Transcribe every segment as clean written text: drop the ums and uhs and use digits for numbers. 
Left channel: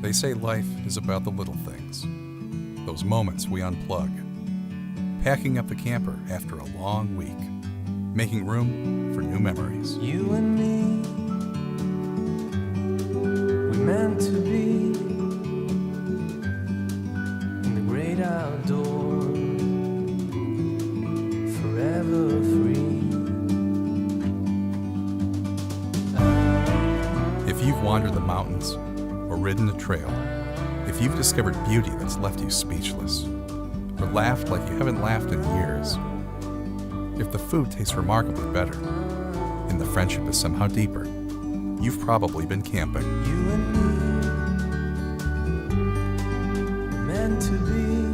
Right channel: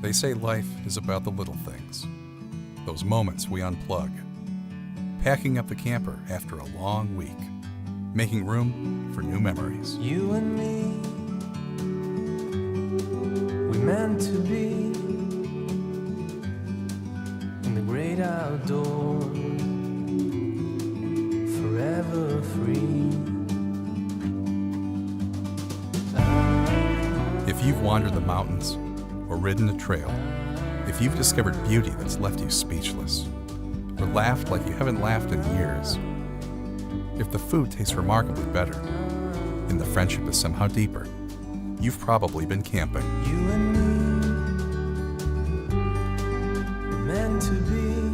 They say life is about the little things, those moments we unplug, packing up the camper after a long week, making room for new memories. You and me, we meant to be in the great outdoors, forever free. If you've wandered the mountains or ridden a trail, if you've discovered beauty that's left you speechless, or laughed like you haven't laughed in years, if the food tastes remarkably better and the friendship is somehow deeper, you've probably been camping. You and me, we're meant to be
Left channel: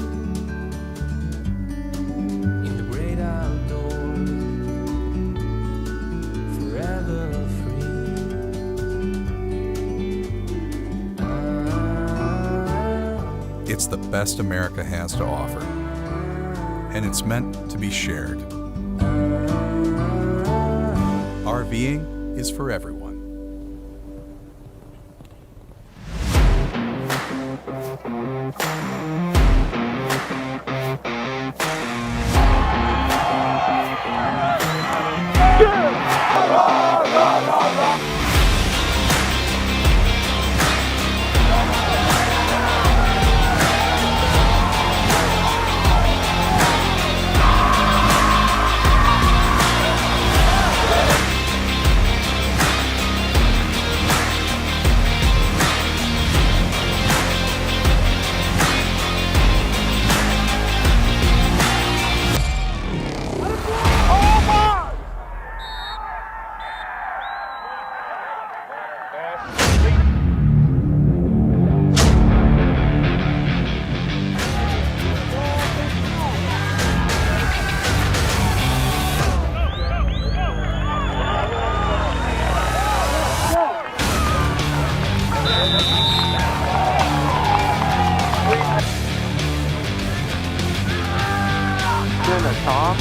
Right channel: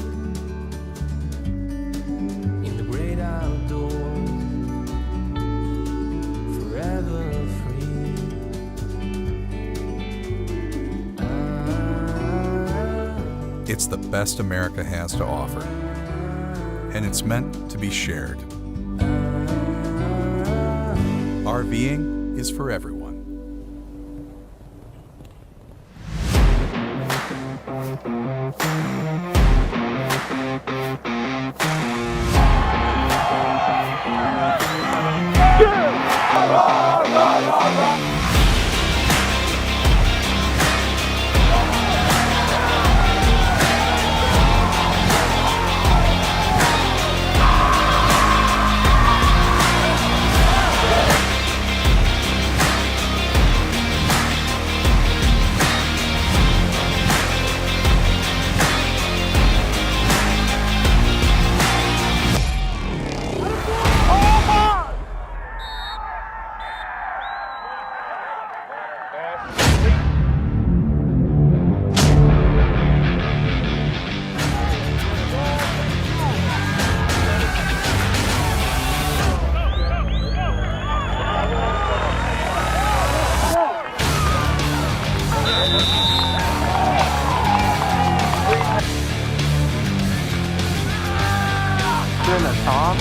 in the great outdoors, forever free. It's the best America has to offer, and it's meant to be shared. RVing is for everyone. Tom?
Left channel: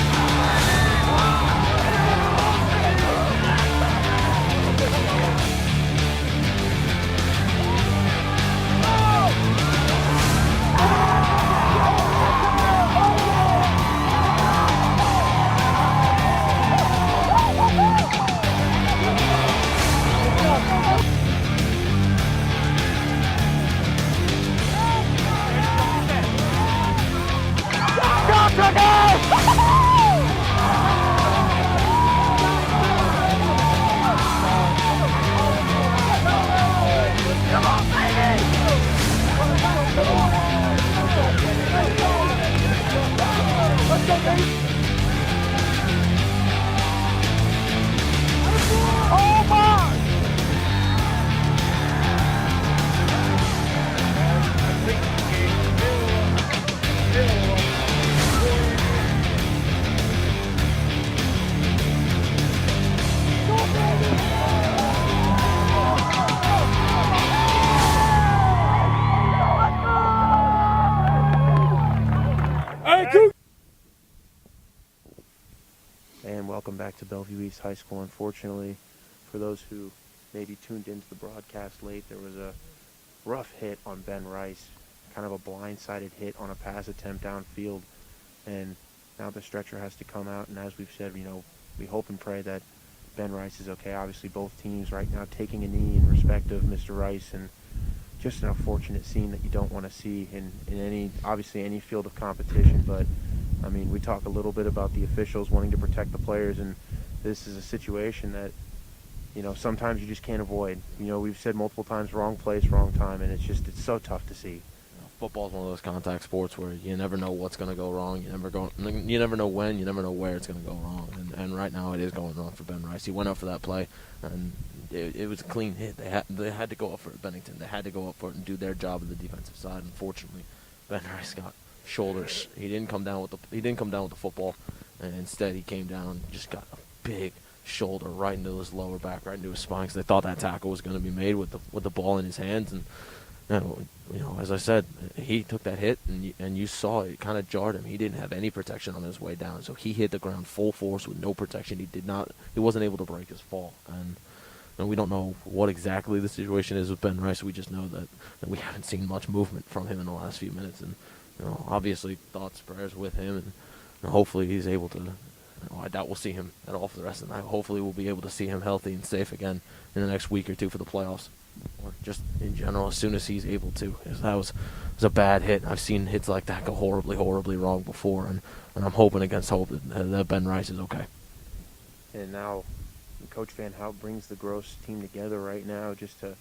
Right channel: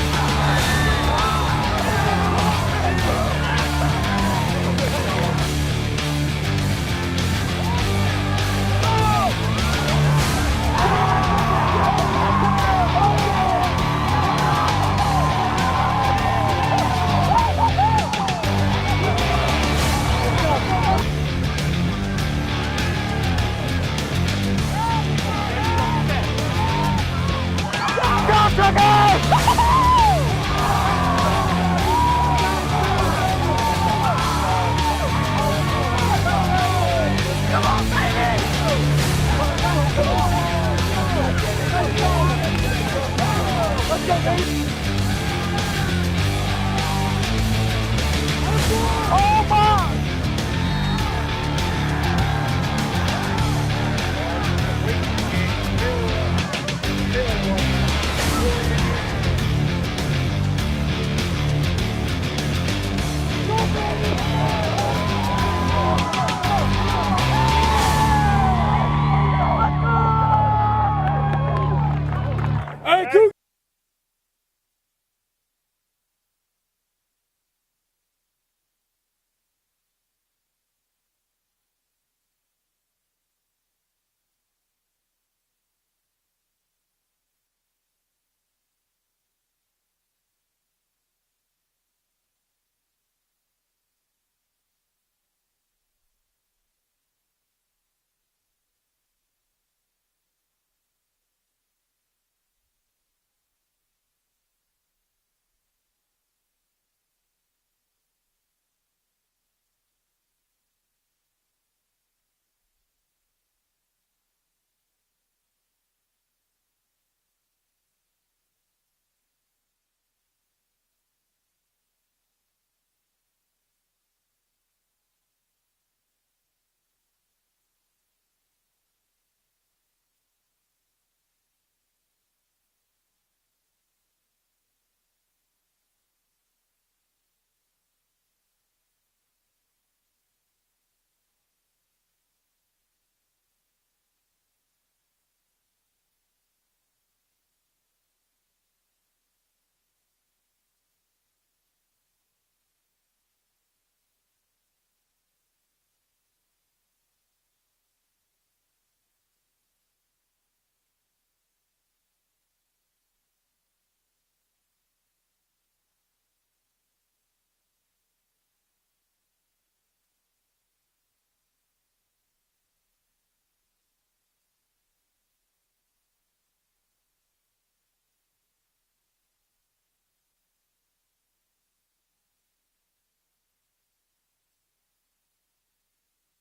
And welcome back to Bellevue East High School. Unfortunately, for those who maybe tuned into the broadcast late, there was a rough hit on Ben Rice, kind of a blindsided hit on a pass attempt downfield, and now the stretcher has to come out, and as we've said, we hope and pray that Ben Rice is okay. Obviously, both teams right now taking a knee in respect of Mr. Rice, and just an unfortunate scene that you don't want to see in any field of competition. But I mean, we talk a little bit about the officials wanting to protect the players, and this is a situation that, sometimes you just can't avoid. We've said multiple times, wrong place, wrong time, and it's so tough to see. Football is one of those contact sports where you never know what's going to go wrong. You never know when, you never know where it's going to go wrong. And right now it is going wrong for Ben Rice. He went up for that play, and it was a clean hit. They had to go up for it, Bennington. They had to go up for it and do their job on the defensive side. Unfortunately, Ben Rice got shoulders. He didn't come down with the football, and instead he came down and just got a big shoulder right into his lower back, right into his spine, because they thought that tackle was going to be made with the ball in his hands. And as I said, he took that hit, and you saw it kind of jarred him. He didn't have any protection on his way down, so he hit the ground full force with no protection. He wasn't able to break his fall, and and we don't know what exactly the situation is with Ben Rice. We just know that we haven't seen much movement from him in the last few minutes, and obviously thoughts, prayers with him, and hopefully he's able to. I doubt we'll see him at all for the rest of the night. Hopefully we'll be able to see him healthy and safe again in the next week or two for the playoffs, or just in general as soon as he's able to. Because that was a bad hit. I've seen hits like that go horribly, horribly wrong before, and I'm hoping against hope that Ben Rice is okay. And now Coach Van Hout brings the Gross team together right now just to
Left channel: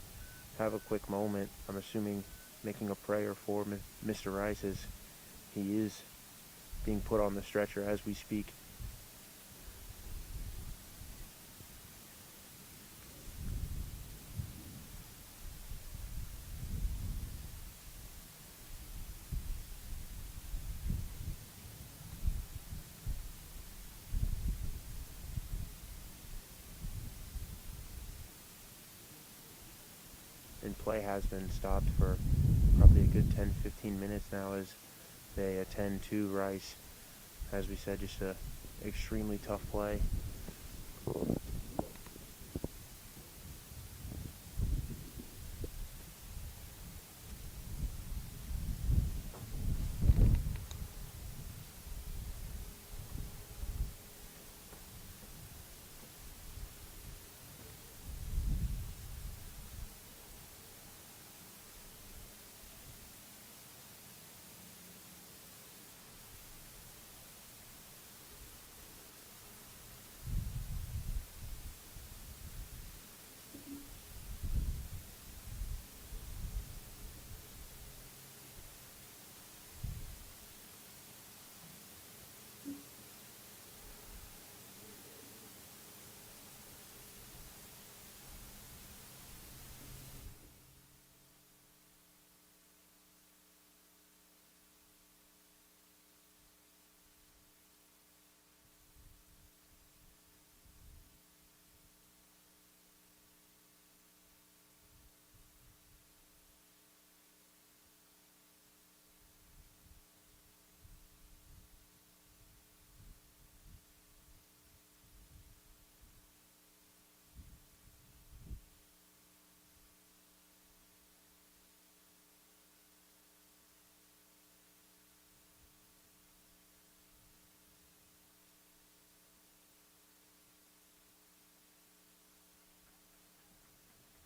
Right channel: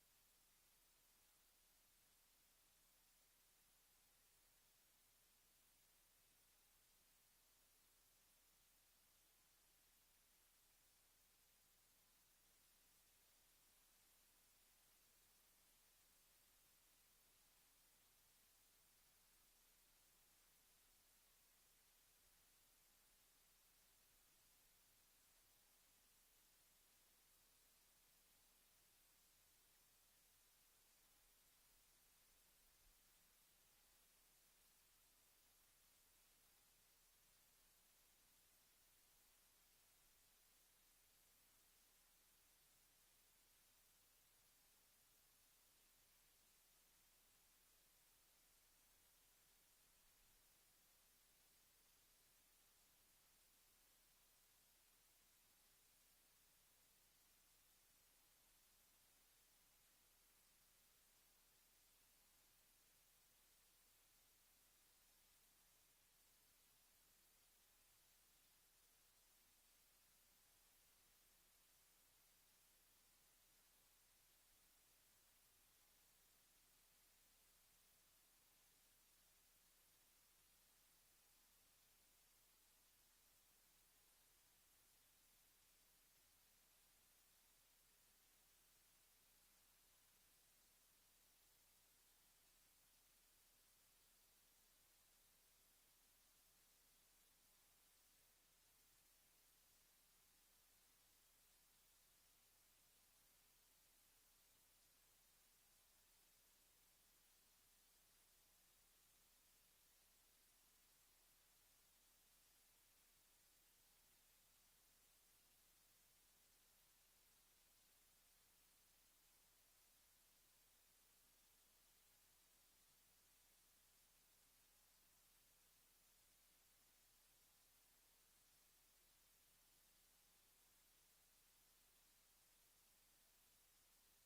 have a quick moment. I'm assuming making a prayer for Mr. Rice as he is being put on the stretcher as we speak. And play has been stopped for probably a good 10-15 minutes now as they attend to Rice. As we said, just a extremely tough play.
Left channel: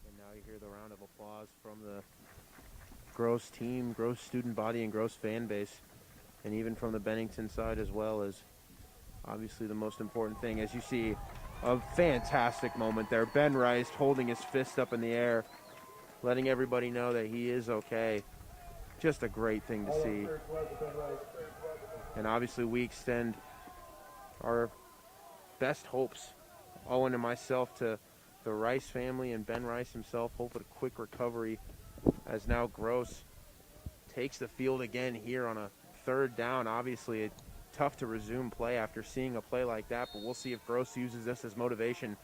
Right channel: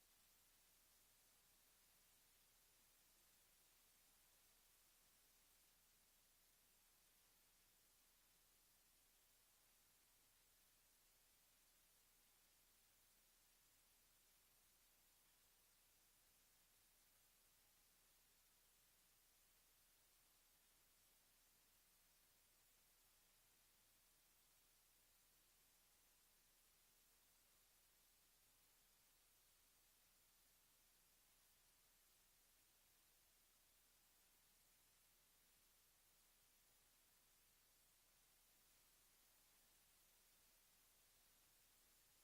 And now you hear the round of applause from the Gross team, Gross student body, and Gross fan base, and even from the Bennington side as well, as obviously the most important thing. As you see, a fantastic moment there. Ben Rice holding his fist up in the air, letting everybody know that he is okay. Just a great thing to see. And obviously we extend our best hopes, Owen and myself, to the Rice family and Ben Rice himself. Hope for a quick recovery as now Gross takes the field again here on a third down. Obviously, it's tough to resume play after seeing a play like that, but we'll see if Gross uses this as motivation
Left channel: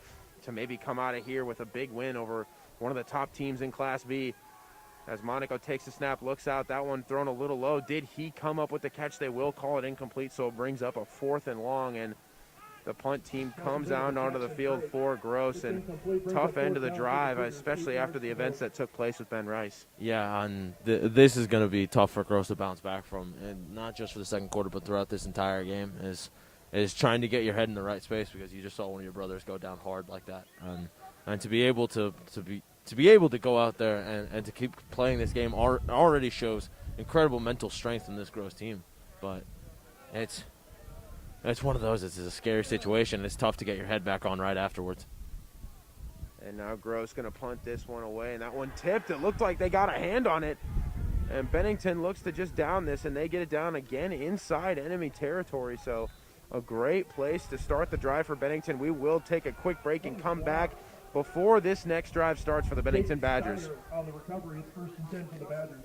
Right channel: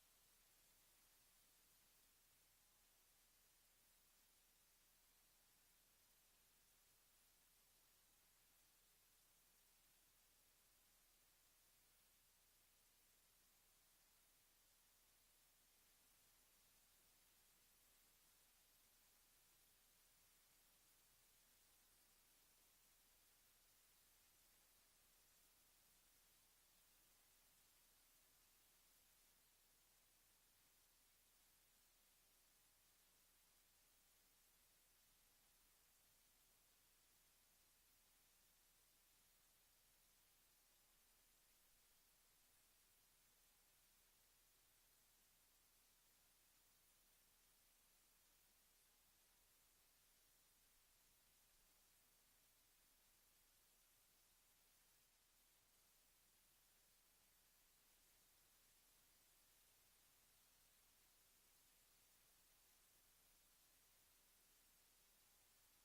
to maybe come out of here with a big win over one of the top teams in Class B. As Monaco takes the snap, looks out, that one thrown a little low. Did he come up with the catch? They will call it incomplete, so it brings up a 4th and long, and the punt team comes out onto the field for Gross, and tough end of the drive, especially after the events that took place with Ben Rice. Yeah, and this is going to be tough for Gross to bounce back from, and not just for the second quarter, but throughout this entire game, is trying to get your head in the right space, because you just saw one of your brothers go down hard like that, and to be able to be able to go out there and to keep playing this game already shows incredible mental strength in this Gross team, but it's one of those. It's a scary situation. It's tough to get your head back on right afterwards. And now Gross going to punt this one away, and that one tipped. It looked like they got a hand on it, and Bennington looks to just down this, and they get it down again inside enemy territory. So a great place to start the drive for Bennington. We will take a quick break and come back before this next drive starts for the Bennington Badgers. On the recovery, it's 1st and 10 for the Badgers.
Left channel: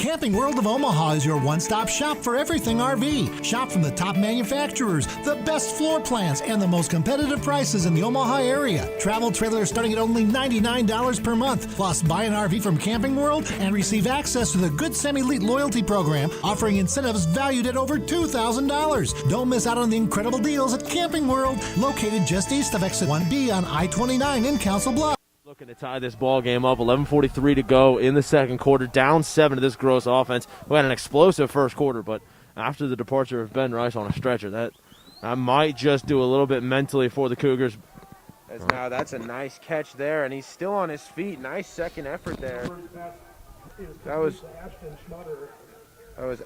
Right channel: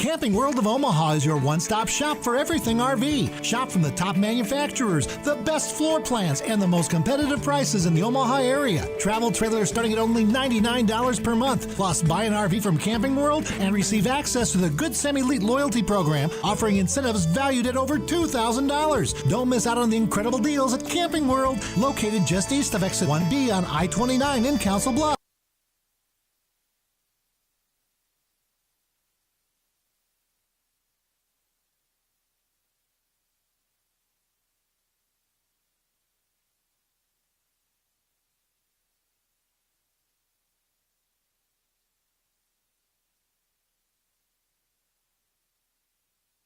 Camping World of Omaha is your one-stop shop for everything RV. Shop from the top manufacturers, the best floor plans, and the most competitive prices in the Omaha area. Travel trailers starting at only $99 per month. Plus, buy an RV from Camping World and receive access to the Good Sam Elite loyalty program, offering incentives valued at over $2,000. Don't miss out on the incredible deals at Camping World, located just east of exit 1B on I-29 in Council Bluffs. Looking to tie this ball game up. 11:43 to go in the second quarter. Down 7 to this Gross offense. We had an explosive first quarter, but after the departure of Ben Rice on a stretcher, that might just do a little bit mentally for the Cougars. As now that's a nice catch there, and he's still on his feet. Nice second effort there. That was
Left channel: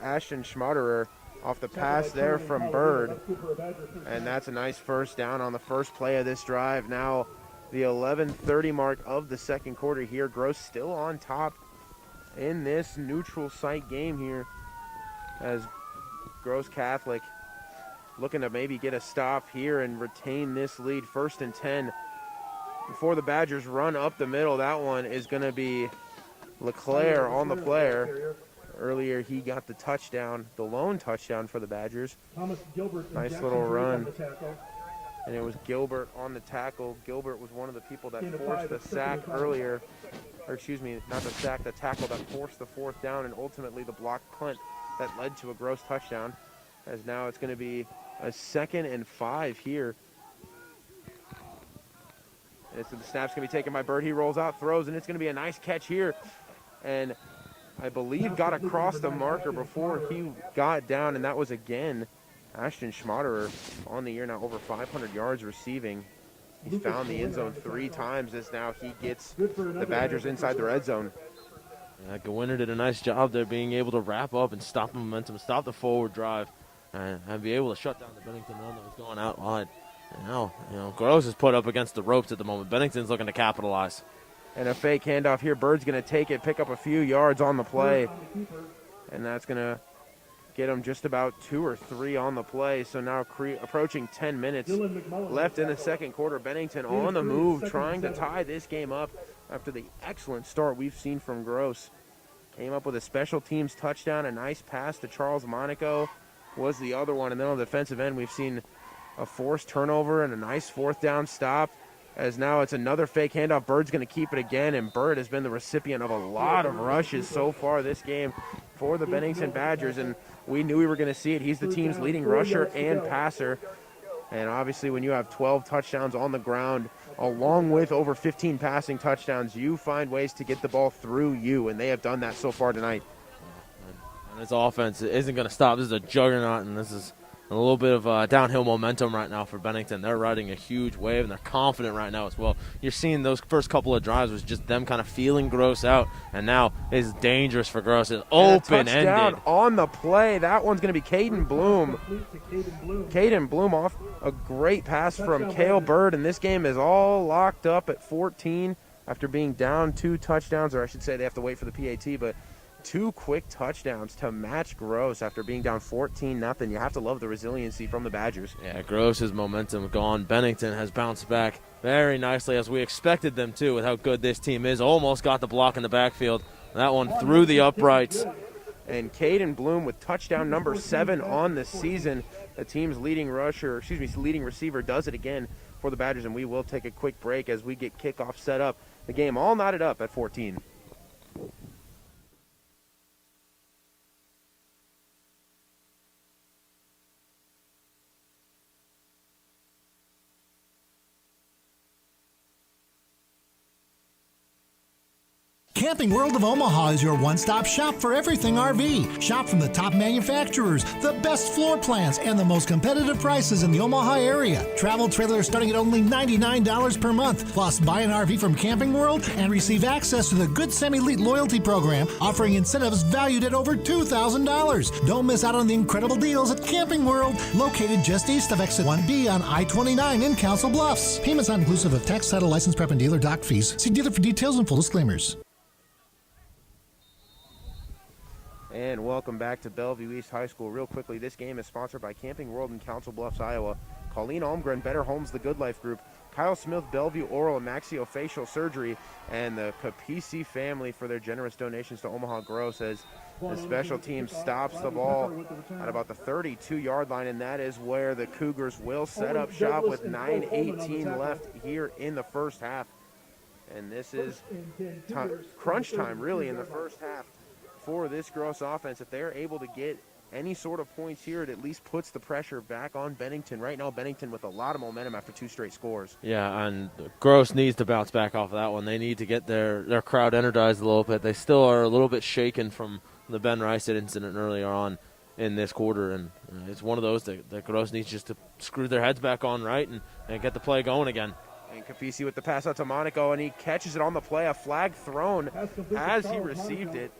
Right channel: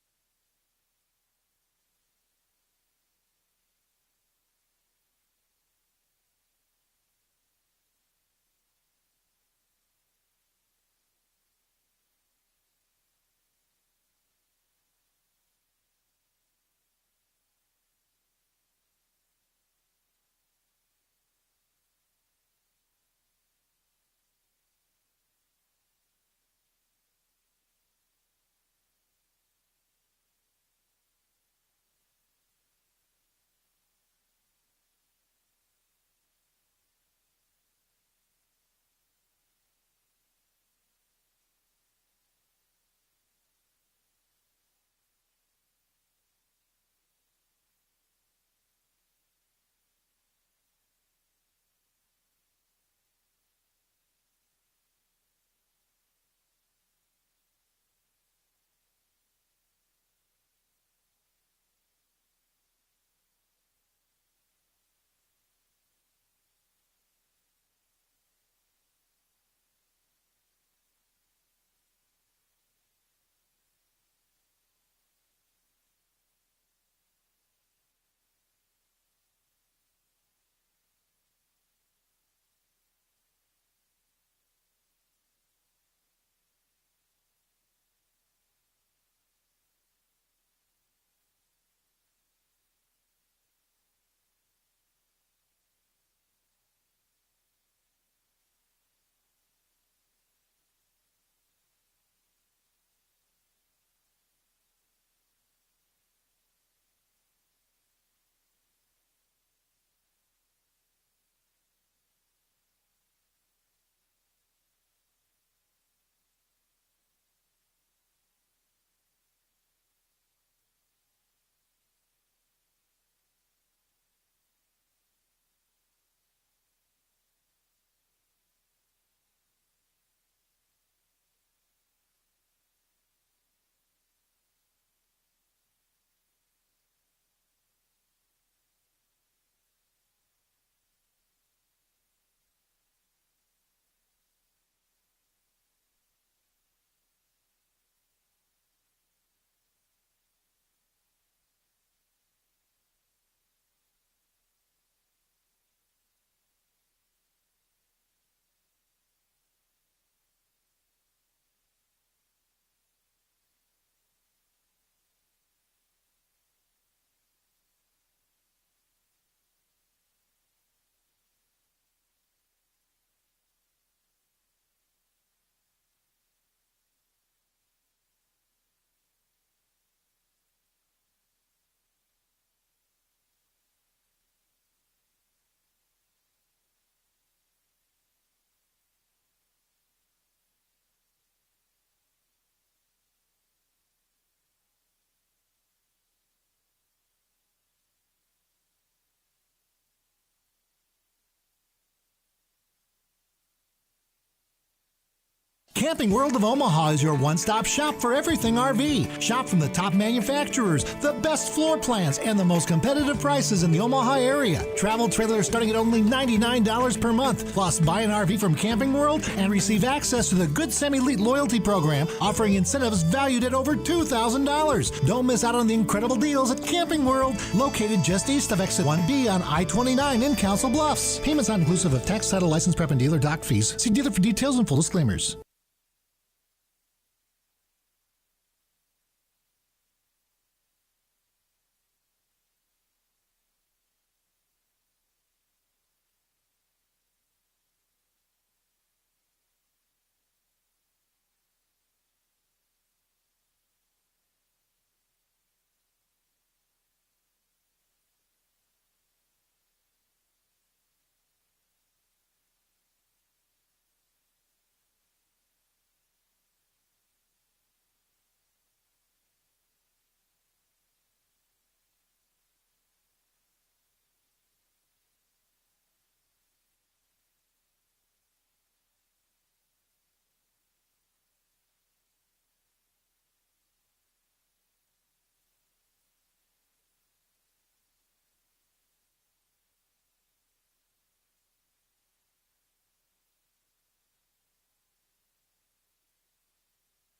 Ashton Schmaderer off the pass there from Bird, and that's a nice first down on the first play of this drive. Now the 11:30 mark of the second quarter here. Gross still on top in this neutral site game here, as Gross Catholic looking to maybe get a stop here and retain this lead. 1st and 10 before the Badgers run up the middle. That one is going to be LeClaire on the player. Earlier he got the touchdown, the lone touchdown for the Badgers. Nice little run. And it was Gilbert on the tackle. Gilbert was one of the people that forced the sack earlier. Or excuse me, not the sack, the tackle that forced the 4th down and ultimately the blocked punt that led to a Gross touchdown. As now it's going to be a 2nd and 5 here. And so the snap's going to be taken by Bird. He rolls out, throws, and it's going to be a nice catch here. And I believe got across the marker before he got down, and that was again Ashton Schmaderer on the year now, over 500 yards receiving. He's found the end zone 3 times as now he gets the Badgers inside the red zone. Yeah, Gewinner did a nice job there being able to wrap up and stop the momentum, stop the forward drive, and be able to shut down the Bennington run that was going out wide. And now, Gross is put up against the ropes at the moment. Bennington's looking to capitalize. And a fake handoff here. Bird's going to take it, pick up a few yards on the play. And that's going to get him just about 2 or 3 on the play. So now approaching 10 minutes left in the second quarter. Bennington on the move, trying to tie this game up after the excellent start we've seen from Gross. Came up with a special teams touchdown, a nice pass to Charles Monaco was the other one. And then on the defensive end, we've seen a forced turnover and a nice 4th down stop. As now it's another fake handoff. Bird's going to keep it again, and Bird has been the recipient of a lot of rushes so far this game for the Bennington Badgers, and we knew we were going to see it. He's the team's leading rusher and passer, and obviously when you have 12 touchdowns on the ground, along with over 15 passing touchdowns, you find ways to get the ball through you, and they have done that so far tonight. And this offense isn't going to stop. This is a juggernaut, and this is a little bit of downhill momentum right now for Bennington. They're riding a huge wave, and they're confident right now as well. You're seeing those first couple of drives was just them kind of feeling Gross out, and now it's dangerous for Gross. It's open-ended. Touchdown on the play. That one's going to be Caden Bloom. Caden Bloom off a great pass from Cale Bird, and this game is all locked up at 14 after being down 2 touchdowns, or I should say they have to wait for the PAT, but 2 quick touchdowns to match Gross after being down 14-0. You have to love the resiliency from the Badgers. Yeah, Gross's momentum gone. Bennington has bounced back very nicely, as we expected them to, with how good this team is. Almost got the block in the backfield. That one through the uprights. And Caden Bloom with touchdown number 7 on the season. The team's leading receiver does it again for the Badgers, and we will take a quick break as we get kickoff set up. The game all knotted up at 14. Camping World of Omaha is your one-stop shop for everything RV. Shop from the top manufacturers, the best floor plans, and the most competitive prices in the Omaha area. Travel trailers starting at only $99 per month. Plus, buy an RV from Camping World and receive access to the Good Sam Elite loyalty program, offering incentives valued at over $2,000. Don't miss out on the incredible deals at Camping World, located just east of exit 1B on I-29 in Council Bluffs. Payments not inclusive of tax, title, license, prep, and dealer dock fees. See dealer for details and full disclaimers. And welcome back to Bellevue East High School. Real quickly, this game is sponsored by Camping World in Council Bluffs, Iowa. Colleen Almgren, Better Homes, The Good Life Group. Kyle Smith, Bellevue Oral and Maxillofacial Surgery. And the Capisi family for their generous donations to Omaha Gross. As The special team stops the ball at about the 32-yard line, and that is where the Cougars will set up shop with 9:18 left here in the first half. And this is crunch time, really, in the first half for this Gross offense. If they're able to get any sort of points here, it at least puts the pressure back on Bennington. Right now, Bennington with a lot of momentum after 2 straight scores. Yeah, and Gross needs to bounce back off of that one. They need to get their crowd energized a little bit. They still are a little bit shaken from the Ben Rice incident earlier on in this quarter, and it's one of those that Gross needs just to screw their heads back on right and get the play going again. And Capisi with the pass out to Monaco, and he catches it on the play. A flag thrown as he received it.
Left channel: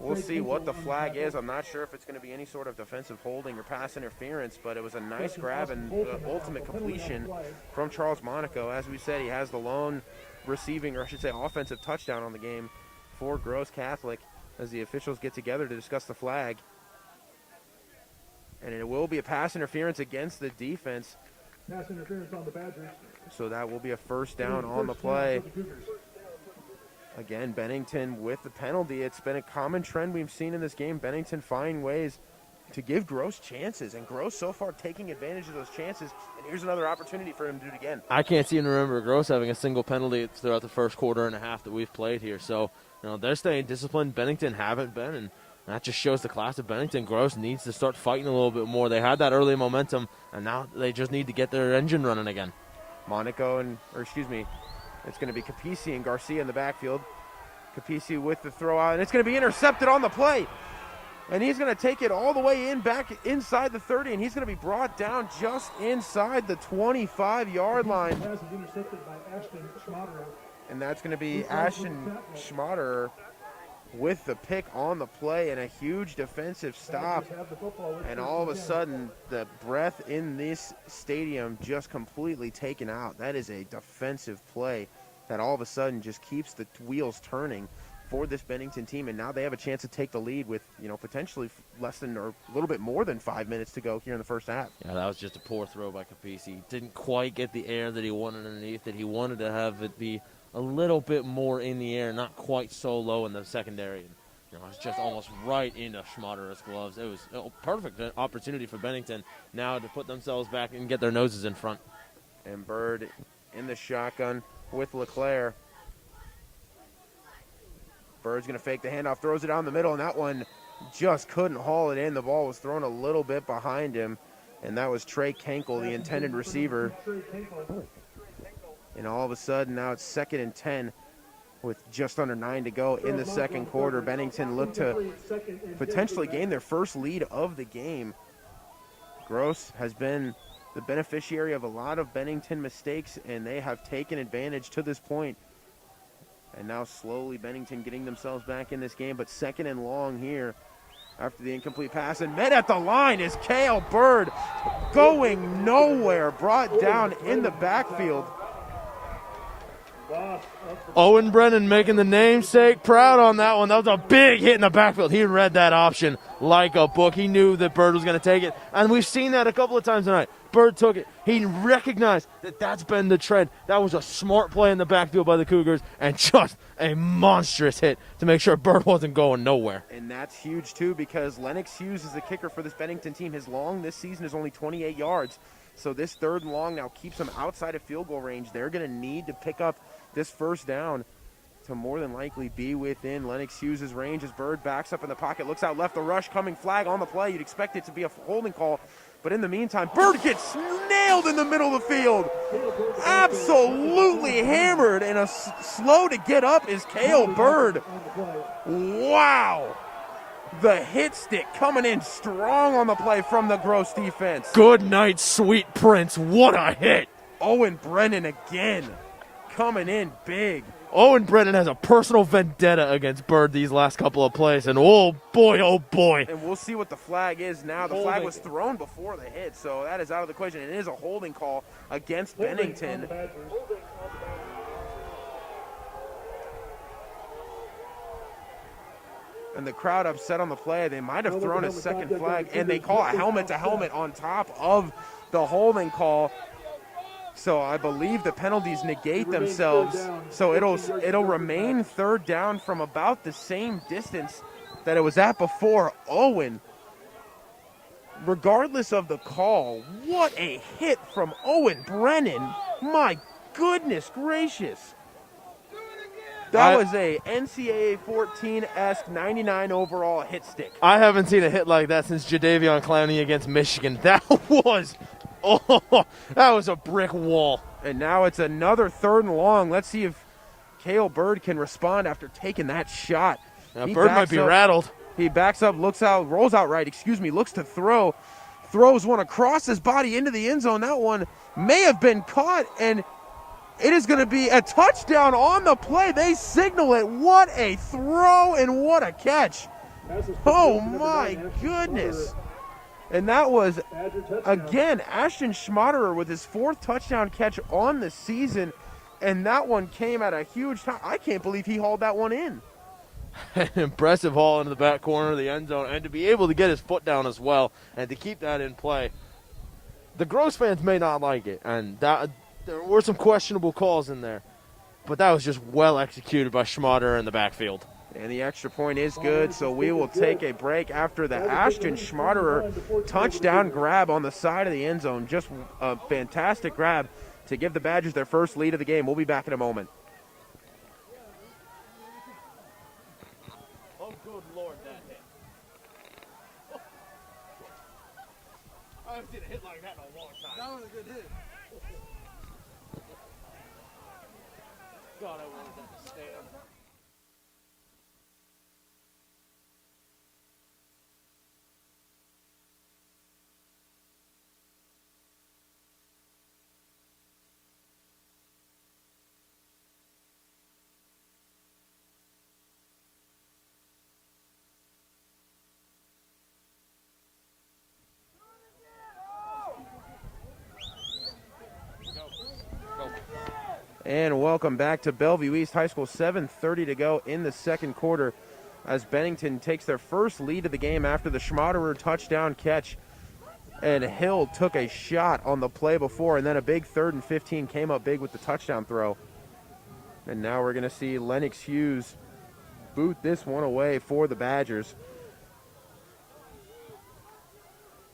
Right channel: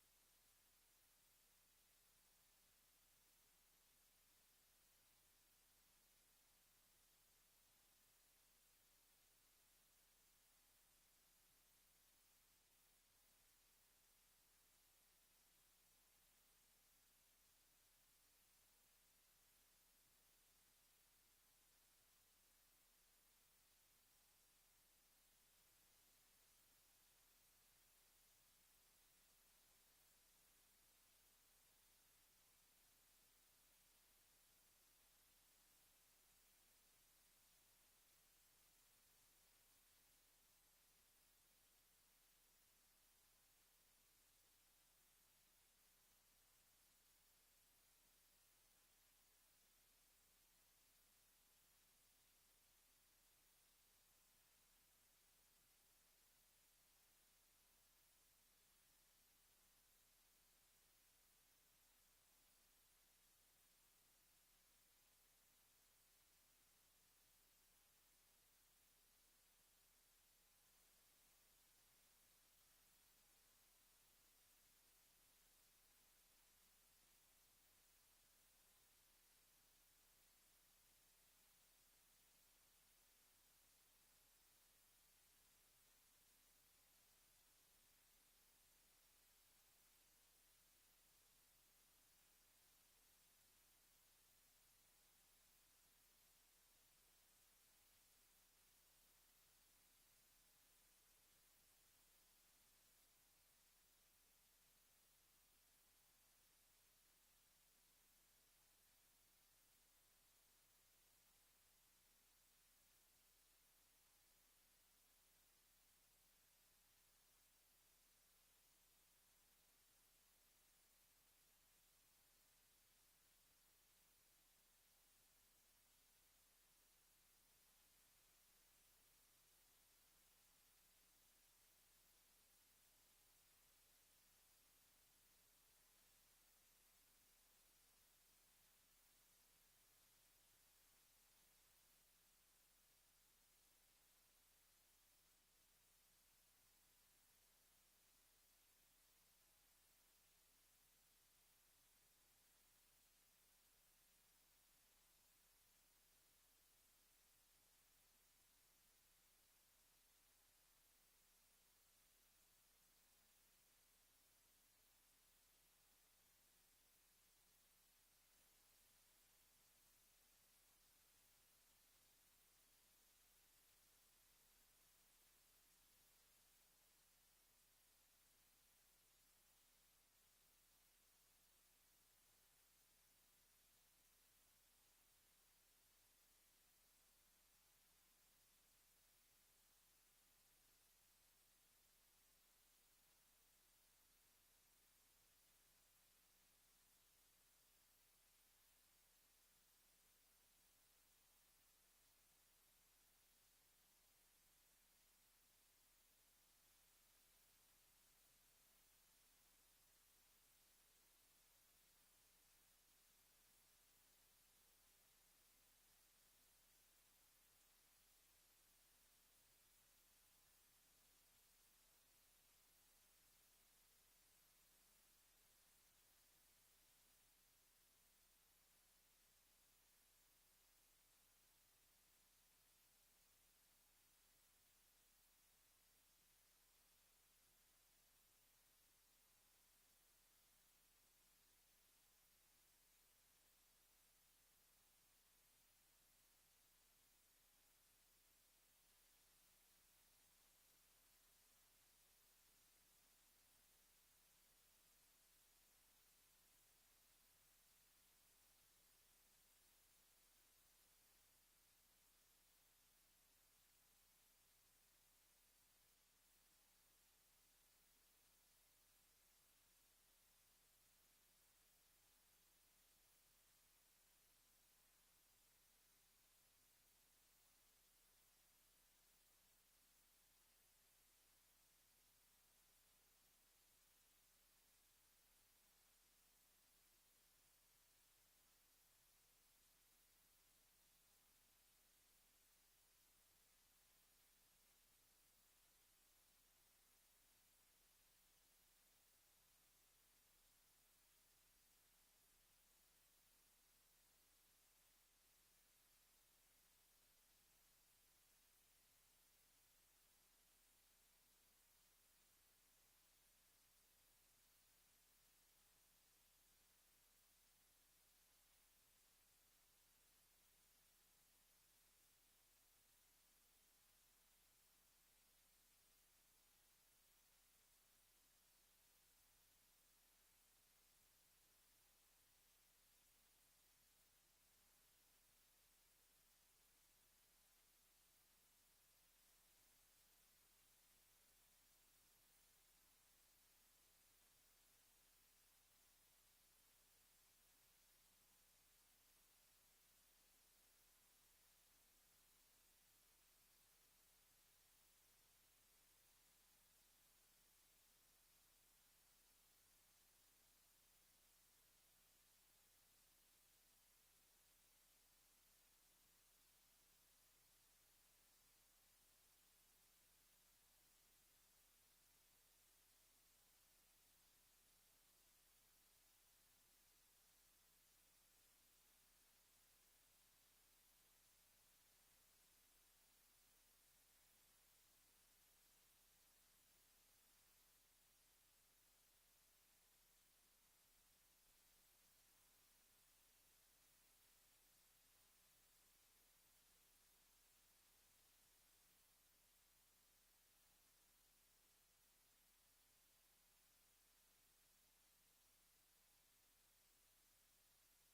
We'll see what the flag is. I'm not sure if it's going to be any sort of defensive holding or pass interference, but it was a nice grab and the ultimate completion from Charles Monaco. As we said, he has the lone receiving, or I should say offensive touchdown on the game for Gross Catholic as the officials get together to discuss the flag. And it will be a pass interference against the defense. Pass interference on the Badgers. So that will be a first down on the play. Again, Bennington with the penalty. It's been a common trend we've seen in this game. Bennington find ways to give Gross chances, and Gross so far taking advantage of those chances. And here's another opportunity for him to do it again. I can't seem to remember Gross having a single penalty throughout the first quarter and a half that we've played here. So, they're staying disciplined. Bennington haven't been, and that just shows the class of Bennington. Gross needs to start fighting a little bit more. They had that early momentum, and now they just need to get their engine running again. It's going to be Capisi and Garcia in the backfield. Capisi with the throw out, and it's going to be intercepted on the play. And he's going to take it all the way back inside the 30, and he's going to be brought down just inside the 25-yard line. Pass is intercepted by Ashton Schmaderer. And that's going to be Ashton Schmaderer with the pick on the play and a huge defensive stop. And all of a sudden, the breath in this stadium just completely taken out. That is a defensive play that all of a sudden just keeps the wheels turning for this Bennington team. And now they have a chance to take the lead with, potentially less than or a little bit more than 5 minutes to go here in the first half. Yeah, that was just a poor throw by Capisi. Didn't quite get the air that he wanted underneath it. He wanted to have it be a little bit more in the air, not quite so low in the secondary. It's just almost right into Schmaderer's gloves. It was a perfect opportunity for Bennington now to put themselves back and get their noses in front. And Bird in the shotgun with LeClaire. Bird's going to fake the handoff, throws it down the middle, and that one just couldn't haul it in. The ball was thrown a little bit behind him, and that was Trey Kenkel, the intended receiver. And all of a sudden, now it's 2nd and 10 with just under 9 to go in the second quarter. Bennington looked to potentially gain their first lead of the game. Gross has been the beneficiary of a lot of Bennington mistakes, and they have taken advantage to this point. And now slowly Bennington getting themselves back in this game, but 2nd and long here after the incomplete pass. And met at the line is Cale Bird, going nowhere, brought down in the backfield. Owen Brennan making the namesake proud on that one. That was a big hit in the backfield. He read that option like a book. He knew that Bird was going to take it, and we've seen that a couple of times tonight. Bird took it. He recognized that that's been the trend. That was a smart play in the backfield by the Cougars, and just a monstrous hit to make sure Bird wasn't going nowhere. And that's huge, too, because Lennox Hughes is the kicker for this Bennington team. His long this season is only 28 yards. So this 3rd and long now keeps them outside of field goal range. They're going to need to pick up this first down to more than likely be within Lennox Hughes' range as Bird backs up in the pocket, looks out left, the rush coming, flag on the play. You'd expect it to be a holding call, but in the meantime, Bird gets nailed in the middle of the field. Absolutely hammered, and slow to get up is Cale Bird. Wow. The hit stick coming in strong on the play from the Gross defense. Good night, sweet prince. What a hit. Owen Brennan again coming in big. Owen Brennan has a personal vendetta against Bird these last couple of plays, and oh boy. And we'll see what the flag is now. The flag was thrown before the hit, so that is out of the question. It is a holding call against Bennington. And the crowd upset on the play. They might have thrown a second flag, and they call a helmet-to-helmet on top of the holding call. So I believe the penalties negate themselves. So it'll remain 3rd down from about the same distance that it was at before. Owen, regardless of the call, what a hit from Owen Brennan. My goodness gracious. That was a NCAA 14-esque 99 overall hit stick. I haven't seen a hit like that since Jadeveon Clowney against Michigan. That was a brick wall. And now it's another 3rd and long. Let's see if Cale Bird can respond after taking that shot. Bird might be rattled. He backs up, rolls out right, looks to throw. Throws one across his body into the end zone. That one may have been caught, and it is going to be a touchdown on the play. They signal it. What a throw and what a catch. Oh, my goodness. And that was, again, Ashton Schmaderer with his 4th touchdown catch on the season, and that one came at a huge time. I can't believe he hauled that one in. An impressive haul into the back corner of the end zone, and to be able to get his foot down as well and to keep that in play. The Gross fans may not like it, and there were some questionable calls in there, but that was just well executed by Schmaderer in the backfield. And the extra point is good, so we will take a break after the Ashton Schmaderer touchdown grab on the side of the end zone. Just a fantastic grab to give the Badgers their first lead of the game. We'll be back in a moment. Oh, good Lord, that hit. I haven't seen a hit like that in a long time. That was a good hit. God, I wanted that to stand. And welcome back to Bellevue East High School. 7:30 to go in the second quarter as Bennington takes their first lead of the game after the Schmaderer touchdown catch. And Hill took a shot on the play before, and then a big 3rd and 15 came up big with the touchdown throw. And now we're going to see Lennox Hughes boot this one away for the Badgers.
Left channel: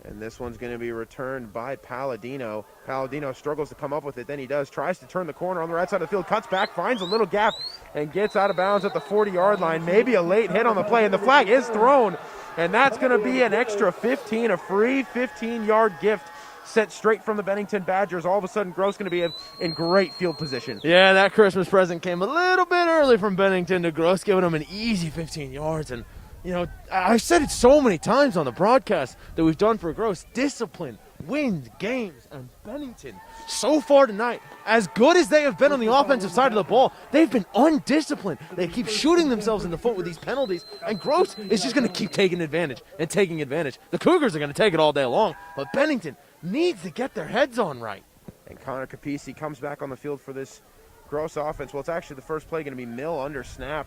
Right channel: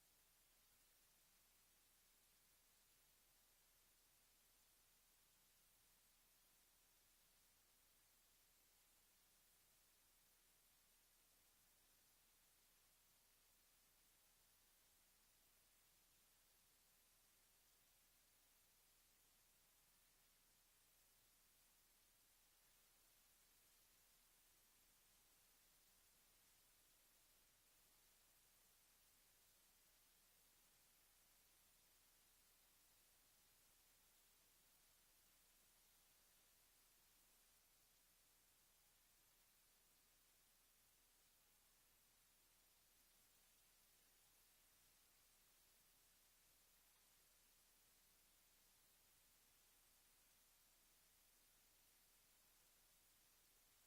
And this one's going to be returned by Palladino. Palladino struggles to come up with it, then he does. Tries to turn the corner on the right side of the field, cuts back, finds a little gap, and gets out of bounds at the 40-yard line. Maybe a late hit on the play, and the flag is thrown. And that's going to be an extra 15, a free 15-yard gift sent straight from the Bennington Badgers. All of a sudden, Gross going to be in great field position. Yeah, that Christmas present came a little bit early from Bennington to Gross, giving him an easy 15 yards. And you know, I've said it so many times on the broadcast that we've done for Gross. Discipline wins games. And Bennington, so far tonight, as good as they have been on the offensive side of the ball, they've been undisciplined. They keep shooting themselves in the foot with these penalties. And Gross is just going to keep taking advantage and taking advantage. The Cougars are going to take it all day long. But Bennington needs to get their heads on right. And Connor Capisi comes back on the field for this Gross offense. Well, it's actually the first play going to be Mill under snap.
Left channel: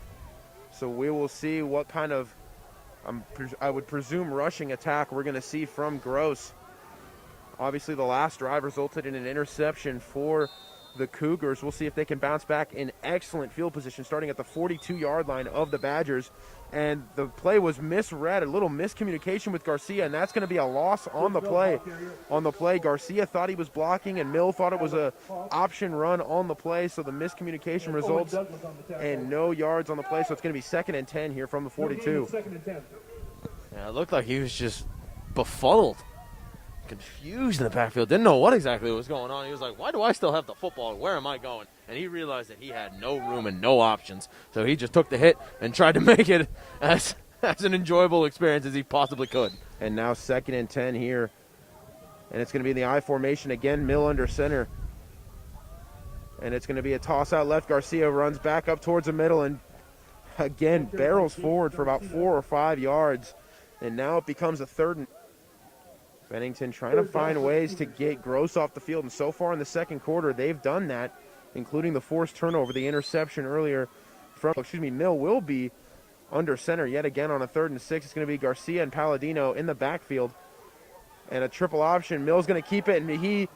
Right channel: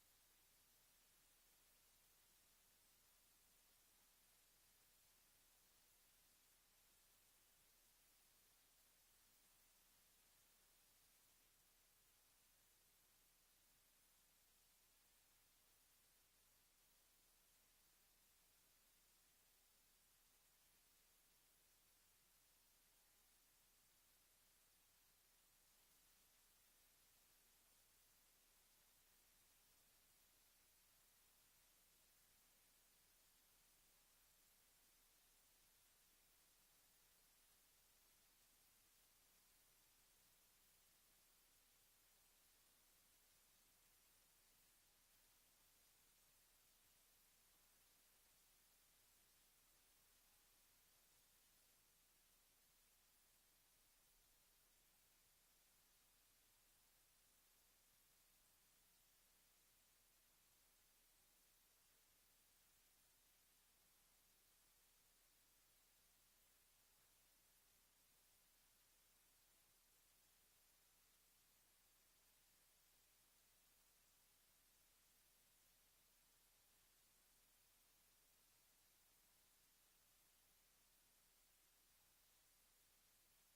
So we will see what kind of, I would presume, rushing attack we're going to see from Gross. Obviously, the last drive resulted in an interception for the Cougars. We'll see if they can bounce back in excellent field position, starting at the 42-yard line of the Badgers. And the play was misread, a little miscommunication with Garcia, and that's going to be a loss on the play. Garcia thought he was blocking, and Mill thought it was a option run on the play, so the miscommunication results and no yards on the play. So it's going to be 2nd and 10 here from the 42. Yeah, it looked like he was just befuddled, confused in the backfield. Didn't know what exactly was going on. He was like, why do I still have the football? Where am I going? And he realized that he had no room and no options. So he just took the hit and tried to make it as an enjoyable experience as he possibly could. And now 2nd and 10 here. And it's going to be in the I formation again, Mill under center. And it's going to be a toss out left. Garcia runs back up towards the middle and again barrels forward for about 4 or 5 yards. And now it becomes a 3rd and Bennington trying to find ways to get Gross off the field. And so far in the second quarter, they've done that, including the forced turnover, the interception earlier from, Mill will be under center yet again on a 3rd and 6. It's going to be Garcia and Palladino in the backfield. And a triple option. Mill's going to keep it, and he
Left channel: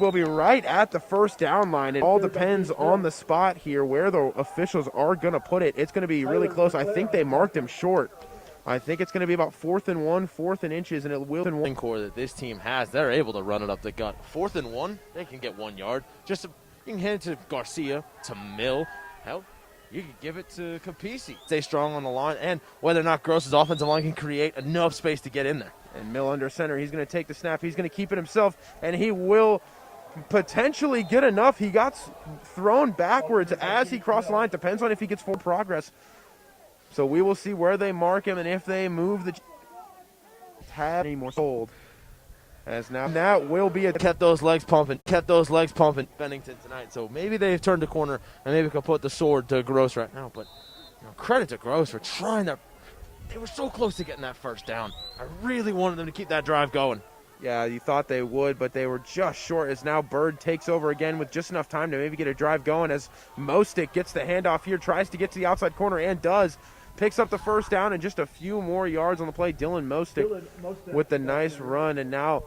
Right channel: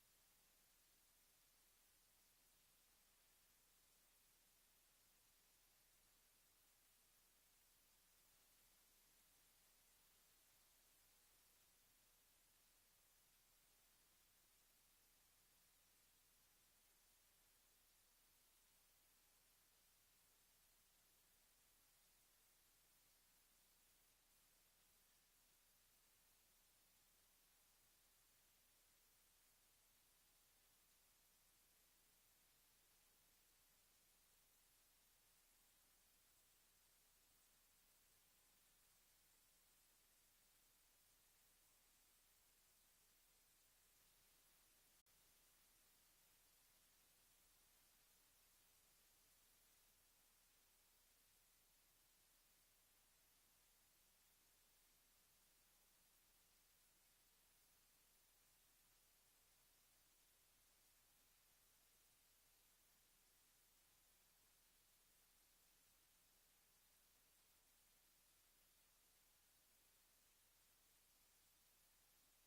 will be right at the first down line. It all depends on the spot here where the officials are going to put it. It's going to be really close. I think they marked him short. I think it's going to be about 4th and 1, 4th and inches, and it will. One core that this team has, they're able to run it up the gut. 4th and 1, they can get 1 yard. You can hand it to Garcia, to Mill. Hell, you can give it to Capisi. Stay strong on the line, and whether or not Gross's offensive line can create enough space to get in there. And Mill under center. He's going to take the snap. He's going to keep it himself, and he will potentially get enough. He got thrown backwards as he crossed the line. Depends on if he gets full progress. So we will see where they mark him and if they move the tab anymore. Sold. As now that will be a kept those legs pumping Bennington tonight. So maybe they've turned the corner and maybe can put the sword to Gross right now. But credit to Gross for trying to. They were so close to getting that first down. I really wanted them to keep that drive going. Yeah, you thought they would, but they were just short as now Bird takes over again with just enough time to maybe get a drive going as Mostic gets the handoff here, tries to get to the outside corner and does. Picks up the first down and just a few more yards on the play. Dylan Mostic with the nice run, and now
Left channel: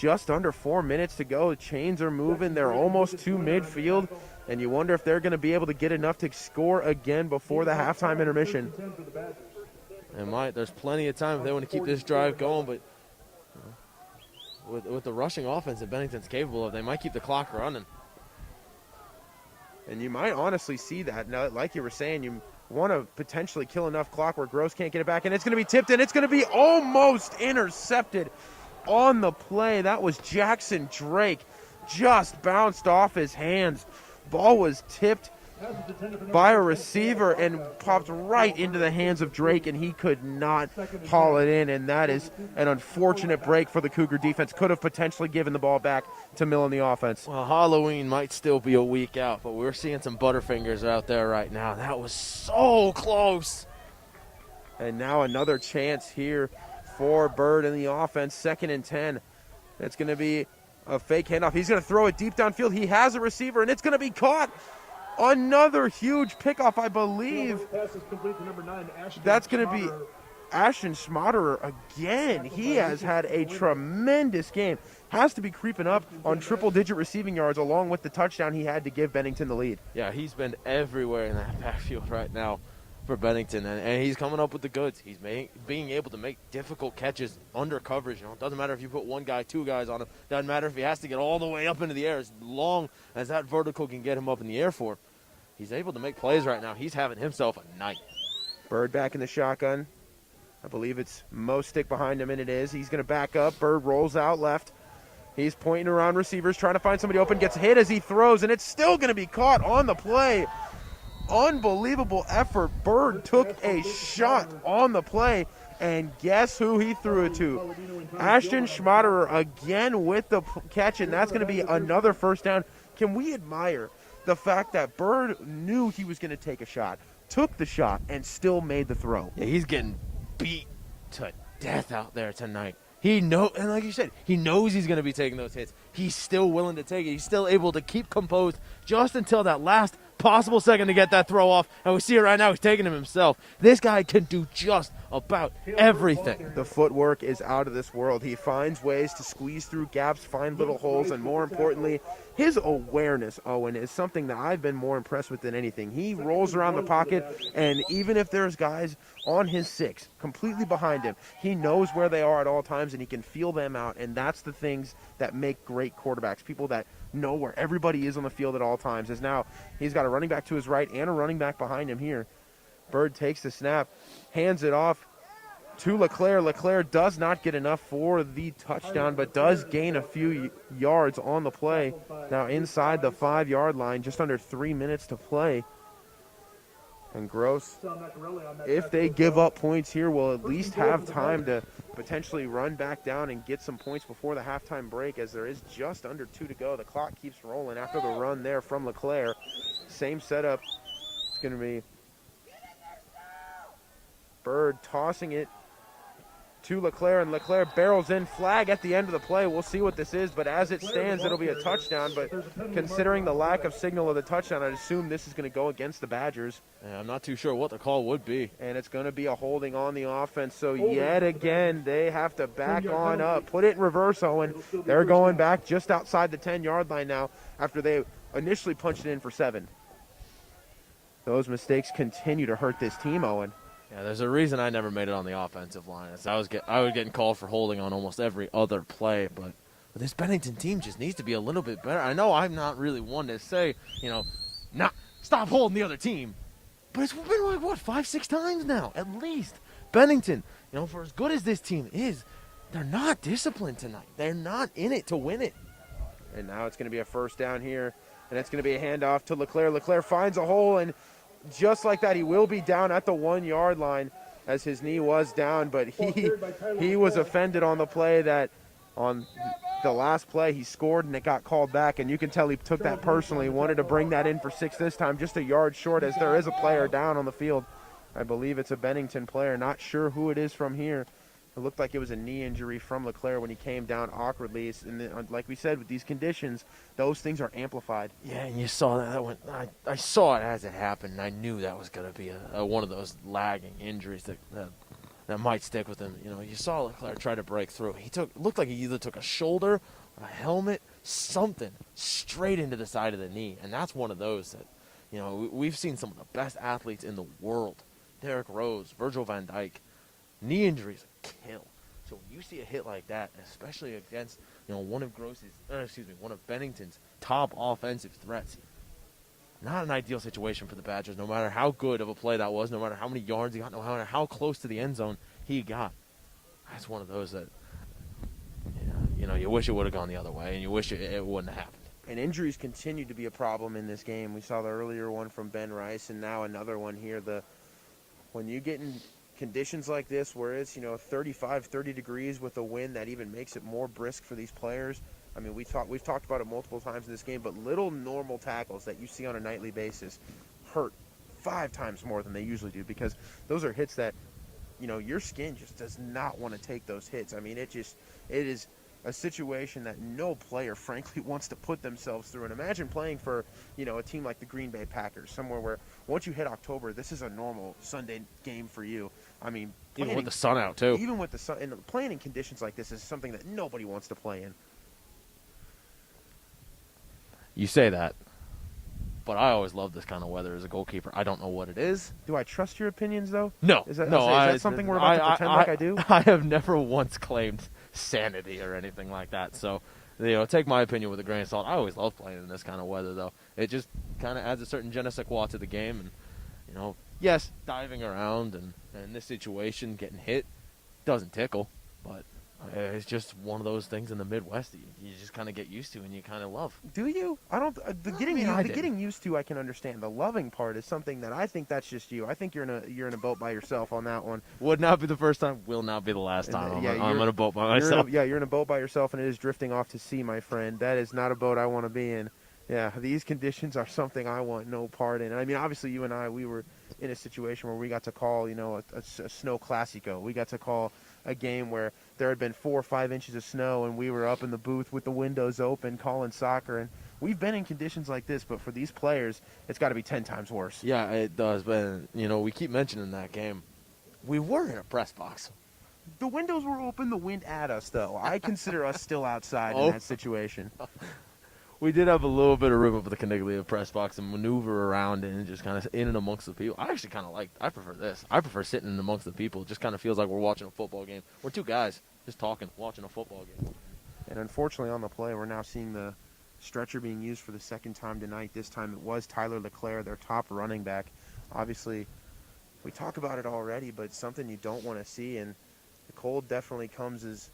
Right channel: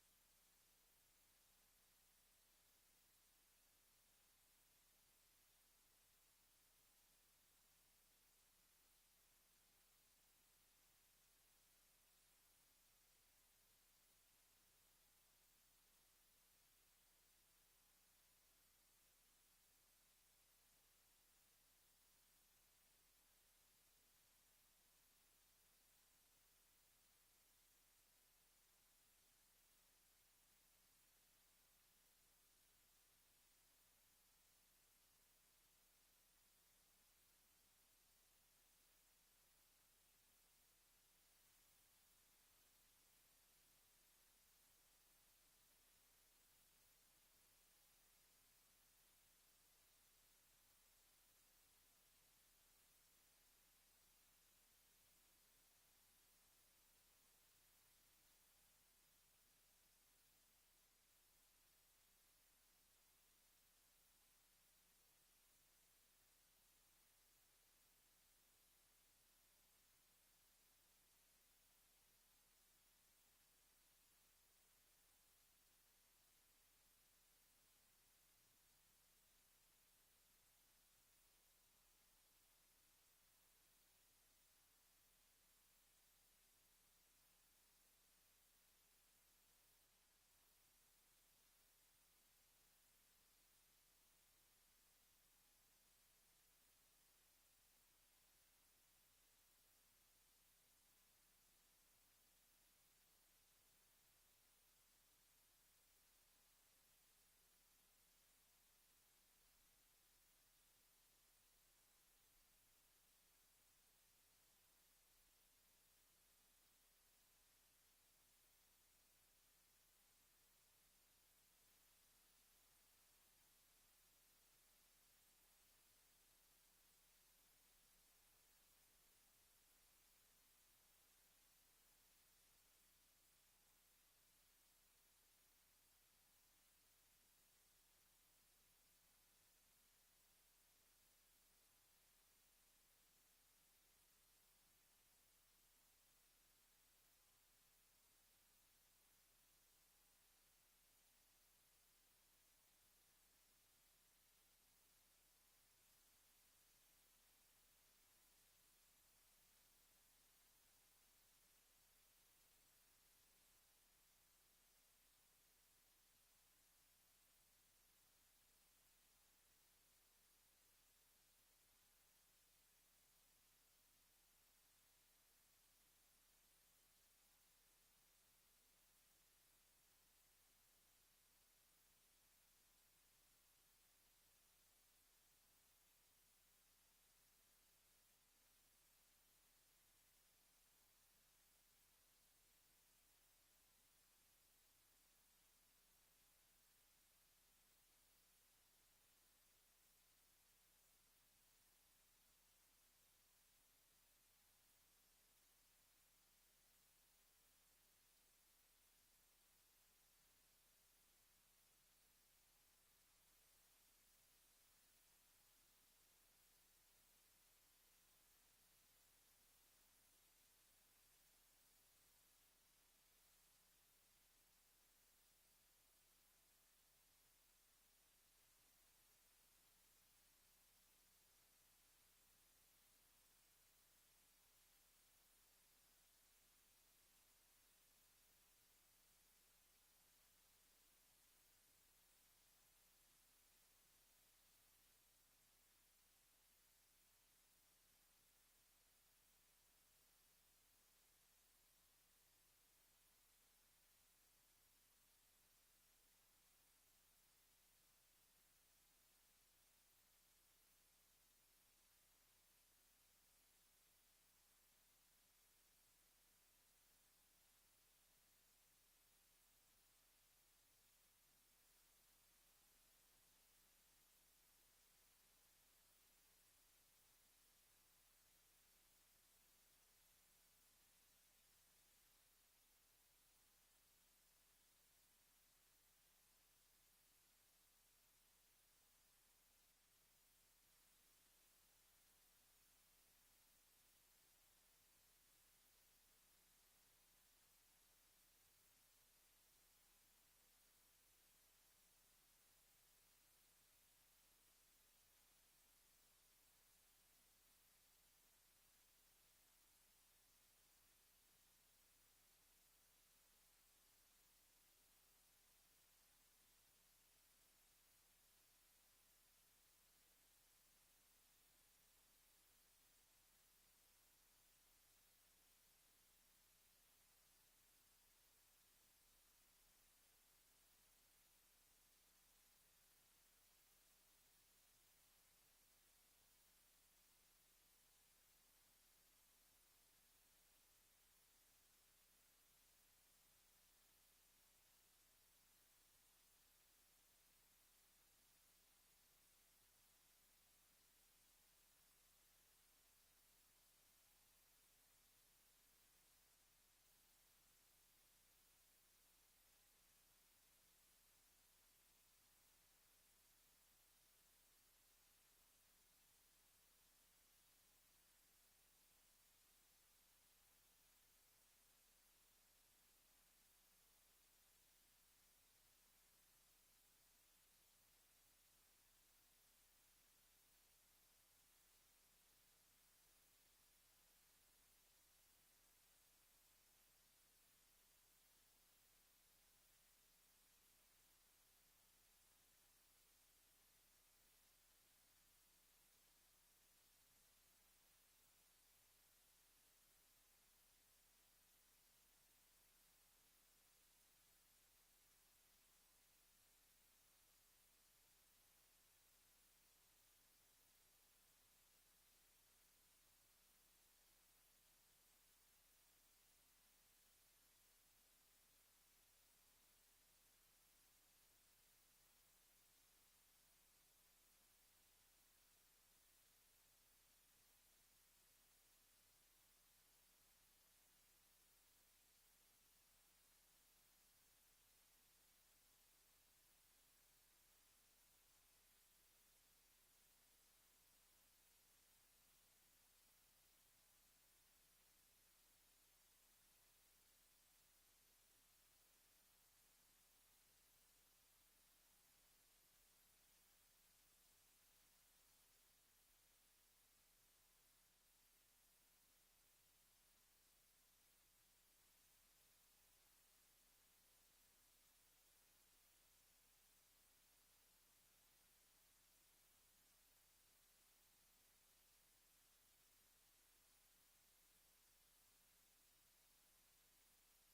just under 4 minutes to go. The chains are moving. They're almost to midfield, and you wonder if they're going to be able to get enough to score again before the halftime intermission. They might. There's plenty of time if they want to keep this drive going, but with the rushing offense that Bennington's capable of, they might keep the clock running. And you might honestly see that. Now, like you were saying, you want to potentially kill enough clock where Gross can't get it back, and it's going to be tipped, and it's going to be almost intercepted on the play. That was Jackson Drake. Just bounced off his hands. Ball was tipped by a receiver and popped right into the hands of Drake, and he could not haul it in, and that is an unfortunate break for the Cougar defense. Could have potentially given the ball back to Mill in the offense. Well, Halloween might still be a week out, but we're seeing some Butterfingers out there right now. That was so close. And now another chance here for Bird in the offense, 2nd and 10. It's going to be a fake handoff. He's going to throw it deep downfield. He has a receiver, and it's going to be caught. Another huge pickoff, I believe. That's going to be Ashton Schmaderer again. He has had a tremendous game. Has to be creeping up on triple-digit receiving yards along with the touchdown he had to give Bennington the lead. Yeah, he's been everywhere in that backfield right now for Bennington, and he's coming up with the goods. He's being able to make difficult catches under coverage. It doesn't matter if you put one guy, 2 guys on him. Doesn't matter if he has to get all the way up into the air. As long as that vertical can get him up in the air for him, he's able to make plays right now. He's having himself a night. Bird back in the shotgun. I believe it's Mostic behind him, and it is. He's going to back up. Bird rolls out left. He's pointing around receivers, trying to find somebody open. Gets hit as he throws, and it's still going to be caught on the play. Unbelievable effort. Bird took a shot on the play, and guess who he threw it to? Ashton Schmaderer again with the catch, and that's going to be another first down. Can we admire the fact that Bird knew he was going to take a shot, took the shot, and still made the throw? Yeah, he's getting beat to death out there tonight. And like you said, he knows he's going to be taking those hits. He's still willing to take it. He's still able to keep composed just until that last possible second to get that throw off. And we see it right now. He's taking him himself. This guy can do just about everything. The footwork is out of this world. He finds ways to squeeze through gaps, find little holes, and more importantly, his awareness, Owen, is something that I've been more impressed with than anything. He rolls around the pocket, and even if there's guys on his 6, completely behind him, he knows where they are at all times, and he can feel them out, and that's the things that make great quarterbacks, people that know where everybody is on the field at all times. As now he's got a running back to his right and a running back behind him here. Bird takes the snap, hands it off to Leclerc. Leclerc does not get enough for the touchdown, but does gain a few yards on the play. Now inside the 5-yard line, just under 3 minutes to play. And Gross, if they give up points here, will at least have time to potentially run back down and get some points before the halftime break, as there is just under 2 to go. The clock keeps rolling after the run there from Leclerc. Same setup. It's going to be Bird tossing it to Leclerc, and Leclerc barrels in. Flag at the end of the play. We'll see what this is, but as it stands, it'll be a touchdown. But considering the lack of signal of the touchdown, I'd assume this is going to go against the Badgers. Yeah, I'm not too sure what the call would be. And it's going to be a holding on the offense. So yet again, they have to back on up. Put it in reverse, Owen. They're going back just outside the 10-yard line now after they initially punched it in for 7. Those mistakes continue to hurt this team, Owen. Yeah, there's a reason I never made it on the offensive line. I was getting called for holding on almost every other play, but this Bennington team just needs to be a little bit better. I know I'm not really one to say, stop holding the other team, but it's been like, what, 5-6 times now, at least. Bennington, for as good as this team is, they're not disciplined tonight. They're not in it to win it. And now it's going to be a first down here, and it's going to be a handoff to LeClaire. LeClaire finds a hole, and just like that, he will be down at the 1-yard line as his knee was down, but he was offended on the play that on the last play he scored, and it got called back, and you can tell he took that personally, wanted to bring that in for 6 this time, just a yard short as there is a player down on the field. I believe it's a Bennington player, not sure who it is from here. It looked like it was a knee injury from LeClaire when he came down awkwardly. And then, like we said, with these conditions, those things are amplified. Yeah, and you saw that one. I saw it as it happened, and I knew that was going to be one of those lagging injuries that might stick with him. You saw LeClaire try to break through. Looked like he either took a shoulder, a helmet, something straight into the side of the knee, and that's one of those that, we've seen some of the best athletes in the world. Derrick Rose, Virgil van Dijk. Knee injuries kill. So when you see a hit like that, especially against one of Bennington's top offensive threats, not an ideal situation for the Badgers. No matter how good of a play that was, no matter how many yards he got, no matter how close to the end zone he got, that's one of those that you wish it would have gone the other way, and you wish it wouldn't have happened. And injuries continue to be a problem in this game. We saw the earlier one from Ben Rice, and now another one here. When you get in conditions like this where it's 30 degrees with a wind that even makes it more brisk for these players. I mean, we've talked about it multiple times in this game, but little normal tackles that you see on a nightly basis hurt 5 times more than they usually do, because those are hits that your skin just does not want to take those hits. I mean, it is a situation that no player frankly wants to put themselves through. And imagine playing for a team like the Green Bay Packers, somewhere where once you hit October, this is a normal Sunday game for you. I mean, even with the sun out, too. Even with the sun, and playing in conditions like this is something that nobody wants to play in. You say that, but I always love this kind of weather as a goalkeeper. I don't know what it is. Do I trust your opinions, though? No. Is that something we're about to pretend like I do? I have never once claimed sanity or anything like that. So, take my opinion with a grain of salt. I always love playing in this kind of weather, though. It just kind of adds a certain je ne sais quoi to the game, and yes, diving around and in this situation, getting hit doesn't tickle, but it's just one of those things in the Midwest that you just kind of get used to and you kind of love. Do you? I don't. The getting used to, I can understand. The loving part is something that I think that's just you. I think you're in a boat by yourself on that one. Would not be the first time. Will not be the last time. I'm in a boat by myself. You're in a boat by yourself, and it is drifting off to sea, my friend. That is not a boat I want to be in. Yeah, these conditions are something I want no part in. I mean, obviously, you and I, we were in a situation where we got to call, a snow classico. We got to call a game where there had been 4 or 5 inches of snow, and we were up in the booth with the windows open calling soccer. And we've been in conditions like this, but for these players, it's got to be 10 times worse. Yeah, it does. But, we keep mentioning that game. We were in a press box. The windows were open, the wind at us, though. I consider us still outside in that situation. We did have a little bit of room up at the Caniglia press box and maneuver around and just kind of in and amongst the people. I actually kind of I prefer this. I prefer sitting in amongst the people. It just kind of feels like we're watching a football game. We're 2 guys just talking, watching a football game. And unfortunately on the play, we're now seeing the stretcher being used for the second time tonight. This time it was Tyler LeClaire, their top running back. Obviously, we talk about it already, but it's something you don't want to see. And the cold definitely comes as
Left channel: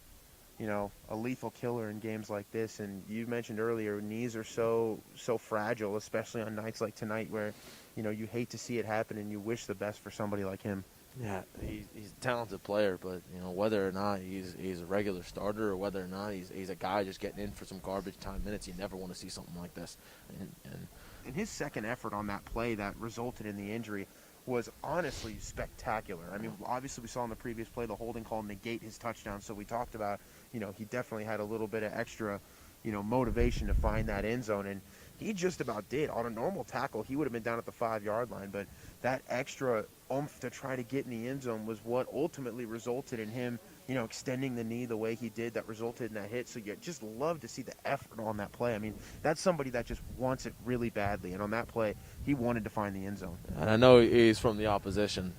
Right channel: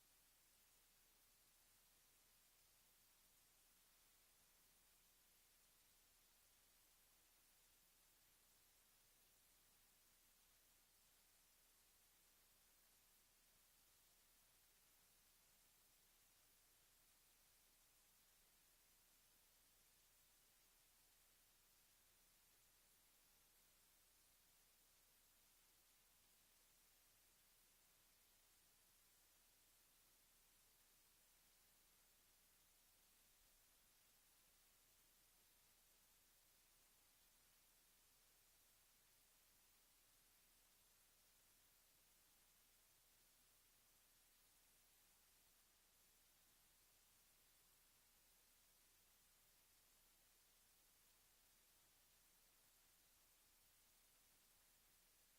a lethal killer in games like this. And you mentioned earlier, knees are so fragile, especially on nights like tonight where, you hate to see it happen and you wish the best for somebody like him. Yeah, he's a talented player, but, whether or not he's a regular starter or whether or not he's a guy just getting in for some garbage time minutes, you never want to see something like this. And his second effort on that play that resulted in the injury was honestly spectacular. I mean, obviously we saw in the previous play the holding call negate his touchdown, so we talked about, he definitely had a little bit of extra, motivation to find that end zone, and he just about did. On a normal tackle, he would have been down at the 5-yard line, but that extra oomph to try to get in the end zone was what ultimately resulted in him, extending the knee the way he did that resulted in that hit. So you just love to see the effort on that play. I mean, that's somebody that just wants it really badly, and on that play, he wanted to find the end zone. And I know he's from the opposition,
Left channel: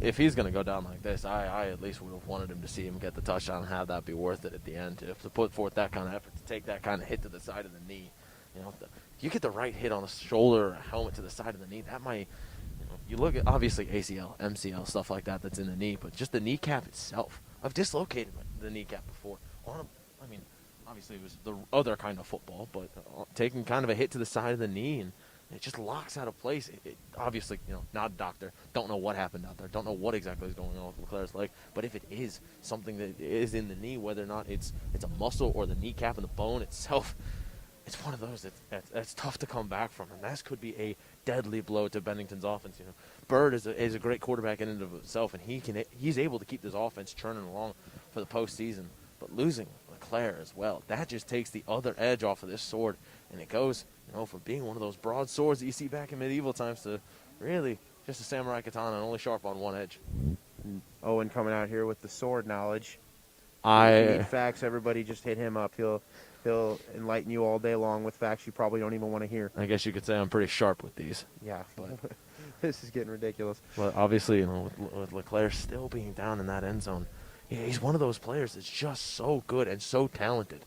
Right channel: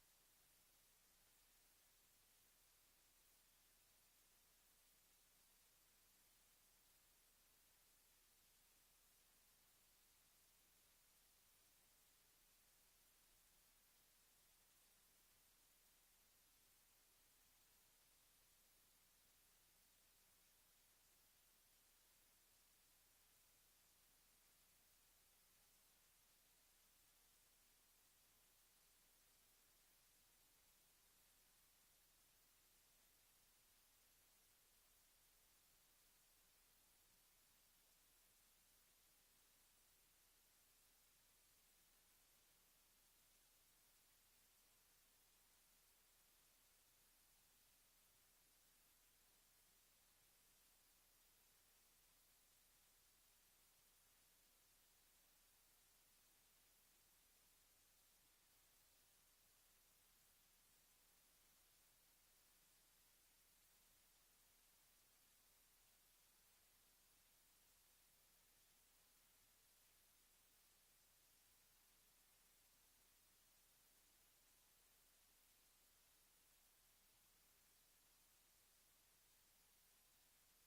if he's going to go down like this, I at least would have wanted him to see him get the touchdown and have that be worth it at the end. To put forth that kind of effort, to take that kind of hit to the side of the knee. If you get the right hit on a shoulder or a helmet to the side of the knee, that might, you look at obviously ACL, MCL, stuff like that that's in the knee, but just the kneecap itself. I've dislocated the kneecap before. Obviously it was the other kind of football, but taking kind of a hit to the side of the knee and it just locks out of place. It obviously, not a doctor, don't know what happened out there, don't know what exactly is going on with Leclerc's leg, but if it is something that is in the knee, whether or not it's a muscle or the kneecap and the bone itself, it's one of those that's tough to come back from, and that could be a deadly blow to Bennington's offense. Bird is a great quarterback in and of himself, and he's able to keep this offense churning along for the postseason. But losing Leclerc as well, that just takes the other edge off of this sword, and it goes, from being one of those broad swords that you see back in medieval times to really just a samurai katana and only sharp on one edge. Owen coming out here with the sword knowledge. If you need facts, everybody just hit him up. He'll enlighten you all day long with facts you probably don't even want to hear. I guess you could say I'm pretty sharp with these. Yeah, but this is getting ridiculous. But obviously, with Leclerc still being down in that end zone, he's one of those players that's just so good and so talented.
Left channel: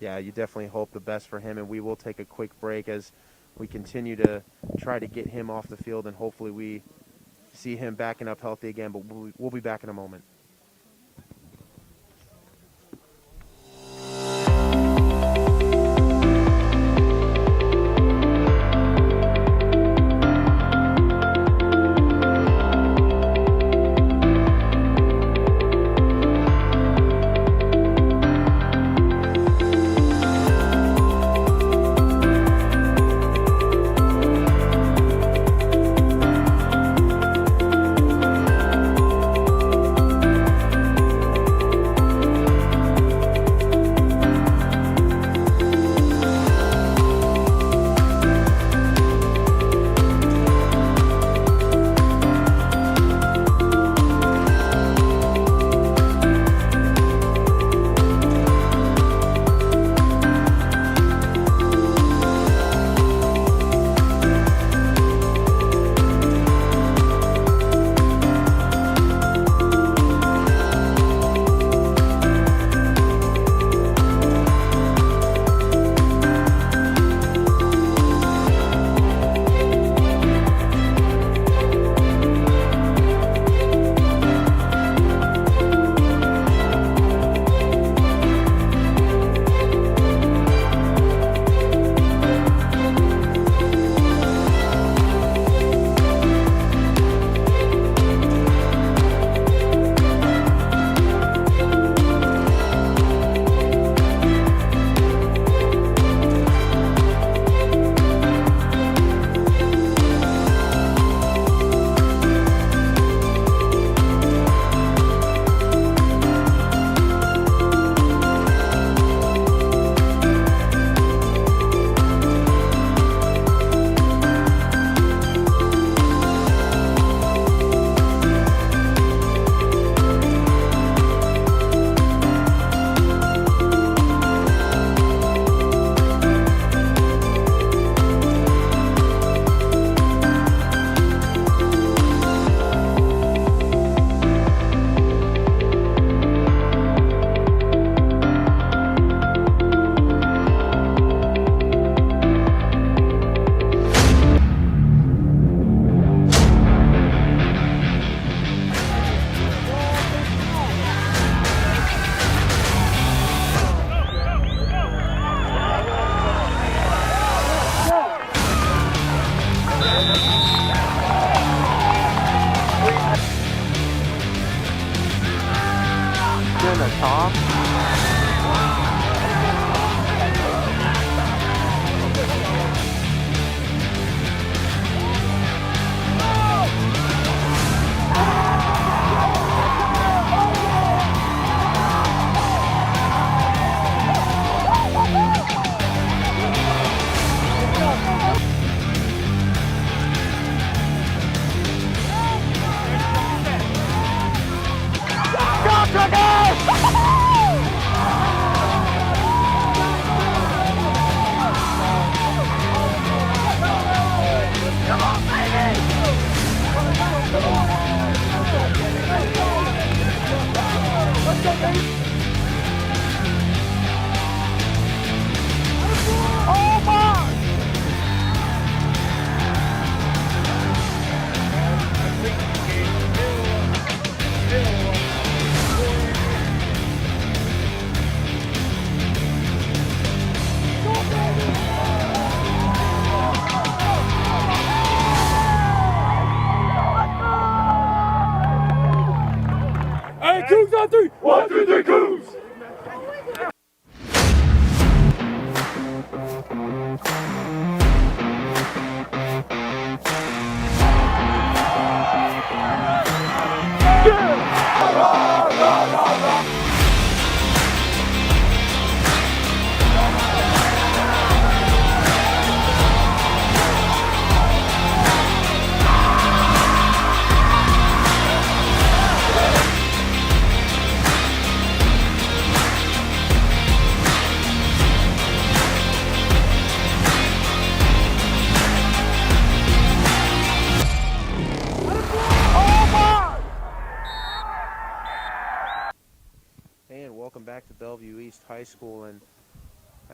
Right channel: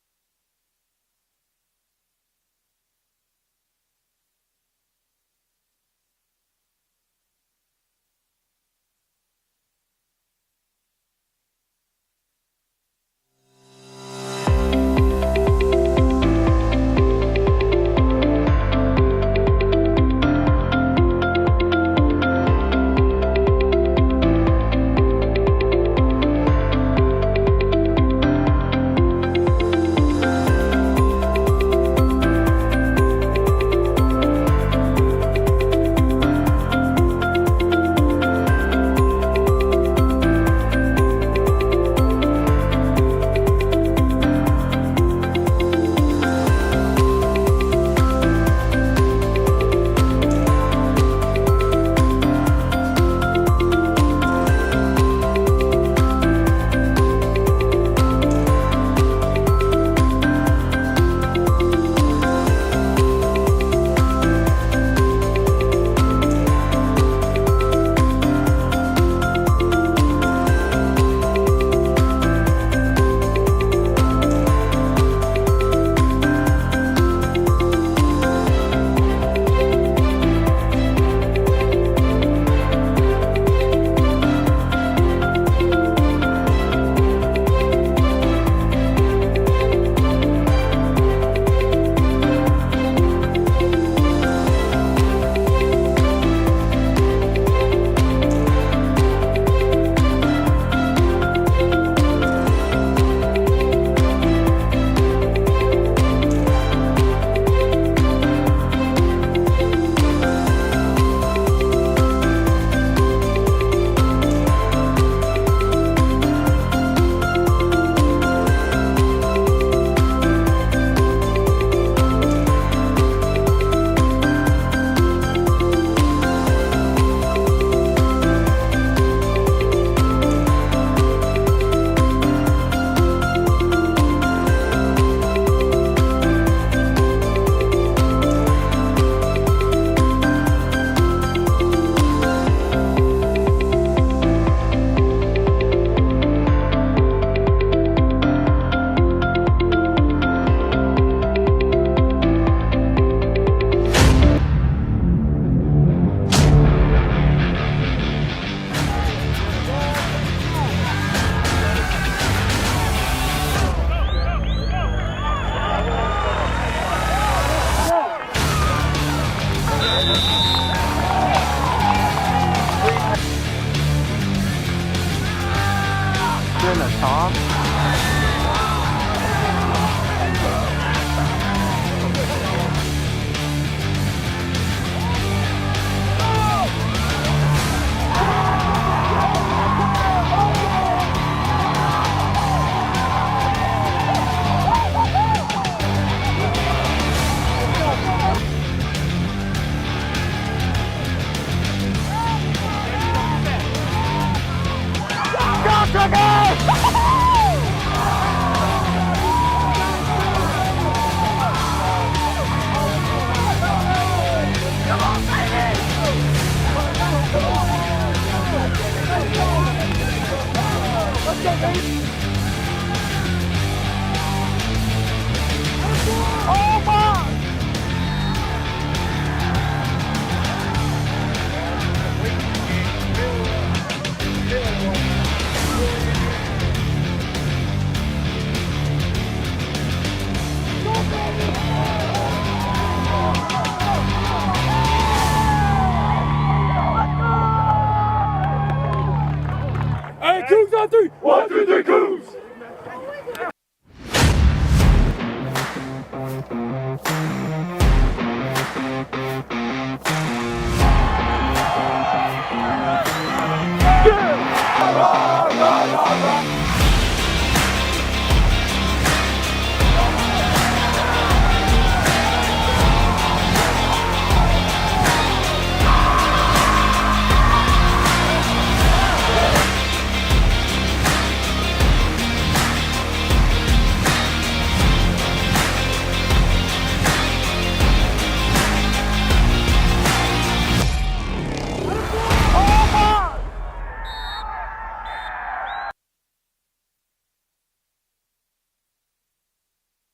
Yeah, you definitely hope the best for him, and we will take a quick break as we continue to try to get him off the field, and hopefully we see him backing up healthy again, but we'll be back in a moment.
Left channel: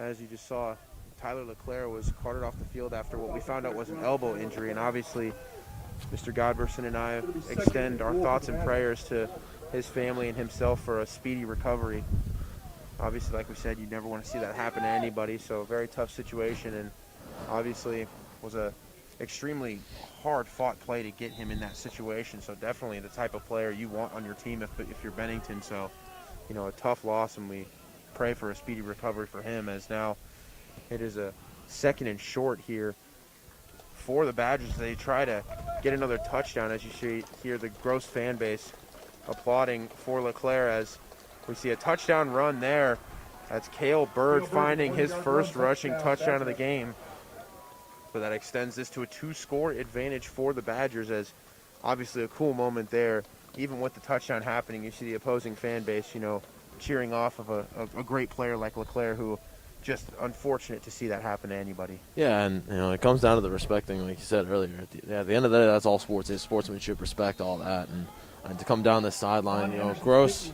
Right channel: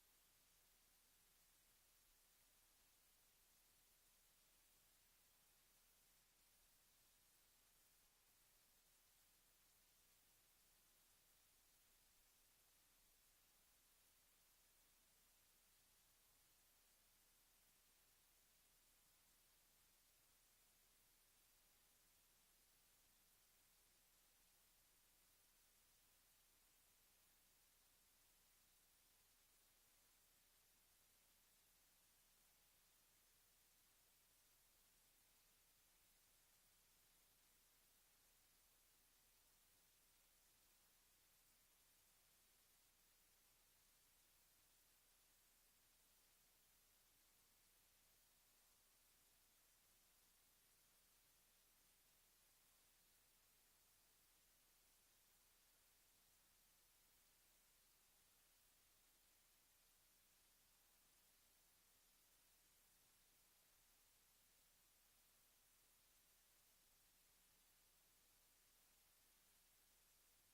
as you just saw, Tyler LeClaire was carted off the field after what we found out was an elbow injury, and obviously Mr. Godberson and I extend our thoughts and prayers to his family and himself for a speedy recovery. Obviously, like we said, you never want to see that happen to anybody, so a very tough situation, and obviously was a extremely hard-fought play to get him in that situation, so definitely the type of player you want on your team if you're Bennington. So, you know, a tough loss, and we pray for a speedy recovery for him, as now it is a 2nd and short here for the Badgers. They try to get another touchdown, as you see here, the Gross fan base applauding for LeClaire as we see a touchdown run there. That's Cale Bird finding his first rushing touchdown of the game. So that extends this to a 2-score advantage for the Badgers, as obviously a cool moment there. Even with the touchdown happening, you see the opposing fan base, you know, cheering off of a great player like LeClaire, who just unfortunate to see that happen to anybody. Yeah, and you know, it comes down to the respect thing, like you said earlier. At the end of the day, that's all sports is: sportsmanship, respect, all that. And to come down the sideline, you know, Gross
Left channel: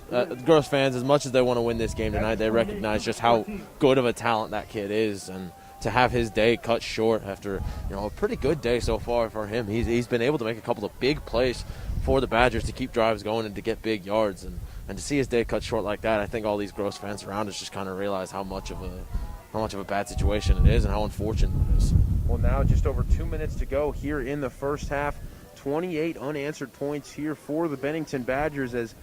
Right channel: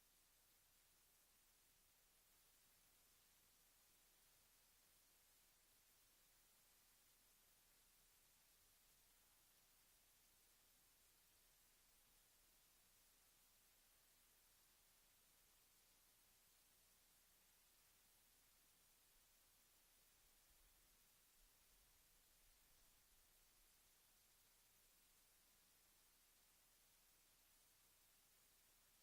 fans, as much as they want to win this game tonight, they recognize just how good of a talent that kid is, and to have his day cut short after, you know, a pretty good day so far for him. He's been able to make a couple of big plays for the Badgers to keep drives going and to get big yards, and to see his day cut short like that, I think all these Gross fans around us just kind of realize how much of a bad situation it is and how unfortunate it is. Well, now just over 2 minutes to go here in the first half. 28 unanswered points here for the Bennington Badgers, as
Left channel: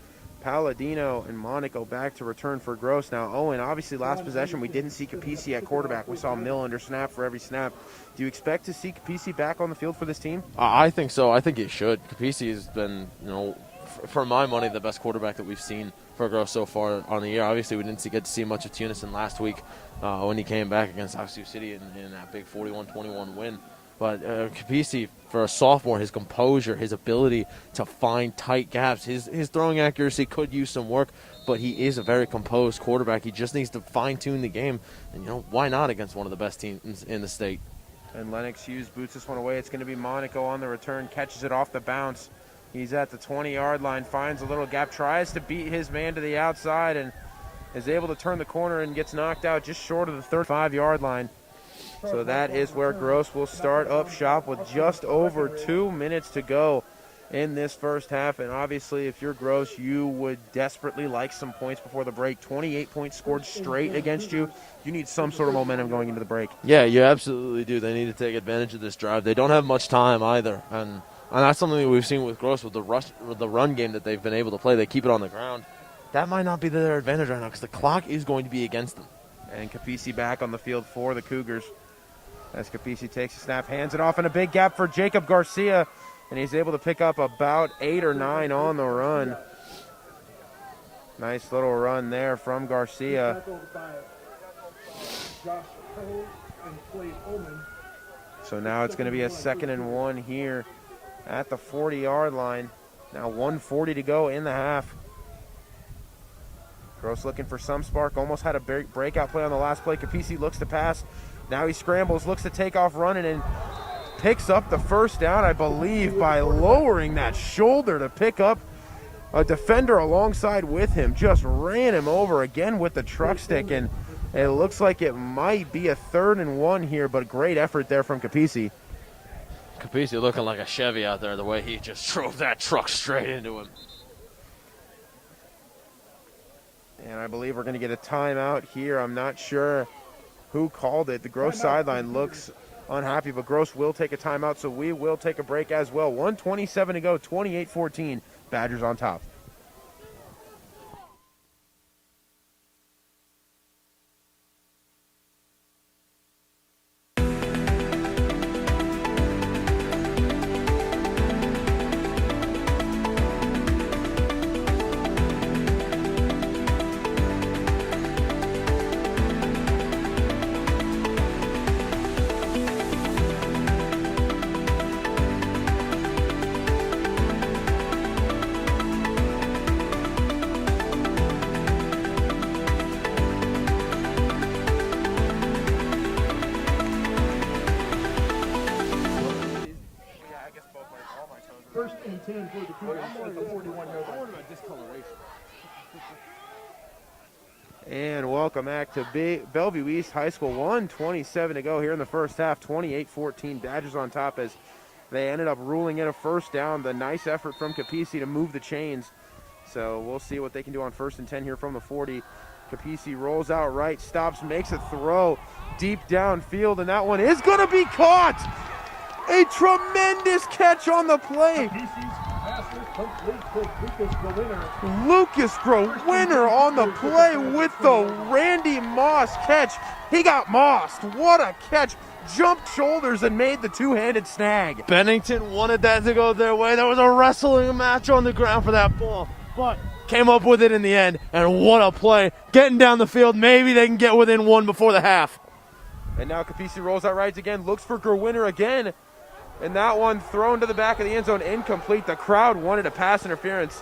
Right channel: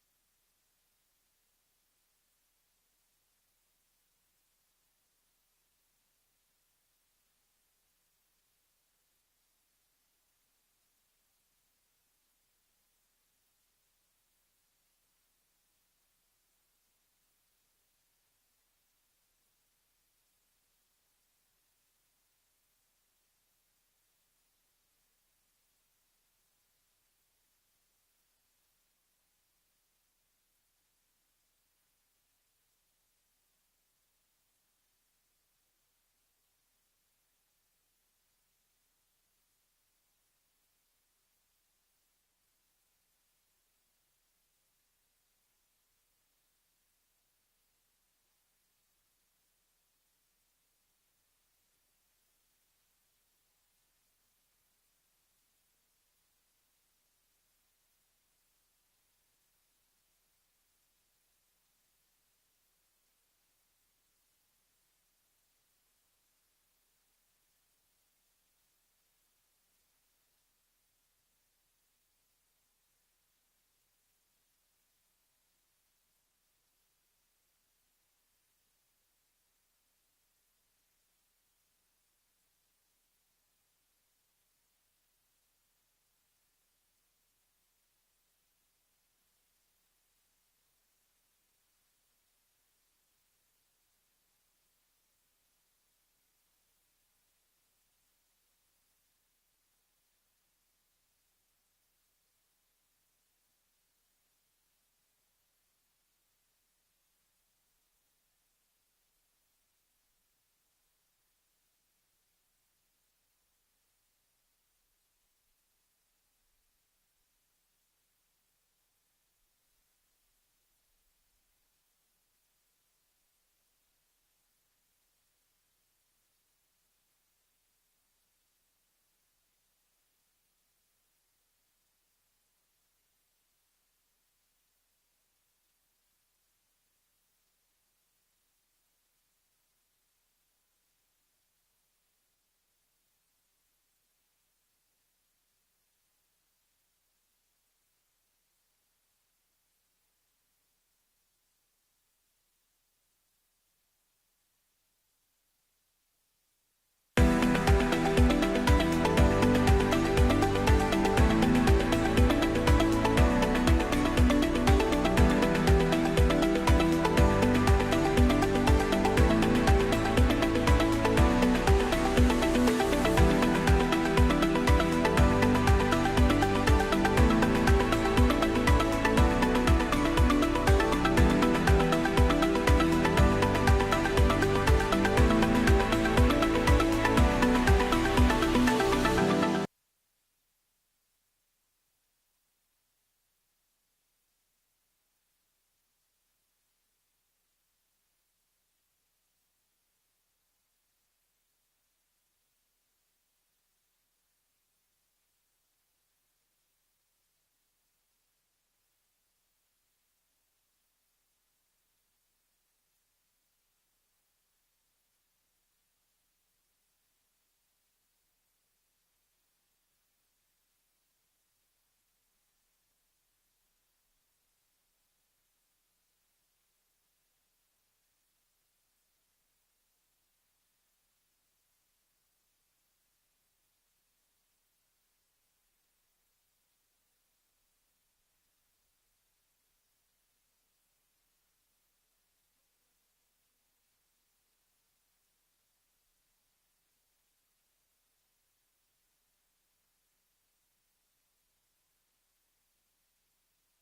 Palladino and Monaco back to return for Gross. Now, Owen, obviously last possession we didn't see Capisi at quarterback. We saw Mill under snap for every snap. Do you expect to see Capisi back on the field for this team? I think so. I think he should. Capisi has been, you know, for my money, the best quarterback that we've seen for Gross so far on the year. Obviously, we didn't get to see much of Tunison last week when he came back against South Sioux City in that big 41-21 win. But Capisi, for a sophomore, his composure, his ability to find tight gaps, his throwing accuracy could use some work, but he is a very composed quarterback. He just needs to fine-tune the game, and, you know, why not against one of the best teams in the state? And Lennox Hughes boots this one away. It's going to be Monaco on the return, catches it off the bounce. He's at the 20-yard line, finds a little gap, tries to beat his man to the outside, and is able to turn the corner and gets knocked out just short of the 35-yard line. So that is where Gross will start up shop with just over 2 minutes to go in this first half. And obviously, if you're Gross, you would desperately like some points before the break. 28 points scored straight against you. You need some sort of momentum going into the break. Yeah, you absolutely do. They need to take advantage of this drive. They don't have much time either. And that's something that we've seen with Gross with the run game that they've been able to play. They keep it on the ground. That might not be their advantage right now because the clock is going to be against them. And Capisi back on the field for the Cougars. As Capisi takes a snap, hands it off in a big gap for Jacob Garcia, and he's able to pick up about 8 or 9 on the run. Nice little run there from Garcia. So now it's going to be a 2nd and 1 here at the 40-yard line. Now 1:40 to go in the half. Gross looking for some spark, almost had a breakout play on the last play. Capisi looks to pass. Now he scrambles, looks to take off running, and picks up the first down, I believe, by lowering that shoulder to pick up a defender alongside with him. Just ran him over again with the truck stick, and it looks like it might be a 3rd and 1 here, but great effort there from Capisi. Capisi looking like a Chevy out there, the way he just drove that truck straight into him. And I believe we're going to get a timeout here. I'm not sure who called it. The Gross sideline looks unhappy, but Gross will take a timeout, so we will take a break as well. 1:27 to go, 28-14, Badgers on top. welcome back to Bellevue East High School. 1:27 to go here in the first half. 28-14. Badgers on top as they ended up ruling in a first down. The nice effort from Capisi to move the chains. So we'll see what they can do on 1st and 10 here from the 40. Capisi rolls out right, stops, makes a throw deep downfield, and that one is going to be caught. A tremendous catch on the play. Lucas Growinner on the play with the Randy Moss catch. He got mossed. What a catch. Jumped shoulders and made the two-handed snag. Bennington wanted that to go their way. There was a wrestling match on the ground for that ball, but came up with it in the end, and what a play. Getting down the field, maybe they can get within one before the half. And now Capisi rolls out right again, looks for Growinner again. And that one thrown to the back of the end zone, incomplete. The crowd wanted a pass interference,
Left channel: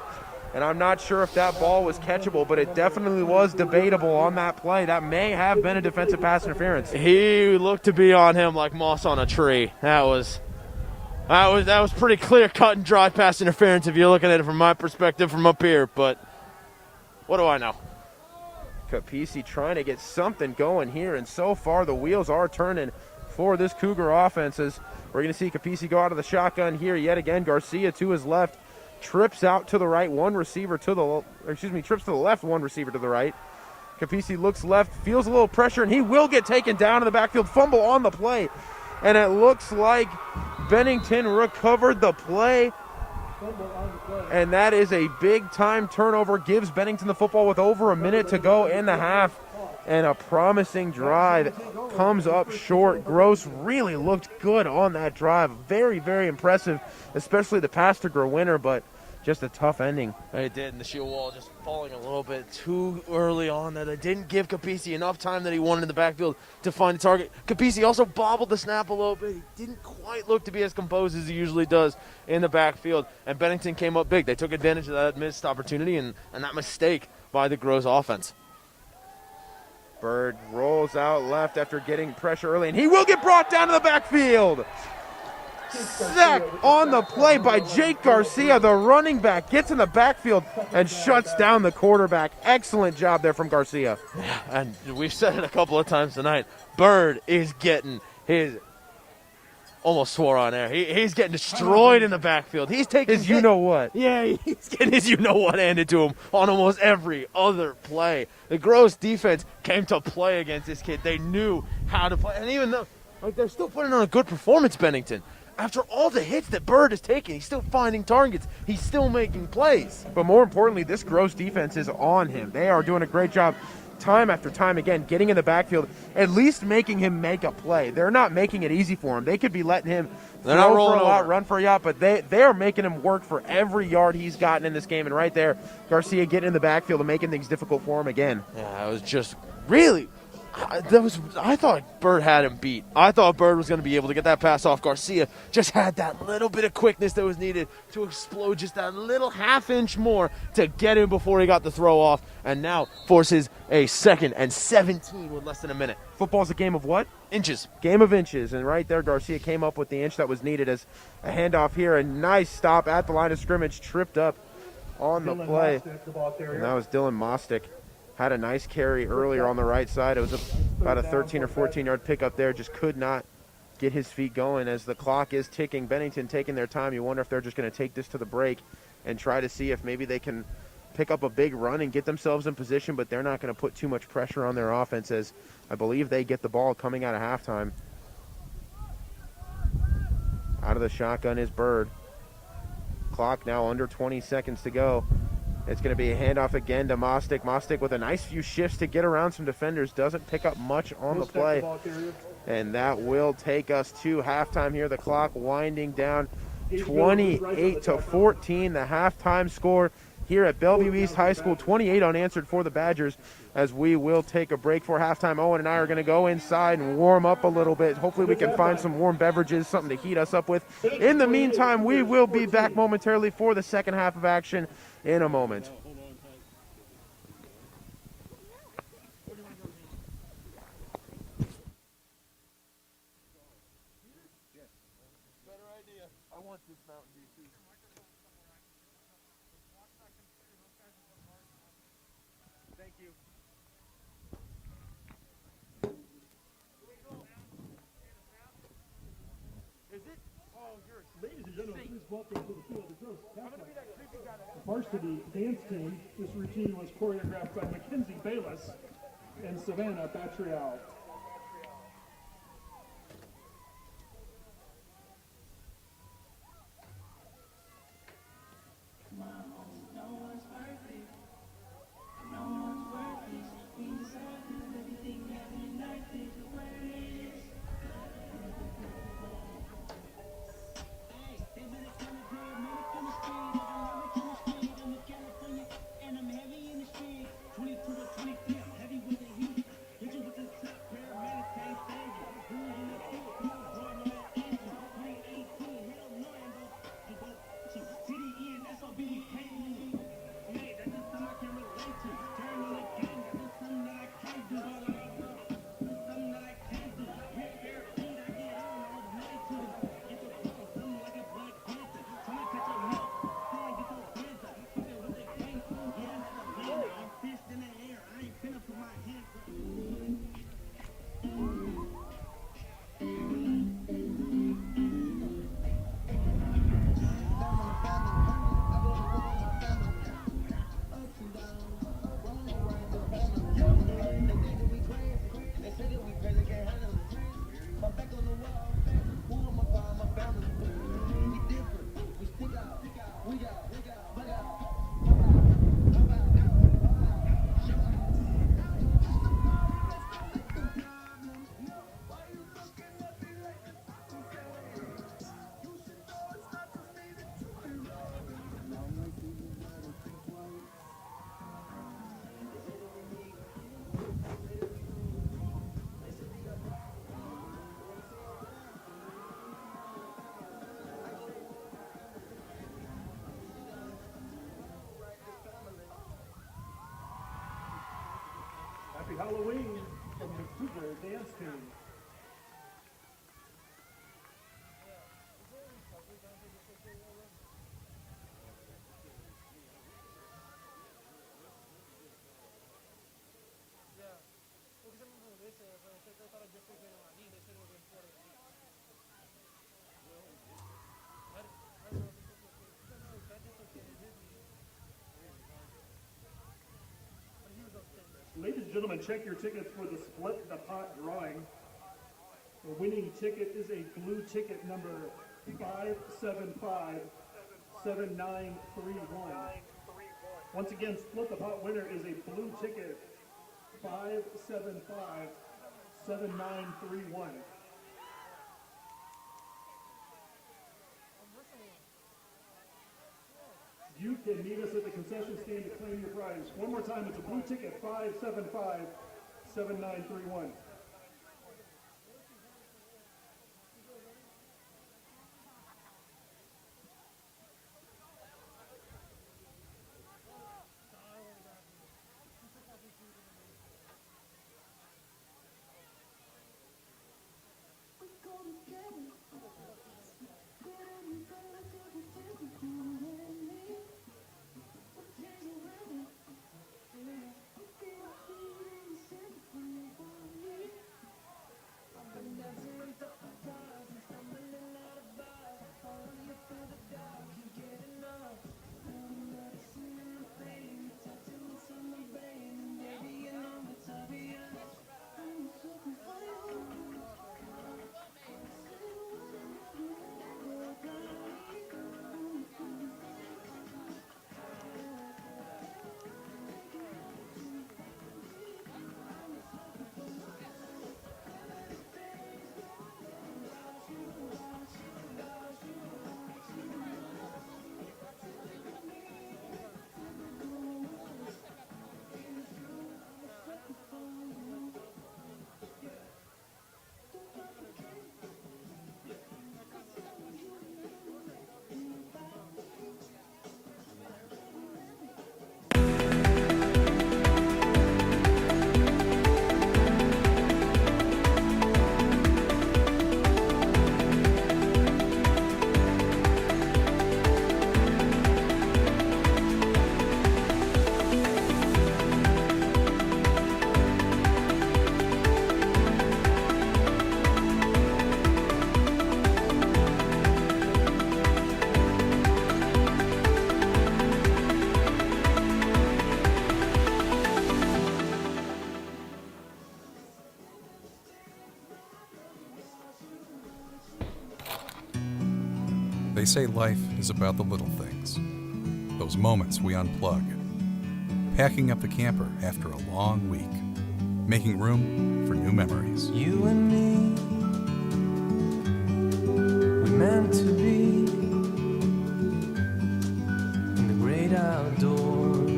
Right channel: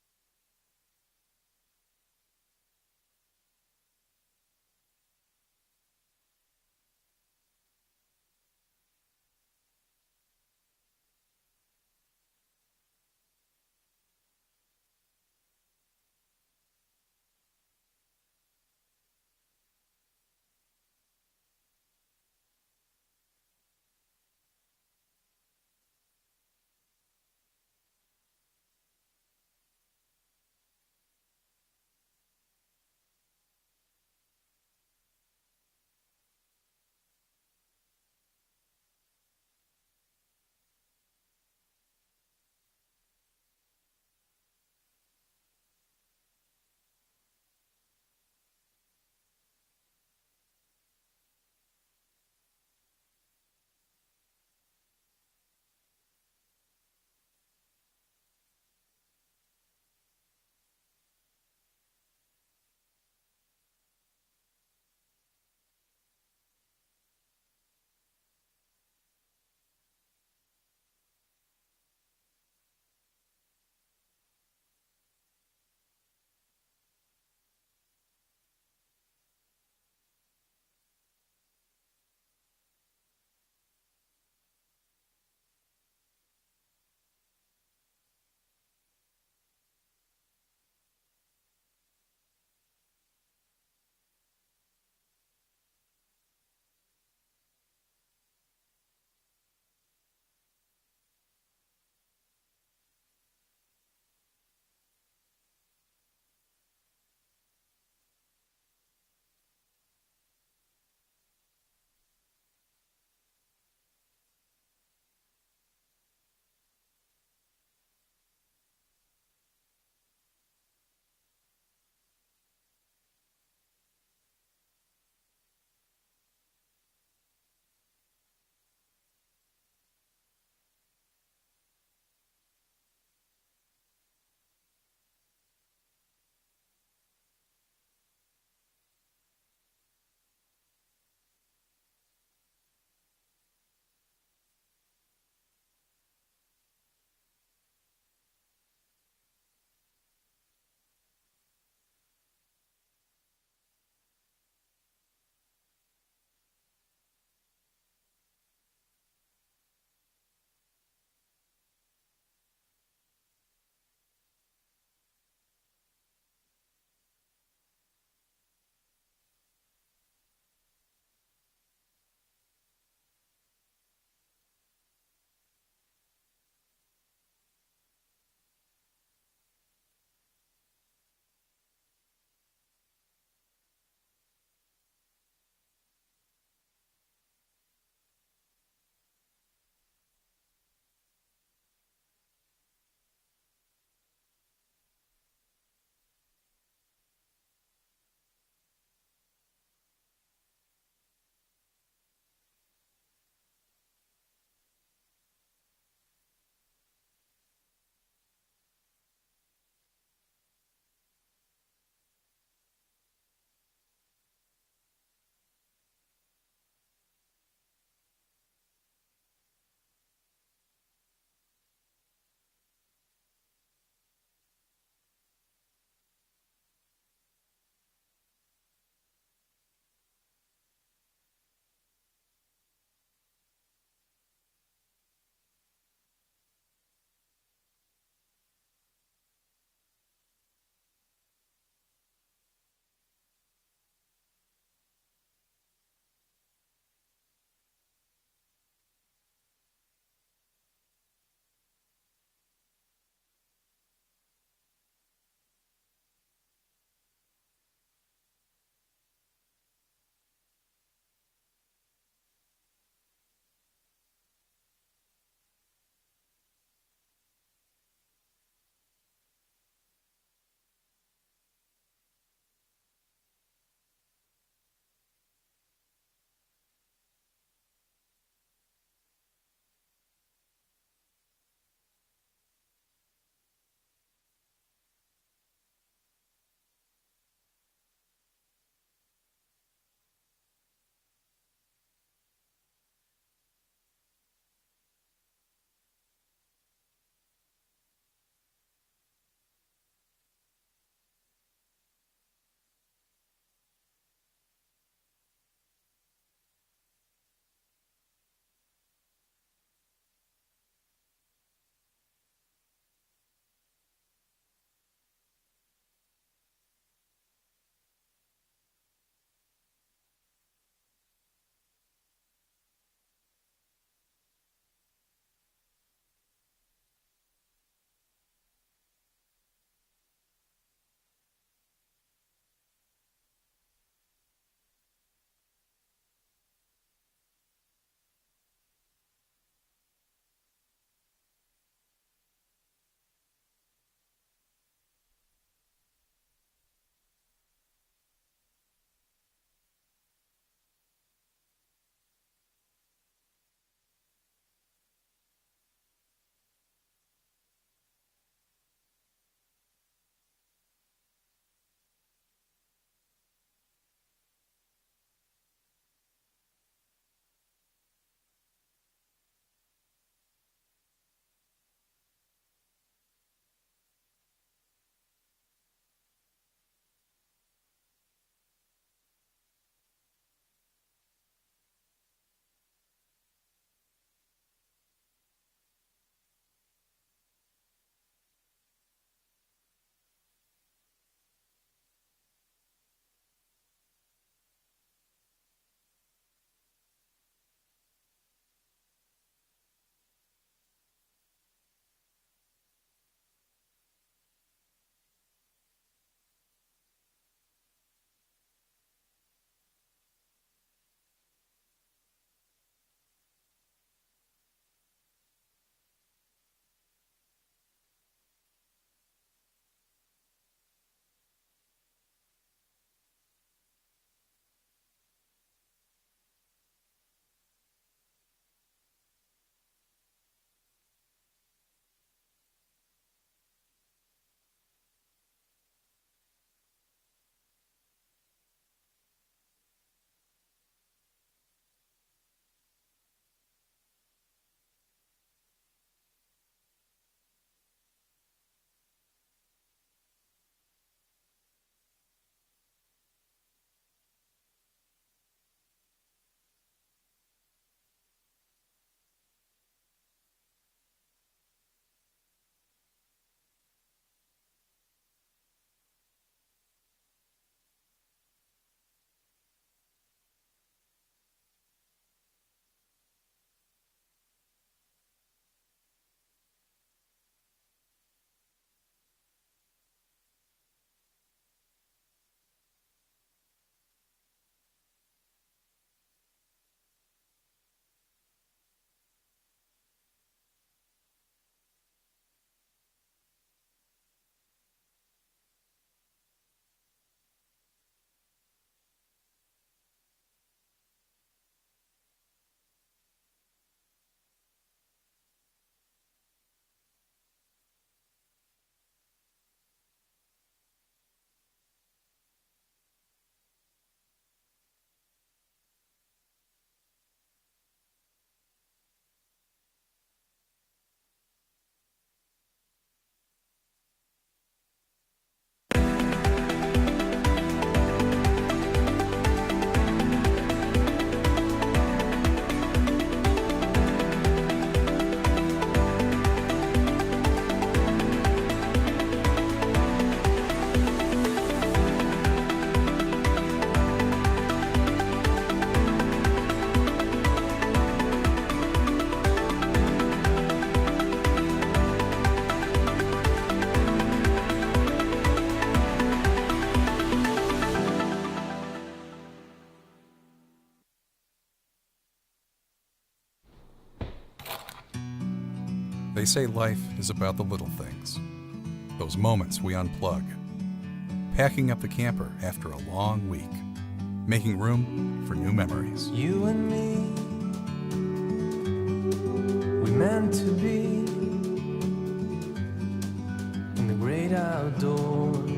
and I'm not sure if that ball was catchable, but it definitely was debatable on that play. That may have been a defensive pass interference. He looked to be on him like moss on a tree. That was pretty clear cut and dry pass interference if you're looking at it from my perspective from up here, but what do I know? Capisi trying to get something going here, and so far the wheels are turning for this Cougar offense as we're going to see Capisi go out of the shotgun here yet again. Garcia to his left, trips out to the right, trips to the left, one receiver to the right. Capisi looks left, feels a little pressure, and he will get taken down in the backfield. Fumble on the play, and it looks like Bennington recovered the play. And that is a big-time turnover. Gives Bennington the football with over a minute to go in the half. And a promising drive comes up short. Gross really looked good on that drive. Very, very impressive, especially the pass to Growinner, but just a tough ending. It did, and the shield wall just falling a little bit too early on that it didn't give Capisi enough time that he wanted in the backfield to find the target. Capisi also bobbled the snap a little bit. He didn't quite look to be as composed as he usually does in the backfield, and Bennington came up big. They took advantage of that missed opportunity and that mistake by the Gross offense. Bird rolls out left after getting pressure early, and he will get brought down to the backfield. Sack on the play by Jake Garcia, the running back, gets in the backfield and shuts down the quarterback. Excellent job there from Garcia. And we've said it a couple of times tonight, Bird is getting his, almost swore on air, he's getting destroyed in the backfield. He's taking his you-know-what. Yeah, he's getting his you-know-what handed to him on almost every other play. The Gross defense came to play against this kid. They knew how to play. And even though they're still putting on a good performance, Bennington, after all the hits that Bird is taking, he's still finding targets. He's still making plays. But more importantly, this Gross defense is on him. They are doing a great job time after time again, getting in the backfield, at least making him make a play. They're not making it easy for him. They could be letting him throw for a lot, run for a yacht, but they are making him work for every yard he's gotten in this game. And right there, Garcia getting in the backfield and making things difficult for him again. Yeah, it was just really... I thought Bird had him beat. I thought Bird was going to be able to get that pass off. Garcia just had that little bit of quickness that was needed to explode just that little half-inch more to get him before he got the throw off, and now forces a 2nd and 17 with less than a minute. Football's a game of what? Inches. Game of inches, and right there Garcia came up with the inch that was needed as a handoff here. A nice stop at the line of scrimmage, tripped up on the play. And that was Dylan Mostick. Had a nice carry earlier on the right side. It was about a 13 or 14-yard pickup there. Just could not get his feet going as the clock is ticking. Bennington taking their time. You wonder if they're just going to take this to the break and try to see if maybe they can pick up a big run and get themselves in position, but they're not going to put too much pressure on their offense as I believe they get the ball coming out of halftime. Out of the shotgun is Bird. Clock now under 20 seconds to go. It's going to be a handoff again to Mostick. Mostick with a nice few shifts to get around some defenders. Doesn't pick up much on the play. And that will take us to halftime here. The clock winding down 28-14. The halftime score here at Bellevue East High School. 28 unanswered for the Badgers as we will take a break for halftime. Owen and I are going to go inside and warm up a little bit. Hopefully we can find some warm beverages, something to heat us up with. In the meantime, we will be back momentarily for the second half of action in a moment. welcome to the field of gross halfway. The varsity dance team. This routine was choreographed by Mackenzie Bayless and Savannah Batrial. Happy Halloween from the Cougar Dance Team. Ladies and gentlemen, check your tickets for the Split the Pot drawing. The winning ticket is a blue ticket number 5757931. Once again, Split the Pot winner is a blue ticket 5757931. You can meet us at the concession stand to claim your prize. One more time, it's a blue ticket, 5757931. They say life is about the little things, those moments we unplug, packing up the camper after a long week, making room for new memories. You and me, we meant to be in the great outdoors,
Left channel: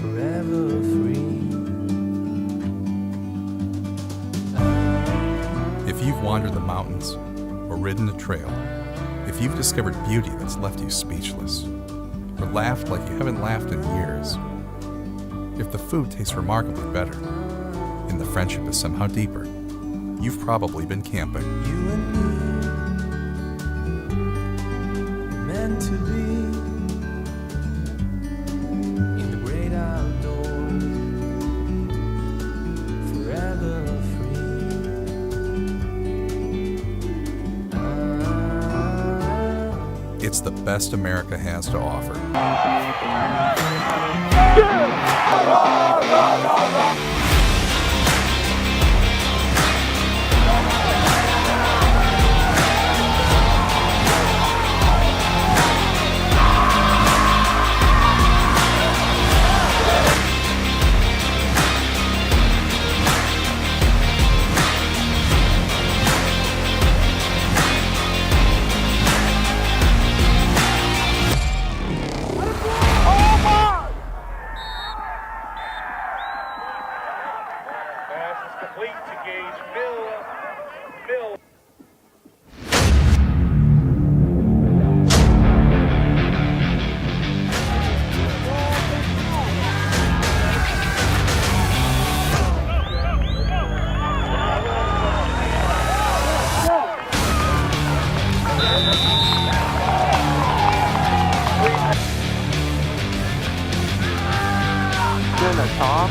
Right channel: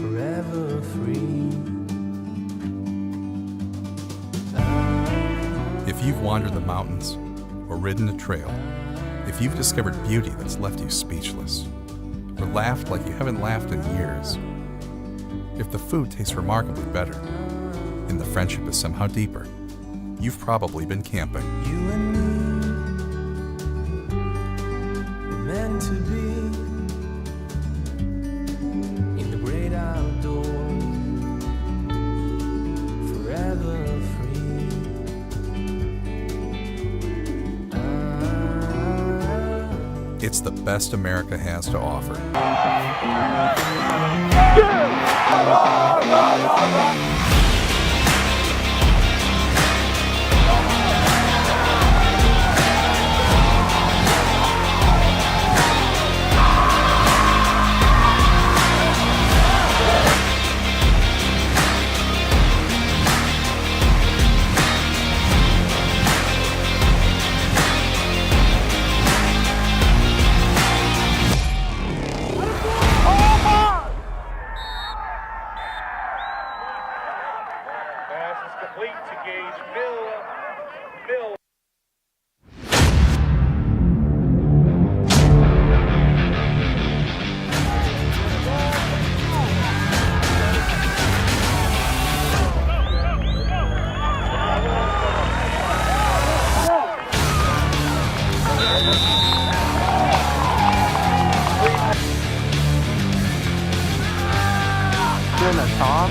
forever free. If you've wandered the mountains or ridden a trail, if you've discovered beauty that's left you speechless, or laughed like you haven't laughed in years, if the food tastes remarkably better and the friendship is somehow deeper, you've probably been camping. You and me, we're meant to be in the great outdoors, forever free. It's the best America has to offer. Pass is complete to Gage Mill. Dinner, Tom.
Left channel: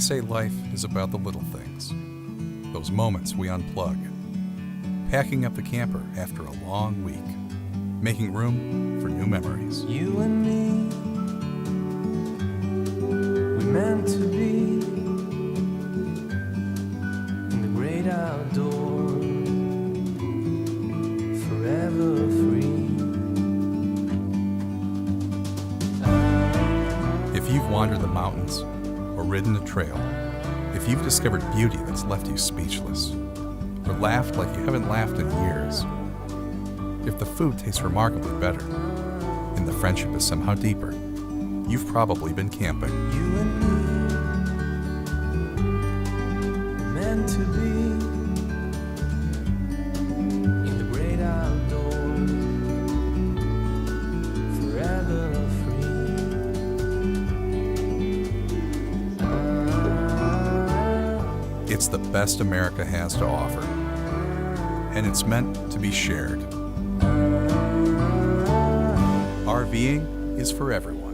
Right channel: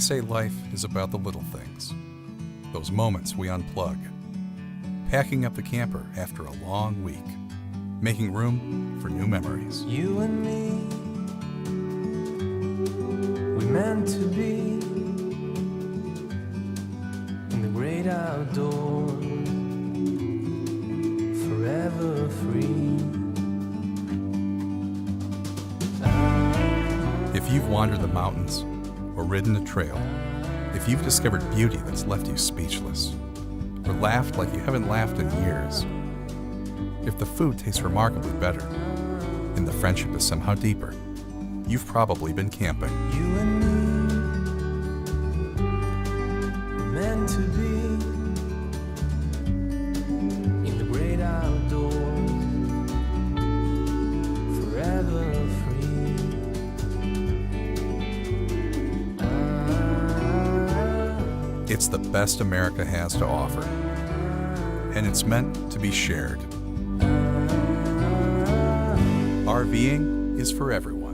They say life is about the little things, those moments we unplug, packing up the camper after a long week, making room for new memories. You and me, we meant to be in the great outdoors, forever free. If you've wandered the mountains or ridden a trail, if you've discovered beauty that's left you speechless, or laughed like you haven't laughed in years, if the food tastes remarkably better and the friendship is somehow deeper, you've probably been camping. You and me, we're meant to be in the great outdoors, forever free. It's the best America has to offer, and it's meant to be shared. RVing is for everyone.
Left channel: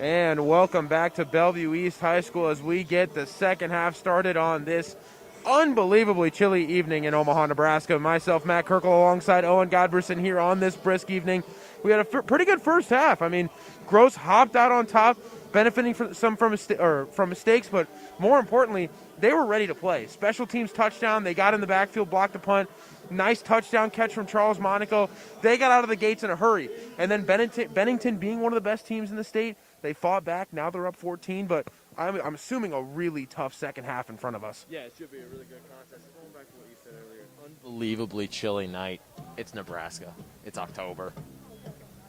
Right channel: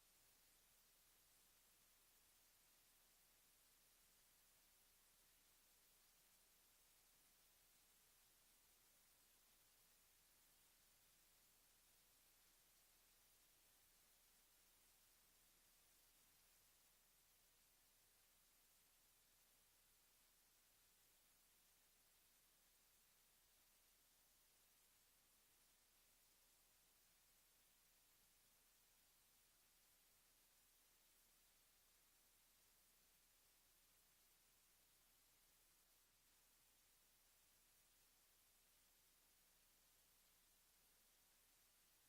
And welcome back to Bellevue East High School as we get the second half started on this unbelievably chilly evening in Omaha, Nebraska. Myself, Matt Kirkle, alongside Owen Godberson here on this brisk evening. We had a pretty good first half. I mean, Gross hopped out on top, benefiting from mistakes, but more importantly, they were ready to play. Special teams touchdown. They got in the backfield, blocked a punt. Nice touchdown catch from Charles Monaco. They got out of the gates in a hurry. And then Bennington being one of the best teams in the state, they fought back. Now they're up 14, but I'm assuming a really tough second half in front of us. Yeah, it should be a really good contest. Going back to what you said earlier, unbelievably chilly night. It's Nebraska. It's October.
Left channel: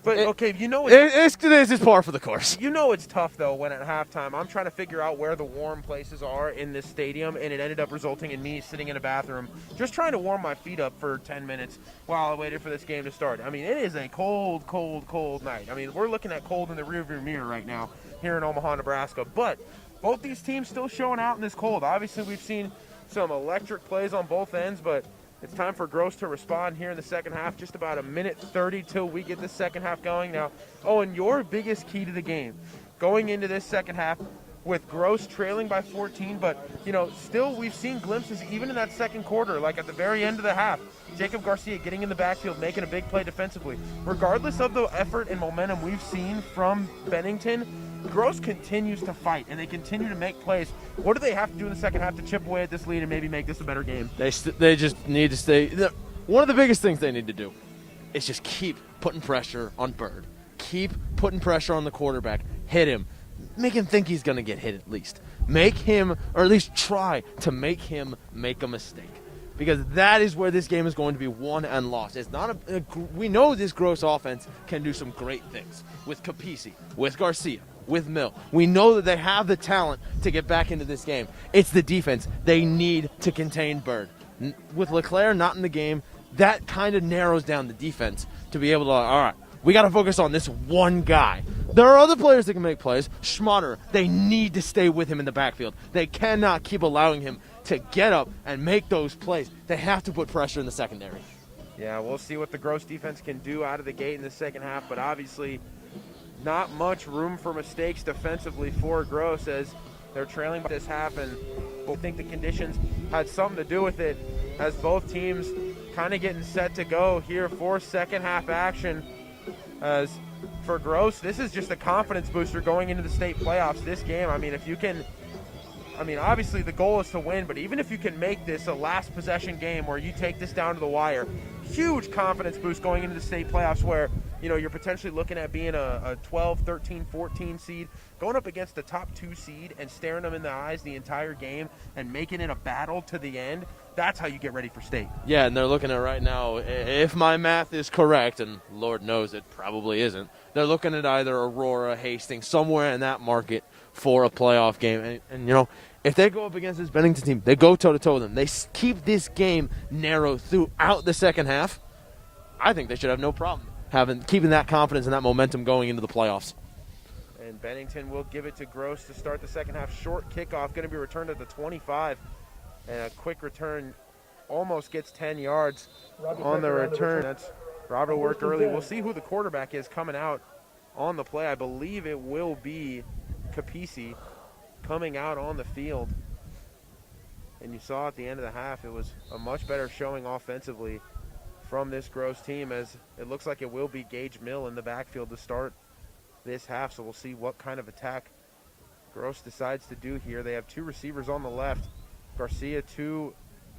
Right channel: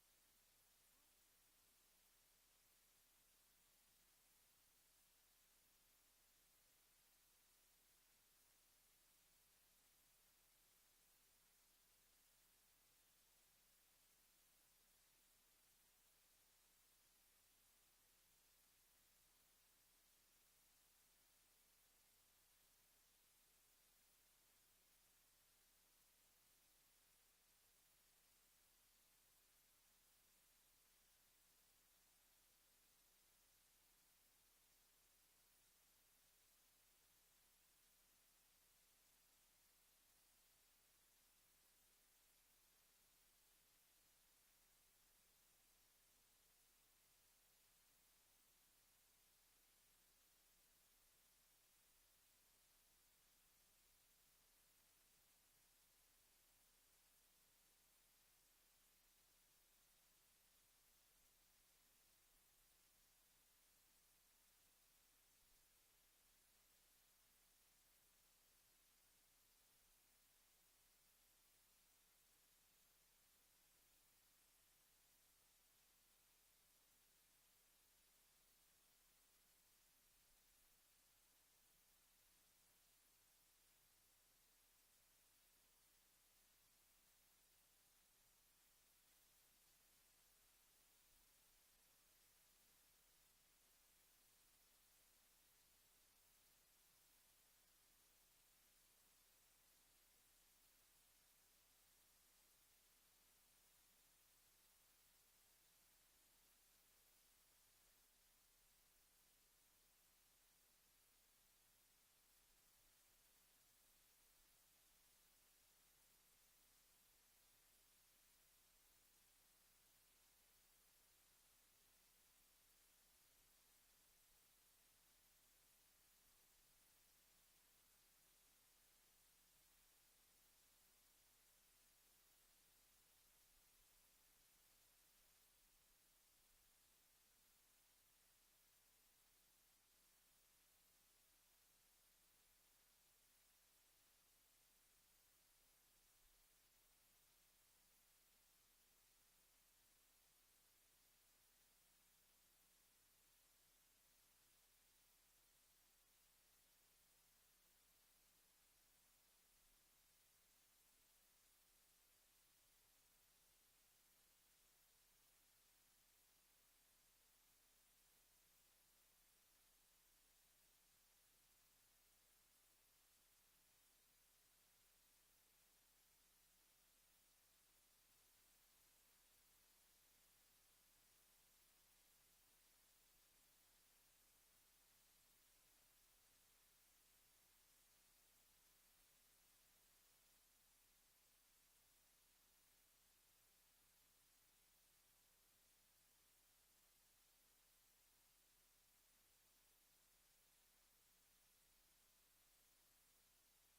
But, okay, you know It's par for the course. You know it's tough, though, when at halftime I'm trying to figure out where the warm places are in this stadium, and it ended up resulting in me sitting in a bathroom just trying to warm my feet up for 10 minutes while I waited for this game to start. I mean, it is a cold, cold, cold night. I mean, we're looking at cold in the rearview mirror right now here in Omaha, Nebraska. But both these teams still showing out in this cold. Obviously, we've seen some electric plays on both ends, but it's time for Gross to respond here in the second half. Just about a minute 30 till we get the second half going. Now, Owen, your biggest key to the game going into this second half with Gross trailing by 14, but, you know, still we've seen glimpses even in that second quarter, like at the very end of the half, Jacob Garcia getting in the backfield, making a big play defensively. Regardless of the effort and momentum we've seen from Bennington, Gross continues to fight, and they continue to make plays. What do they have to do in the second half to chip away at this lead and maybe make this a better game? They just need to stay. One of the biggest things they need to do is just keep putting pressure on Bird. Keep putting pressure on the quarterback. Hit him. Make him think he's going to get hit at least. Make him, or at least try to make him make a mistake. Because that is where this game is going to be won and lost. It's not we know this Gross offense can do some great things with Capisi, with Garcia, with Mill. We know that they have the talent to get back into this game. It's the defense. They need to contain Bird. With LeClaire not in the game, that kind of narrows down the defense to be able to, all right, we got to focus on this one guy. There are other players that can make plays. Schmatter, they need to stay with him in the backfield. They cannot keep allowing him to get up and make those plays. They have to put pressure in the secondary. Yeah, we'll see what the Gross defense can do out of the gate in the second half, but obviously not much room for mistakes defensively for Gross as they're trailing by this half, and I think the conditions had something to do with it as both teams kind of getting set to go here for second half action. As for Gross, this is just a confidence booster going into the state playoffs. This game, I mean, if you can, obviously the goal is to win, but even if you can make this a last possession game where you take this down to the wire, huge confidence boost going into the state playoffs where, you're potentially looking at being a 12, 13, 14 seed, going up against the top 2 seed and staring them in the eyes the entire game and making it a battle to the end. That's how you get ready for state. Yeah, and they're looking at right now, if my math is correct, and Lord knows it probably isn't, they're looking at either Aurora, Hastings, somewhere in that market for a playoff game. And if they go up against this Bennington team, they go toe-to-toe with them. They keep this game narrow throughout the second half. I think they should have no problem keeping that confidence and that momentum going into the playoffs. And Bennington will give it to Gross to start the second half. Short kickoff, going to be returned at the 25. And a quick return almost gets 10 yards on the return. That's Robert worked early. We'll see who the quarterback is coming out on the play. I believe it will be Capisi coming out on the field. And you saw at the end of the half, it was a much better showing offensively from this Gross team, as it looks like it will be Gage Mill in the backfield to start this half. So we'll see what kind of attack Gross decides to do here. They have 2 receivers on the left. Garcia to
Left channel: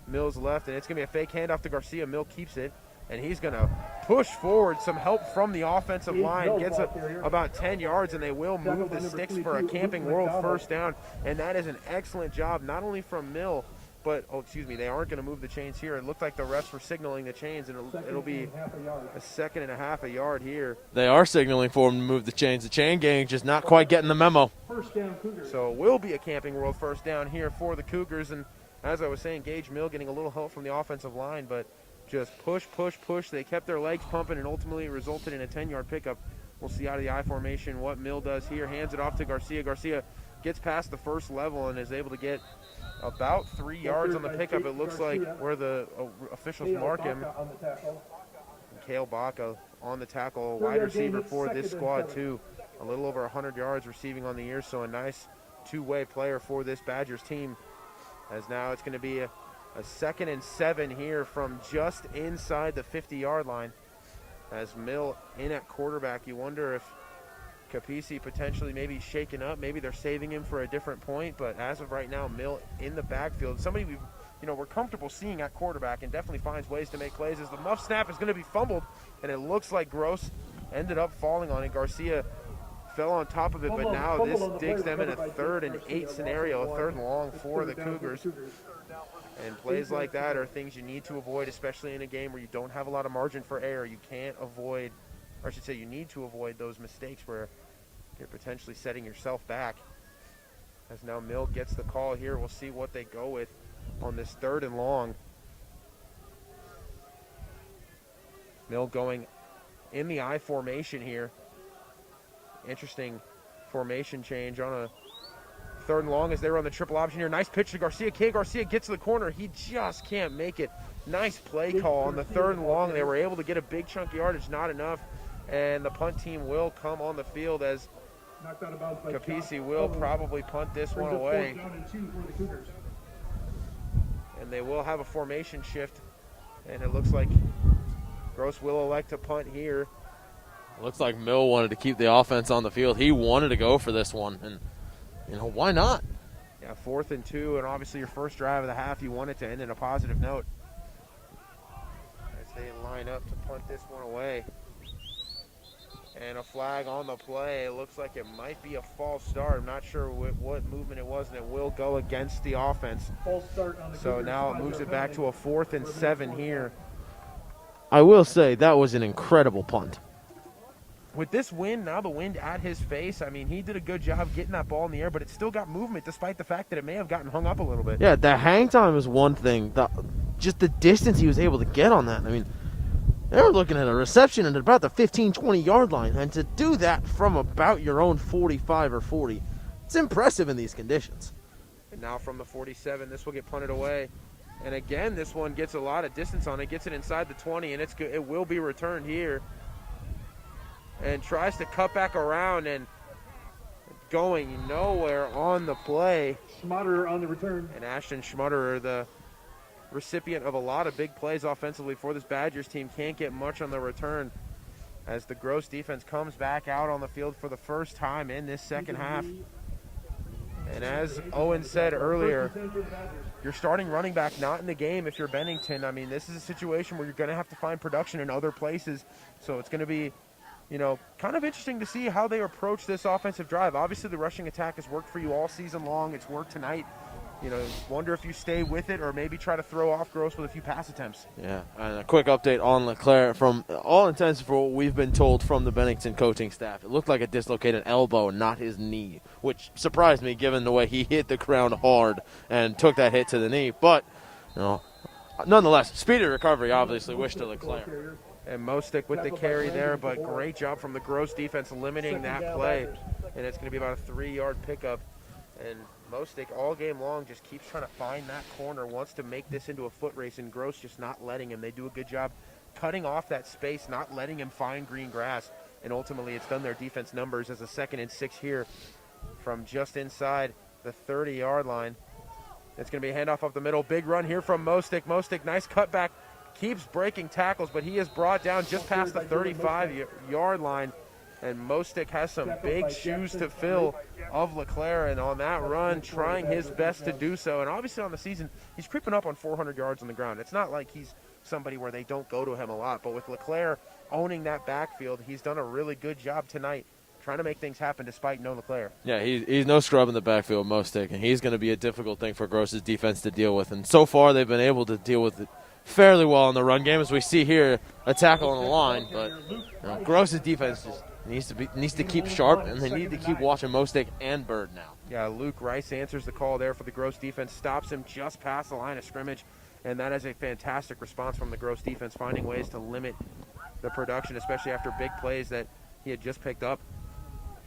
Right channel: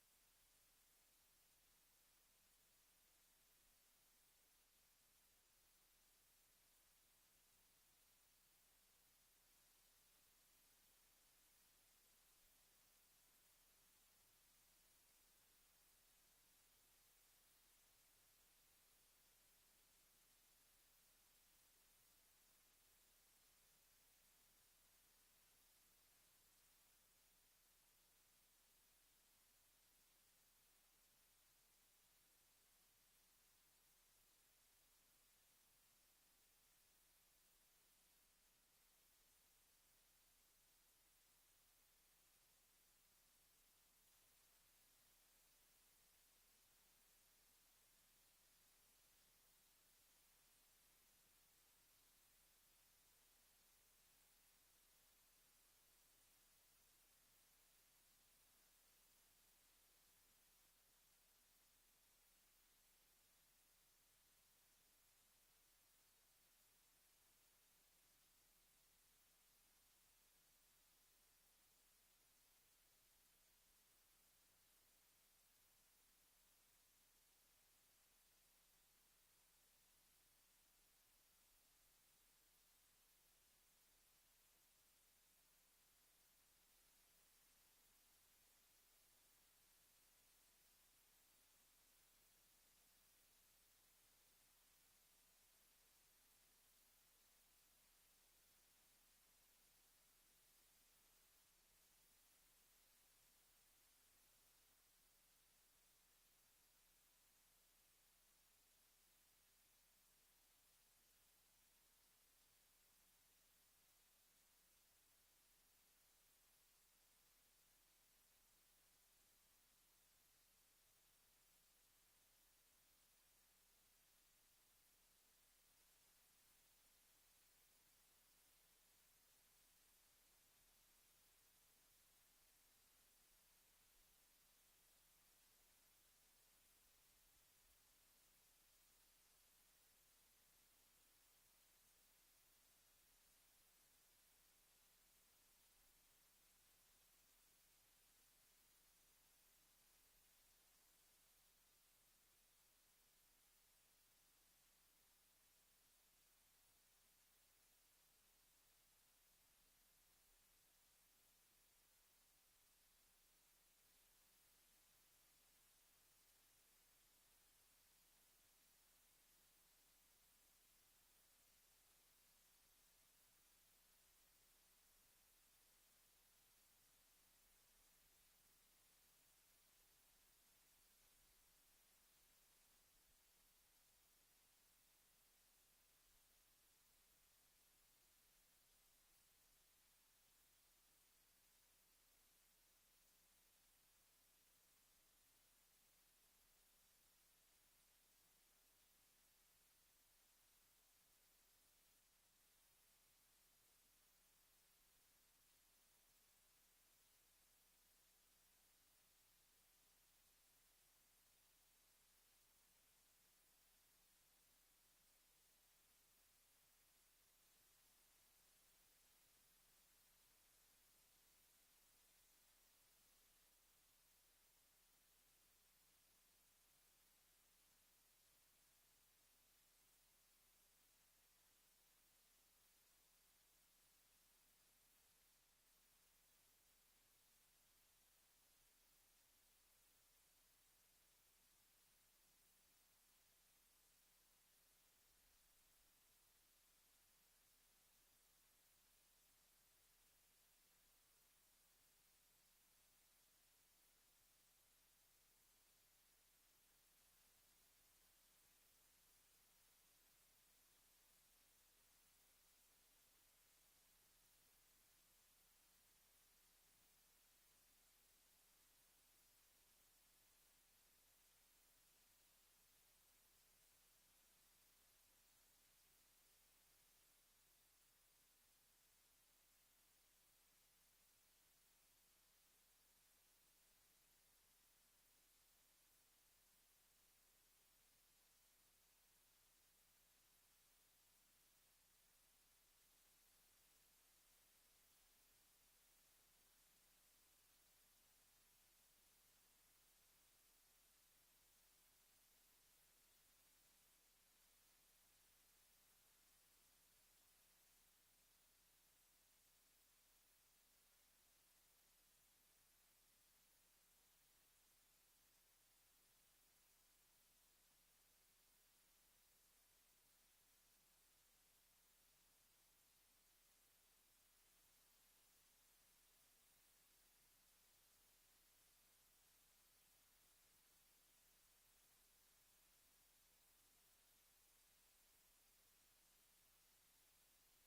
Mills left, and it's going to be a fake handoff to Garcia. Mill keeps it, and he's going to push forward. Some help from the offensive line. Gets about 10 yards, and they will move the sticks for a Camping World first down. And that is an excellent job, not only from Mill, but, they aren't going to move the chains here. It looked like the refs were signaling the chains, and it'll be a second and a half a yard here. They are signaling for them to move the chains. The chain gang just not quite getting the memo. First down, Cougars. So it will be a Camping World first down here for the Cougars. And as I was saying, Gage Mill getting a little help from the offensive line, but just push. They kept their legs pumping, and ultimately it resulted in a 10-yard pickup. We'll see out of the I formation what Mill does here. Hands it off to Garcia. Garcia gets past the first level and is able to get about 3 yards on the pickup. It looks like where the officials mark him. Kale Baca on the tackle, wide receiver for this squad too. A little over 100 yards receiving on the year, so a nice two-way player for this Badgers team. As now it's going to be a 2nd and 7 here from just inside the 50-yard line. As Mill in at quarterback, you wonder if Capisi potentially maybe shaken up. Maybe they're saving him for a different point, but as of right now, Mill in the backfield. Somebody we're comfortable seeing at quarterback and definitely finds ways to make plays. As the muff snap is going to be fumbled, and it looks like Gross ended up falling on it. Garcia fell on top of it, but now this digs them in a 3rd and 8 scenario, a 3rd and long for the Cougars. And plays like that are things you need to avoid, especially in a game where you don't have a lot of margin for error. You can't avoid, or I should say you need to avoid those mistakes where you're potentially setting yourself back. As now Mill gets the call here. We'll see what they go with on this 3rd and long. Mill going in the I formation here. Interesting formation change on a 3rd and long as they were on the triple option here. Nice pitch to Garcia. Garcia gets to the corner. He just can't make it. Nice play call on the 3rd and long. They were able to get a big chunk of yardage, not enough. And the punt team will come on the field as Capisi will probably punt this one away. And they will have a formation shift. And it looks like Gross will elect to punt here. Looks like Mill wanted to keep the offense on the field. He wanted to go for this one, and why not? Yeah, 4th and 2, and obviously your first drive of the half, you want it to end in a positive note. As they line up to punt this one away. And a flag on the play. It looks like it might be a false start. I'm not sure what movement it was, and it will go against the offense. False start on the So Cougars. now it moves it back to a 4th and 7 here. I will say that was an incredible punt. With this wind, now the wind at his face, he did a good job getting that ball in the air, but it still got movement despite the fact that it may have gotten hung up a little bit. Yeah, the hang time is one thing. Just the distance he was able to get on that. They were looking at a reception at about the 15, 20-yard line, and to do that from about your own 45 or 40, it's impressive in these conditions. And now from the 47, this will get punted away. And again, this one gets a lot of distance on it, gets it inside the 20, and it will be returned here. And tries to cut back around and going nowhere on the play. Schmaderer on the return. And Ashton Schmaderer, the recipient of a lot of big plays offensively for this Badgers team, can't get much on the return as the Gross defense comes back out on the field for the first time in this second half. And as Owen said earlier, your starting running back not in the game if you're Bennington. I mean, this is a situation where you're going to have to find production in other places. So it's going to be, you know, kind of interesting to see how they approach this offensive drive. Obviously, the rushing attack has worked for you all season long. It's worked tonight. You know, wonder if you stay with it or maybe try to throw off Gross with a few pass attempts. Yeah, and a quick update on LeClaire. From all intents for what we've been told from the Bennington coaching staff, it looked like a dislocated elbow, not his knee, which surprised me given the way he hit the ground hard and took that hit to the knee. But, you know, nonetheless, speedy recovery, obviously. Wish to LeClaire. And Mostick with the carry there, but great job from the Gross defense limiting that play. And it's going to be about a 3-yard pickup. And Mostick all game long just keeps trying to find that corner, wants to make this into a foot race, and Gross just not letting him. They do a good job cutting off that space, not letting him find green grass. And ultimately it's done their defense numbers as a 2nd and 6 here from just inside the 30-yard line. It's going to be a handoff up the middle. Big run here from Mostick. Mostick, nice cutback. Keeps breaking tackles, but he is brought down just past the 35-yard line. And Mostick has some big shoes to fill of LeClaire, and on that run, trying his best to do so. And obviously on the season, he's creeping up on 400 yards on the ground. It's not like he's somebody where they don't go to him a lot, but with LeClaire owning that backfield, he's done a really good job tonight trying to make things happen despite no LeClaire. Yeah, he's no scrub in the backfield, Mostick, and he's going to be a difficult thing for Gross's defense to deal with. And so far, they've been able to deal with it fairly well in the run game, as we see here, a tackle on the line. But you know, Gross's defense just needs to keep sharp, and they need to keep watching Mostick and Bird now. Yeah, Luke Rice answers the call there for the Gross defense, stops him just past the line of scrimmage, and that is a fantastic response from the Gross defense, finding ways to limit the production, especially after big plays that he had just picked up.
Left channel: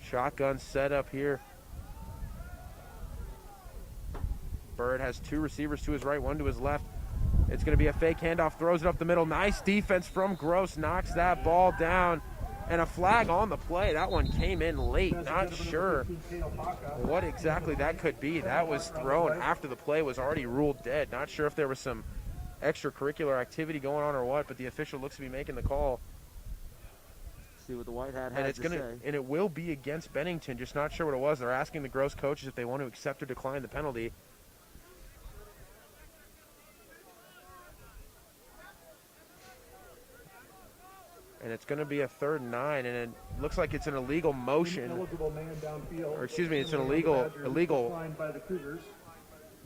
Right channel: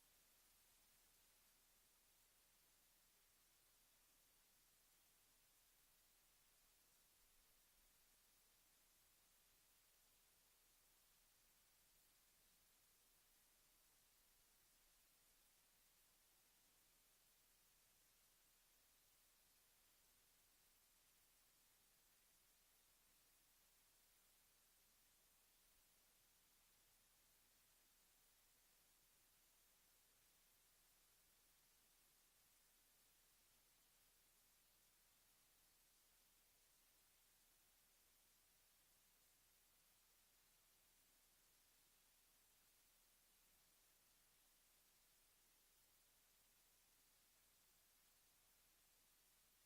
Shotgun set up here. Bird has 2 receivers to his right, 1 to his left. It's going to be a fake handoff, throws it up the middle. Nice defense from Gross, knocks that ball down. And a flag on the play. That one came in late. Not sure what exactly that could be. That was thrown after the play was already ruled dead. Not sure if there was some extracurricular activity going on or what, but the official looks to be making the call. See what the white hat And has it's to say. and it will be against Bennington. Just not sure what it was. They're asking the Gross coaches if they want to accept or decline the penalty. And it's going to be a 3rd and 9, and it looks like it's an illegal motion. Or excuse me, it's an illegal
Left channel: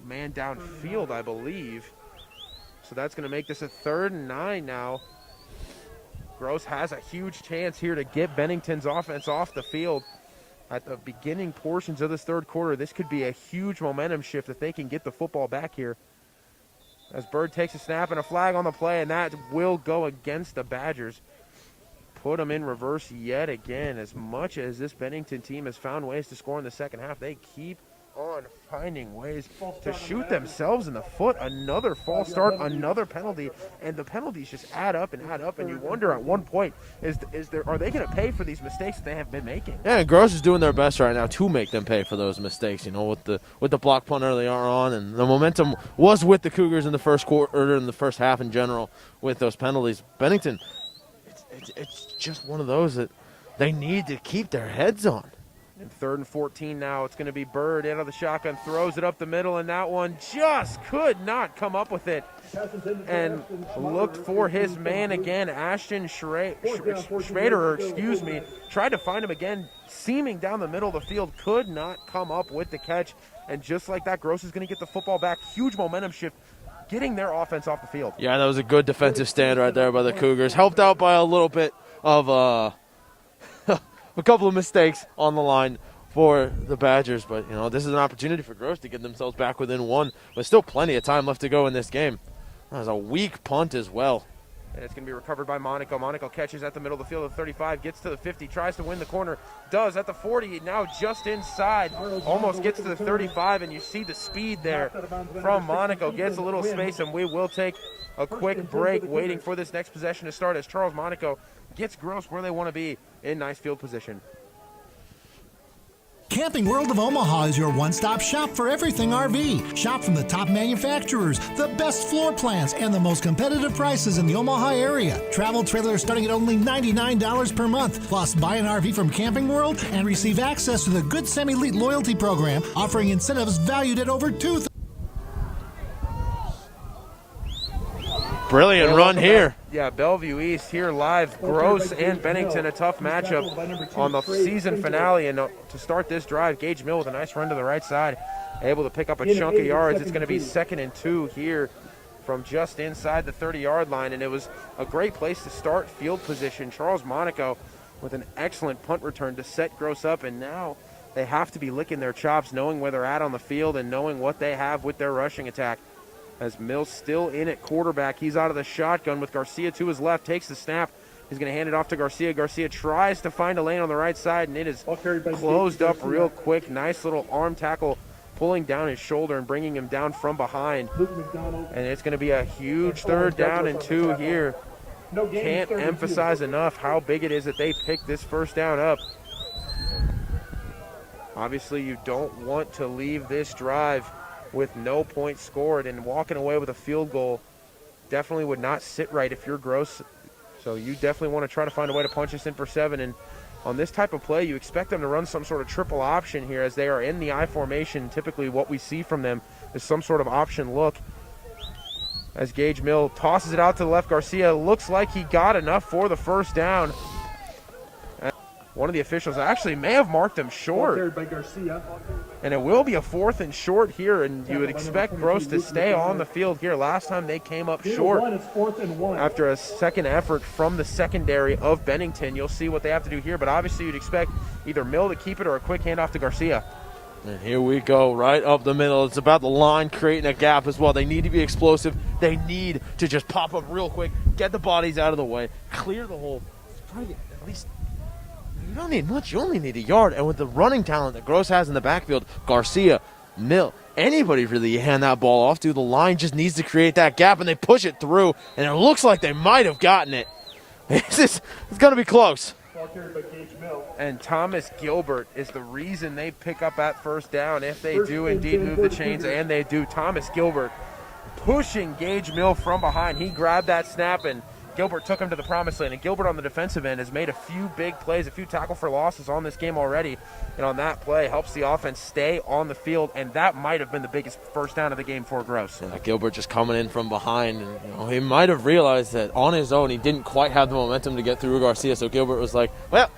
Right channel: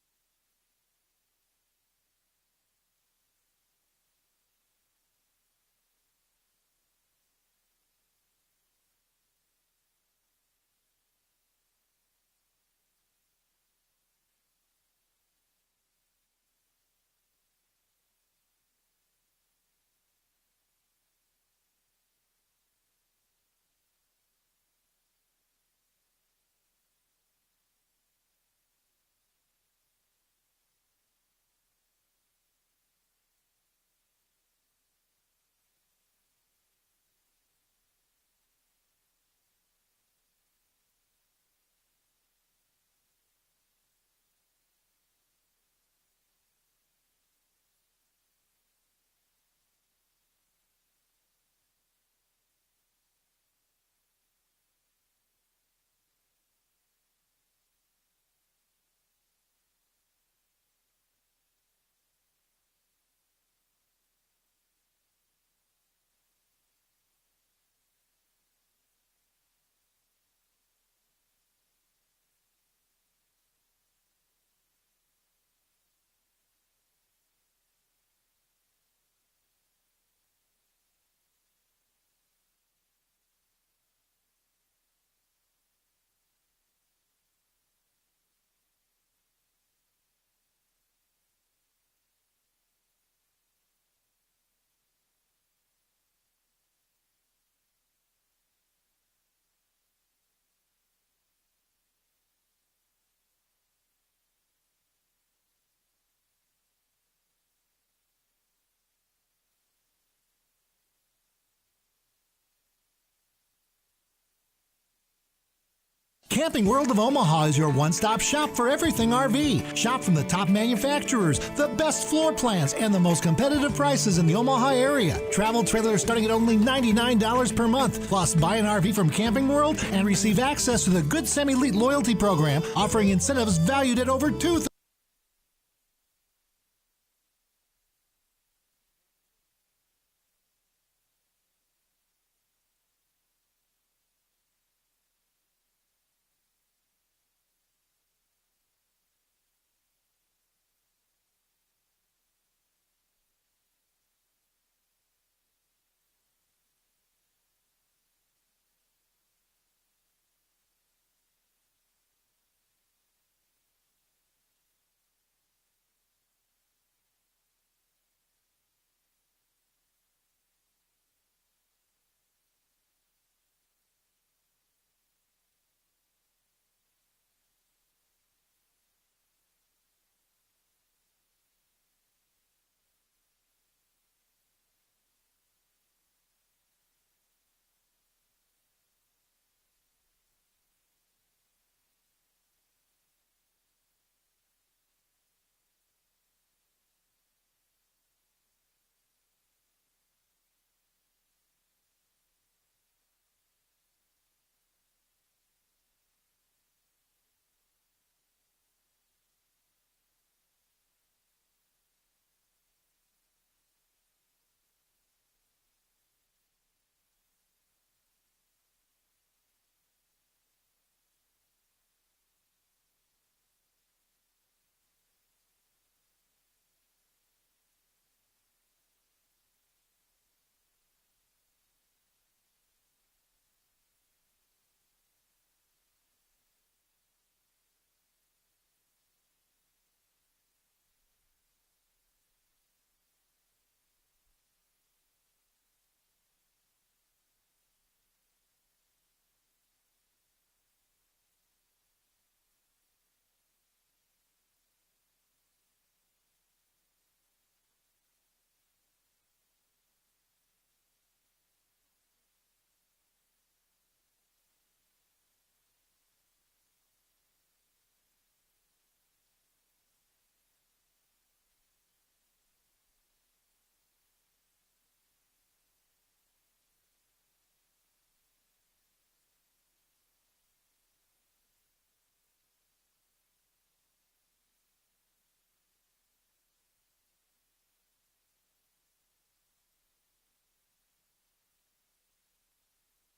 man downfield, I believe. So that's going to make this a 3rd and 9 now. Gross has a huge chance here to get Bennington's offense off the field at the beginning portions of this 3rd quarter. This could be a huge momentum shift if they can get the football back here. As Bird takes a snap and a flag on the play, and that will go against the Badgers. Put them in reverse yet again. As much as this Bennington team has found ways to score in the second half, they keep on finding ways to shoot themselves in the foot. Another false start, another penalty, and the penalties just add up, and you wonder at one point, are they going to pay for these mistakes that they have been making? Yeah, and Gross is doing their best right now to make them pay for those mistakes, you know, with the block punt early on, and the momentum was with the Cougars in the first quarter, in the first half in general with those penalties. Bennington, it's just one of those that they need to keep their heads on. And 3rd and 14 now. It's going to be Bird out of the shotgun, throws it up the middle, and that one just could not come up with it. And looked for his man again, Ashton Schrader, tried to find him again, seaming down the middle of the field, could not come up with the catch. And just like that, Gross is going to get the football back. Huge momentum shift, getting their offense off the field. Yeah, that was a good defensive stand right there by the Cougars. Helped out by a little bit of a couple of mistakes on the line for the Badgers. But, you know, this is an opportunity for Gross to get themselves back within 1. But still plenty of time left to go in this game. That was a weak punt as well. And it's going to be recovered by Monaco. Monaco catches at the middle of the field at 35, gets to the 50, tries to win the corner, does at the 40, now just inside, almost gets to the 35, and you see the speed there from Monaco. Gets a little space, and we will take a quick break waiting for this next possession to start as Charles Monaco gets Gross where they want to be in nice field position. Camping World of Omaha is your one-stop shop for everything RV. Shop from the top manufacturers, the best floor plans, and the most competitive prices in the Omaha area. Travel trailers starting at only $99 per month. Plus, buy an RV from Camping World and receive access to the Good Sam Elite loyalty program, offering incentives valued at over $2,000. Brilliant run here. Yeah, Bellevue East here live. Gross and Bennington, a tough matchup on the season finale. And to start this drive, Gage Mill with a nice run to the right side, able to pick up a chunk of yards. It's going to be 2nd and 2 here from just inside the 30-yard line. And it was a great place to start field position. Charles Monaco with an excellent punt return to set Gross up. And now they have to be licking their chops, knowing where they're at on the field and knowing what they have with their rushing attack. As Mills still in at quarterback. He's out of the shotgun with Garcia to his left, takes the snap. He's going to hand it off to Garcia. Garcia tries to find a lane on the right side, and it is closed up real quick. Nice little arm tackle pulling down his shoulder and bringing him down from behind. And it's going to be a huge 3rd down and 2 here. Can't emphasize enough how big it is that they pick this 1st down up. Obviously, you don't want to leave this drive with no points scored, and walking away with a field goal definitely would not sit right if you're Gross. So you definitely want to try to find a way to punch this in for 7. And on this type of play, you expect them to run some sort of triple option here as they are in the I formation. Typically what we see from them is some sort of option look. As Gage Mill tosses it out to the left, Garcia looks like he got enough for the 1st down. One of the officials actually may have marked him short. And it will be a 4th and short here, and you would expect Gross to stay on the field here. Last time they came up short after a second effort from the secondary of Bennington. You'll see what they have to do here, but obviously you'd expect either Mill to keep it or a quick handoff to Garcia. And here we go, right up the middle. It's about the line creating a gap as well. They need to be explosive. They need to just pop up real quick, get the bodies out of the way, clear the hole. Try to get at least. You don't need much. You only need a yard. And with the running talent that Gross has in the backfield, Garcia, Mill, anybody really you hand that ball off to, the line just needs to create that gap, and they push it through, and it looks like they might have gotten it. It's going to be close. And Thomas Gilbert is the reason they pick up that 1st down if they do indeed move the chains, and they do. Thomas Gilbert pushing Gage Mill from behind. He grabbed that snap, and Gilbert took him to the promised land. And Gilbert on the defensive end has made a few big plays, a few tackle for losses on this game already. And on that play, helps the offense stay on the field. And that might have been the biggest 1st down of the game for Gross. Yeah, Gilbert just coming in from behind. And, he might have realized that on his own he didn't quite have the momentum to get through Garcia. So Gilbert was like, well,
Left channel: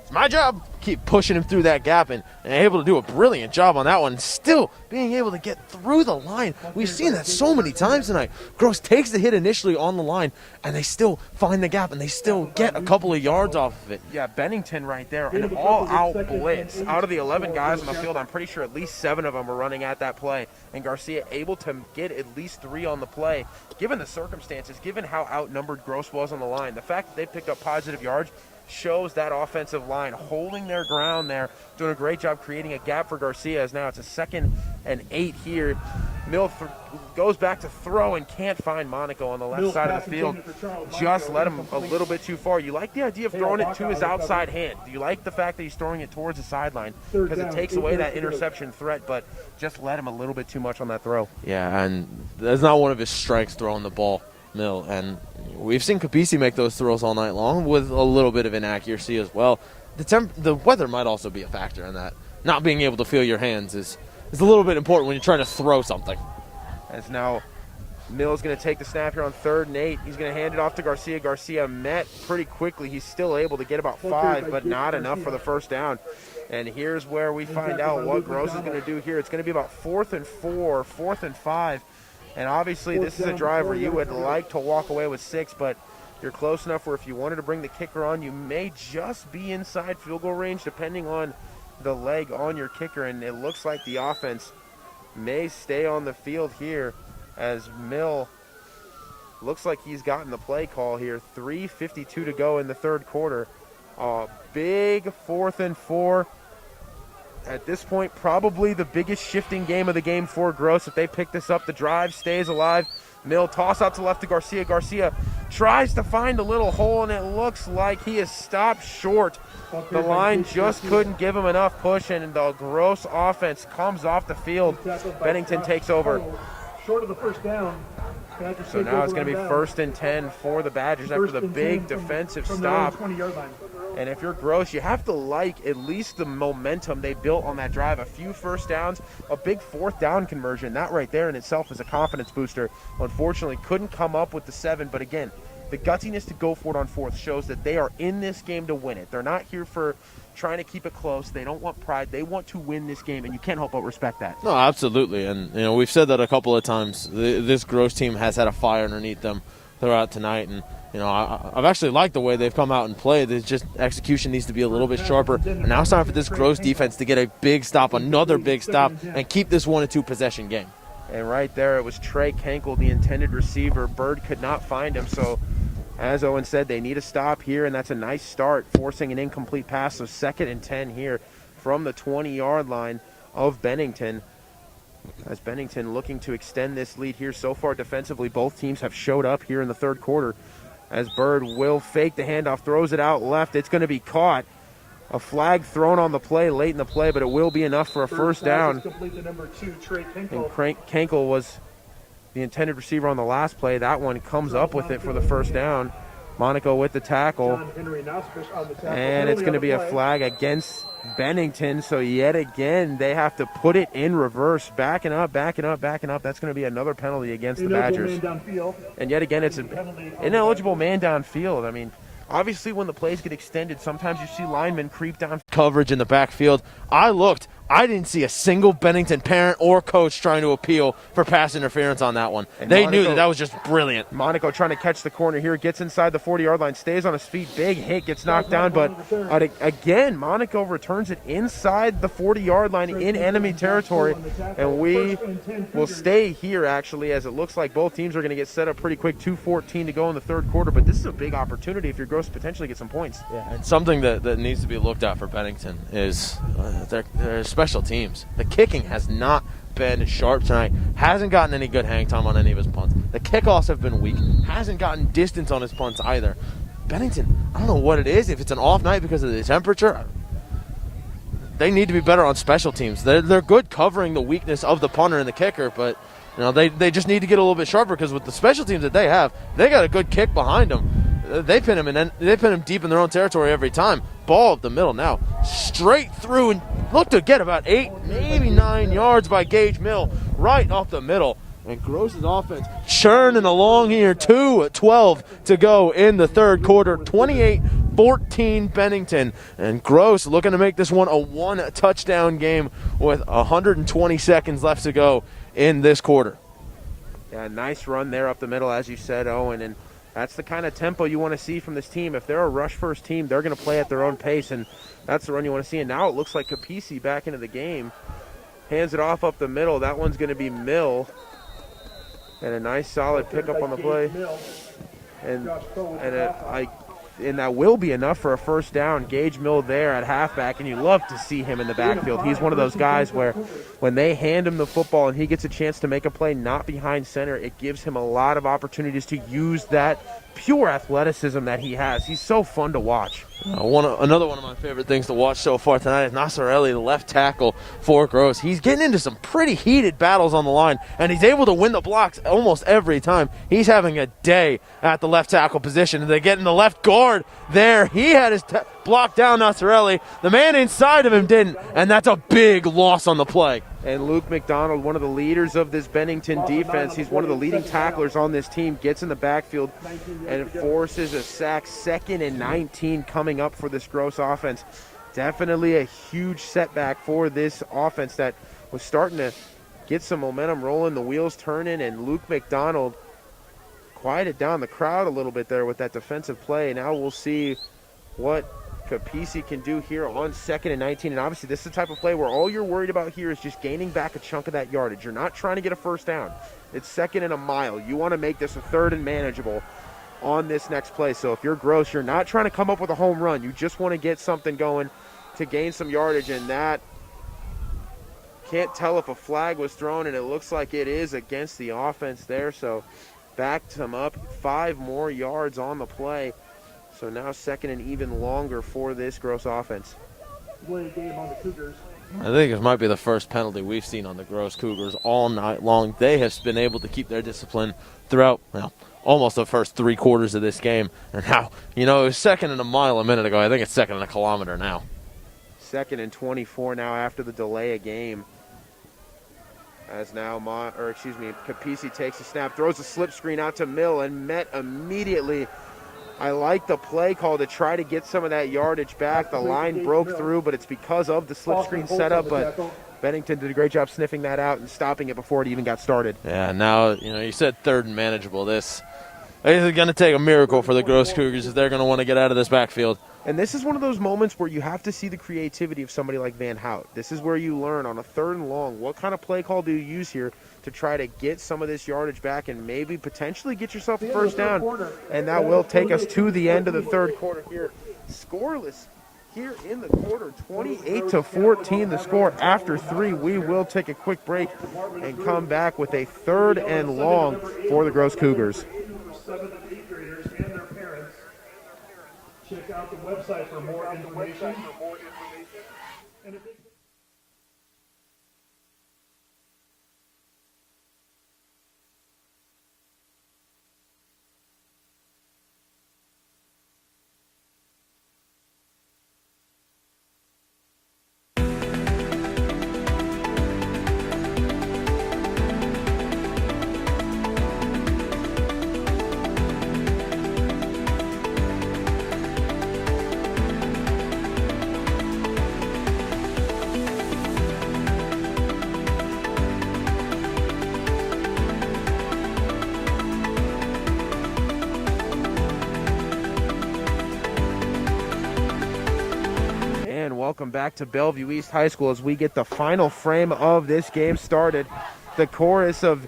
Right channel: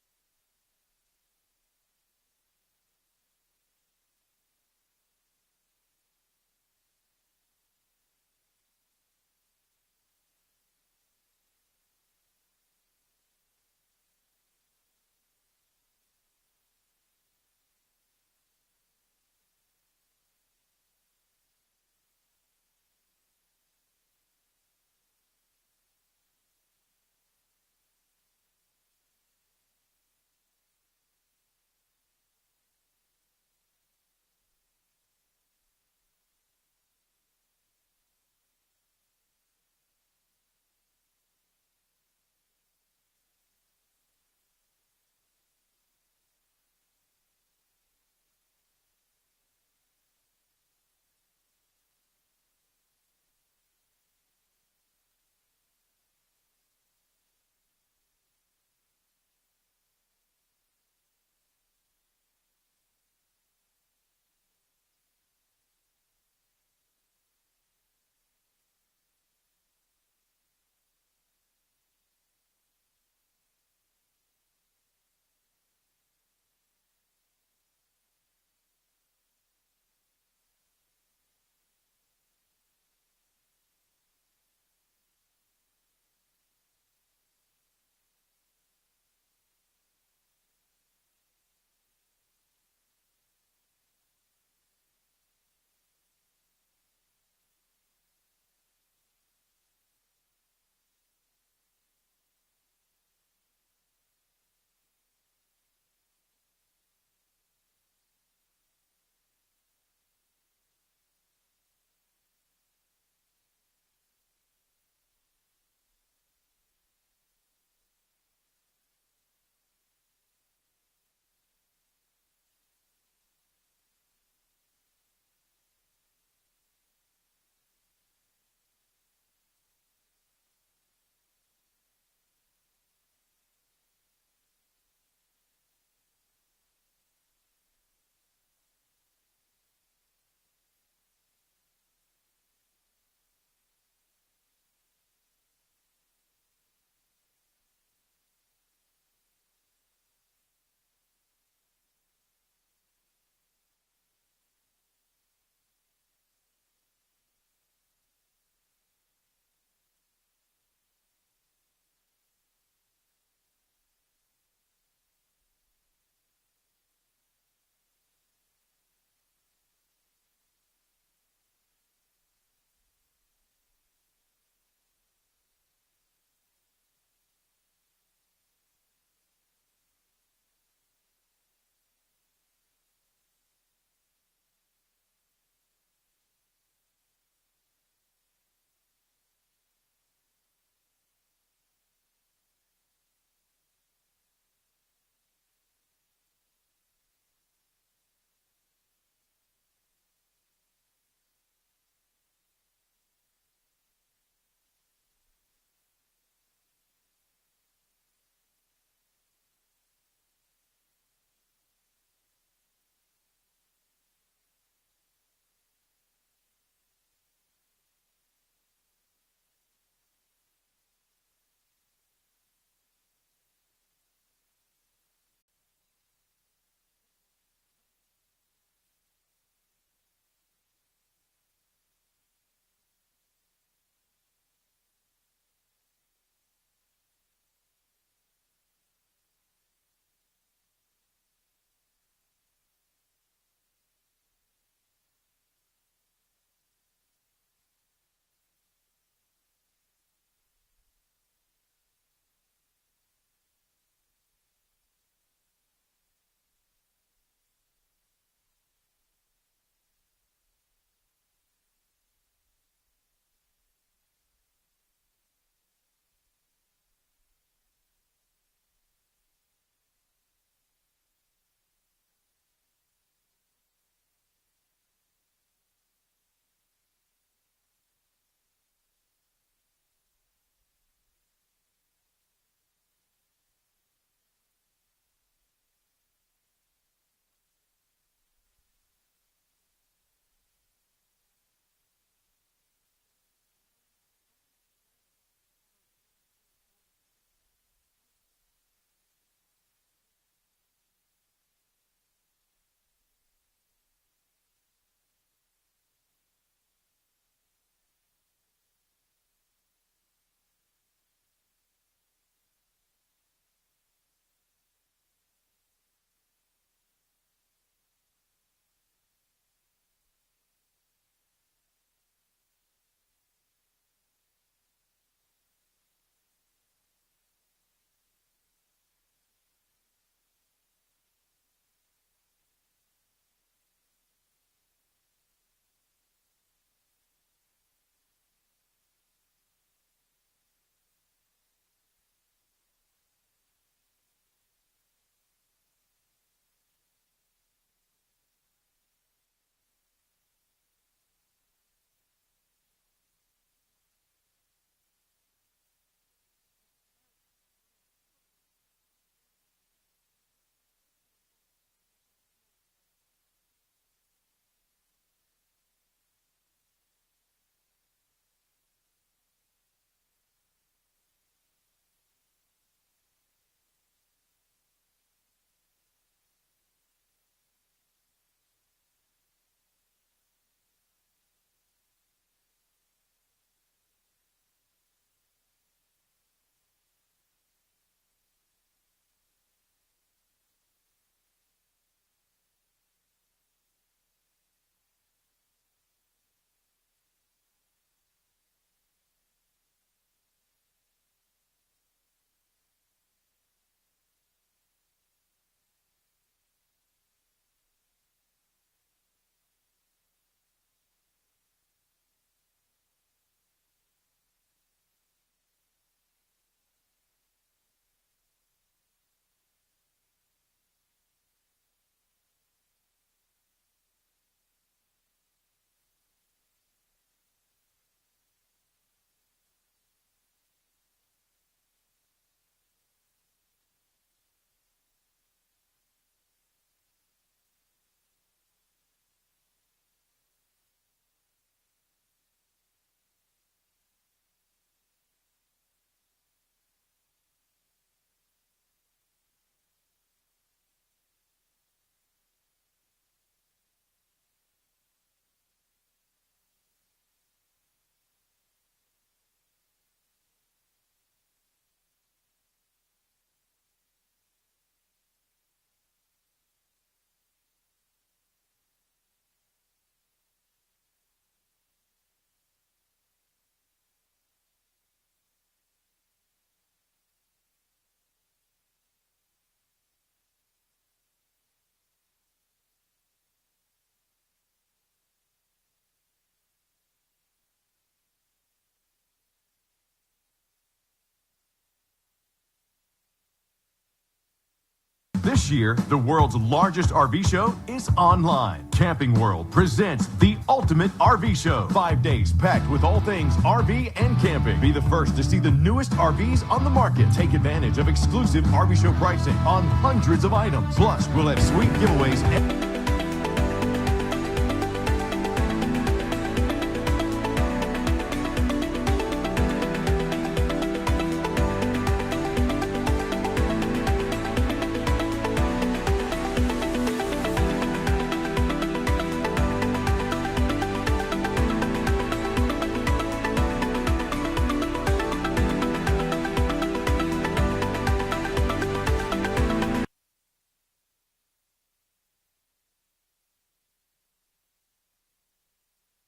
it's my job. Keep pushing him through that gap, and able to do a brilliant job on that one. Still being able to get through the line. We've seen that so many times tonight. Gross takes the hit initially on the line, and they still find the gap, and they still get a couple of yards off of it. Yeah, Bennington right there, an all-out blitz. Out of the 11 guys on the field, I'm pretty sure at least 7 of them were running at that play, and Garcia able to get at least 3 on the play. Given the circumstances, given how outnumbered Gross was on the line, the fact that they picked up positive yards shows that offensive line holding their ground there, doing a great job creating a gap for Garcia. As now it's a 2nd and 8 here. Mill goes back to throw and can't find Monaco on the left side of the field. Just let him a little bit too far. You like the idea of throwing it to his outside hand. Do you like the fact that he's throwing it towards the sideline? Because it takes away that interception threat, but just let him a little bit too much on that throw. Yeah, and that's not one of his strengths, throwing the ball, Mill. And we've seen Capisi make those throws all night long with a little bit of inaccuracy as well. The weather might also be a factor in that. Not being able to feel your hands is a little bit important when you're trying to throw something. As now Mill's going to take the snap here on 3rd and 8. He's going to hand it off to Garcia. Garcia met pretty quickly. He's still able to get about 5, but not enough for the 1st down. And here's where we find out what Gross is going to do here. It's going to be about 4th and 4, 4th and 5. And obviously this is a drive where you would like to walk away with 6, but you're close enough where if you wanted to bring the kicker on, you may just be inside field goal range depending on the leg on your kicker. And it looks like the offense may stay on the field here as Mill Looks like he's gotten the play call here. 3:52 to go in the third quarter. Big 4th and 4. At this point, probably the biggest shifting game of the game for Gross. If they pick this up, the drive stays alive. Mill toss out to left to Garcia. Garcia tries to find a little hole, and it looks like he is stopped short. The line just couldn't give him enough push, and the Gross offense comes off the field. Bennington takes over. Short of the first down. So now it's going to be 1st and 10 for the Badgers after the big defensive stop. 20-yard line. And if you're Gross, you have to like at least the momentum they built on that drive. A few first downs, a big 4th down conversion. That right there in itself is a confidence booster. Unfortunately, couldn't come up with the 7. But again, the gutsiness to go for it on 4th shows that they are in this game to win it. They're not here for trying to keep it close. They don't want pride. They want to win this game, and you can't help but respect that. No, absolutely. And, we've said that a couple of times. This Gross team has had a fire underneath them throughout tonight. And, I've actually liked the way they've come out and played. It's just execution needs to be a little bit sharper. And now it's time for this Gross defense to get a big stop, another big stop, and keep this 1-2 possession game. And right there, it was Trey Kenkel, the intended receiver. Bird could not find him, so as Owen said, they need a stop here, and that's a nice start, forcing an incomplete pass. So 2nd and 10 here from the 20-yard line of Bennington. As Bennington looking to extend this lead here. So far defensively, both teams have showed up here in the third quarter. As Bird will fake the handoff, throws it out left. It's going to be caught. A flag thrown on the play late in the play, but it will be enough for a first down. And Kenkel was the intended receiver on the last play. That one comes up with it for the first down. Monaco with the tackle. And it's going to be a flag against Bennington. So yet again, they have to put it in reverse. Backing up. That's going to be another penalty against the Badgers. And yet again, it's an ineligible man downfield. I mean, obviously when the plays get extended, sometimes you see linemen creep down. Coverage in the backfield. I looked. I didn't see a single Bennington parent or coach trying to appeal for pass interference on that one. And they knew that was just brilliant. Monaco trying to catch the corner here, gets inside the 40-yard line, stays on his feet, big hit, gets knocked down, but again, Monaco returns it inside the 40-yard line in enemy territory, and we will stay here actually, as it looks like both teams are going to get set up pretty quick. 2:14 to go in the third quarter, but this is a big opportunity if you're Gross to potentially get some points. Yeah, and something that needs to be looked at for Bennington is their special teams. The kicking has not been sharp tonight. Hasn't gotten any good hang time on any of his punts. The kickoffs have been weak. Hasn't gotten distance on his punts either. Bennington, I don't know what it is. If it's an off night because of the temperature, they need to be better on special teams. They're good covering the weakness of the punter and the kicker, but they just need to get a little bit sharper, because with the special teams that they have, they got a good kick behind them. They pin him, and then they pin him deep in their own territory every time. Ball up the middle now, straight through, and look to get about 8, maybe 9 yards by Gage Mill, right off the middle. And Gross's offense churning along here. 2:12 to go in the third quarter. 28-14 Bennington, and Gross looking to make this one a 1-touchdown game with 120 seconds left to go in this quarter. Yeah, nice run there up the middle, as you said, Owen, and that's the kind of tempo you want to see from this team. If they're a rush-first team, they're going to play at their own pace, and that's the run you want to see. And now it looks like Capisi back into the game. Hands it off up the middle. That one's going to be Mill. And a nice solid pickup on the play. And that will be enough for a first down. Gage Mill there at halfback, and you love to see him in the backfield. He's one of those guys where when they hand him the football and he gets a chance to make a play not behind center, it gives him a lot of opportunities to use that pure athleticism that he has. He's so fun to watch. Another one of my favorite things to watch so far tonight is Nasarelli, the left tackle for Gross. He's getting into some pretty heated battles on the line, and he's able to win the blocks almost every time. He's having a day at the left tackle position, and they get in the left guard there. He had his block down, Nasarelli. The man inside of him didn't, and that's a big loss on the play. And Luke McDonald, one of the leaders of this Bennington defense, he's one of the leading tacklers on this team, gets in the backfield and forces a sack. 2nd and 19 coming up for this Gross offense. Definitely a huge setback for this offense that was starting to get some momentum rolling, the wheels turning, and Luke McDonald quieted down the crowd a little bit there with that defensive play. Now we'll see what Capisi can do here on 2nd and 19. And obviously this is the type of play where all you're worried about here is just gaining back a chunk of that yardage. You're not trying to get a first down. It's 2nd and a mile. You want to make this a 3rd and manageable on this next play. So if you're Gross, you're not trying to come up with a home run. You just want to get something going to gain some yardage, and that can't tell if a flag was thrown, and it looks like it is against the offense there. So backed him up 5 more yards on the play. So now 2nd and even longer for this Gross offense. Blade game on the Cougars. I think it might be the first penalty we've seen on the Gross Cougars all night long. They have been able to keep their discipline throughout, well, almost the first 3 quarters of this game. And now, it was 2nd and a mile a minute ago. I think it's 2nd and a kilometer now. 2nd and 24 now after the delay of game. As now, Capisi takes a snap, throws a slip screen out to Mill, and met immediately. I like the play call to try to get some of that yardage back. The line broke through, but it's because of the slip screen setup. But Bennington did a great job sniffing that out and stopping it before it even got started. Yeah, now, you said 3rd and manageable. This is going to take a miracle for the Gross Cougars if they're going to want to get out of this backfield. And this is one of those moments where you have to see the creativity of somebody like Van Hout. This is where you learn on a 3rd and long, what kind of play call do you use here to try to get some of this yardage back and maybe potentially get yourself a first down. And that will take us to the end of the 3rd quarter here. Scoreless here in the quarter, 28-14 the score after 3. We will take a quick break and come back with a 3rd and long for the Gross Cougars. 7th and 8th graders and their parents. Check out the website for more information. This year, the world's largest RV show is online. Camping World presents the Ultimate RV Show. 5 days packed with all things RV and camping. Be the first to see the newest RVs on the market. Take advantage of exclusive RV show pricing on hundreds of items. Plus, we'll have sweet giveaways and welcome back to Bellevue East High School as we get the final frame of this game started. The chorus of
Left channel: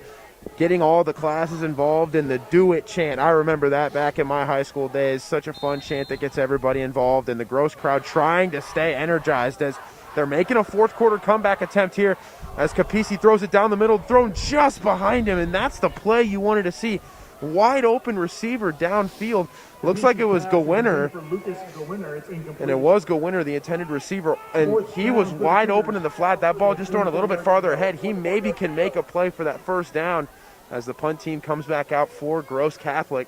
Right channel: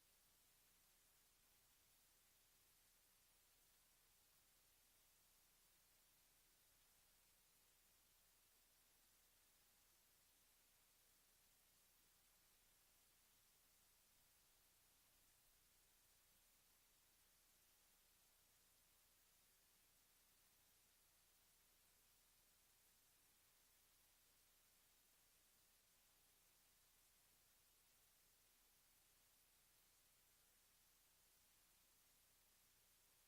getting all the classes involved in the Do It chant. I remember that back in my high school days. Such a fun chant that gets everybody involved, and the Gross crowd trying to stay energized as they're making a 4th quarter comeback attempt here as Capisi throws it down the middle, thrown just behind him, and that's the play you wanted to see. Wide open receiver downfield. Looks like it was Gowinner, and it was Gowinner, the intended receiver, and he was wide open in the flat. That ball just thrown a little bit farther ahead. He maybe can make a play for that first down as the punt team comes back out for Gross Catholic,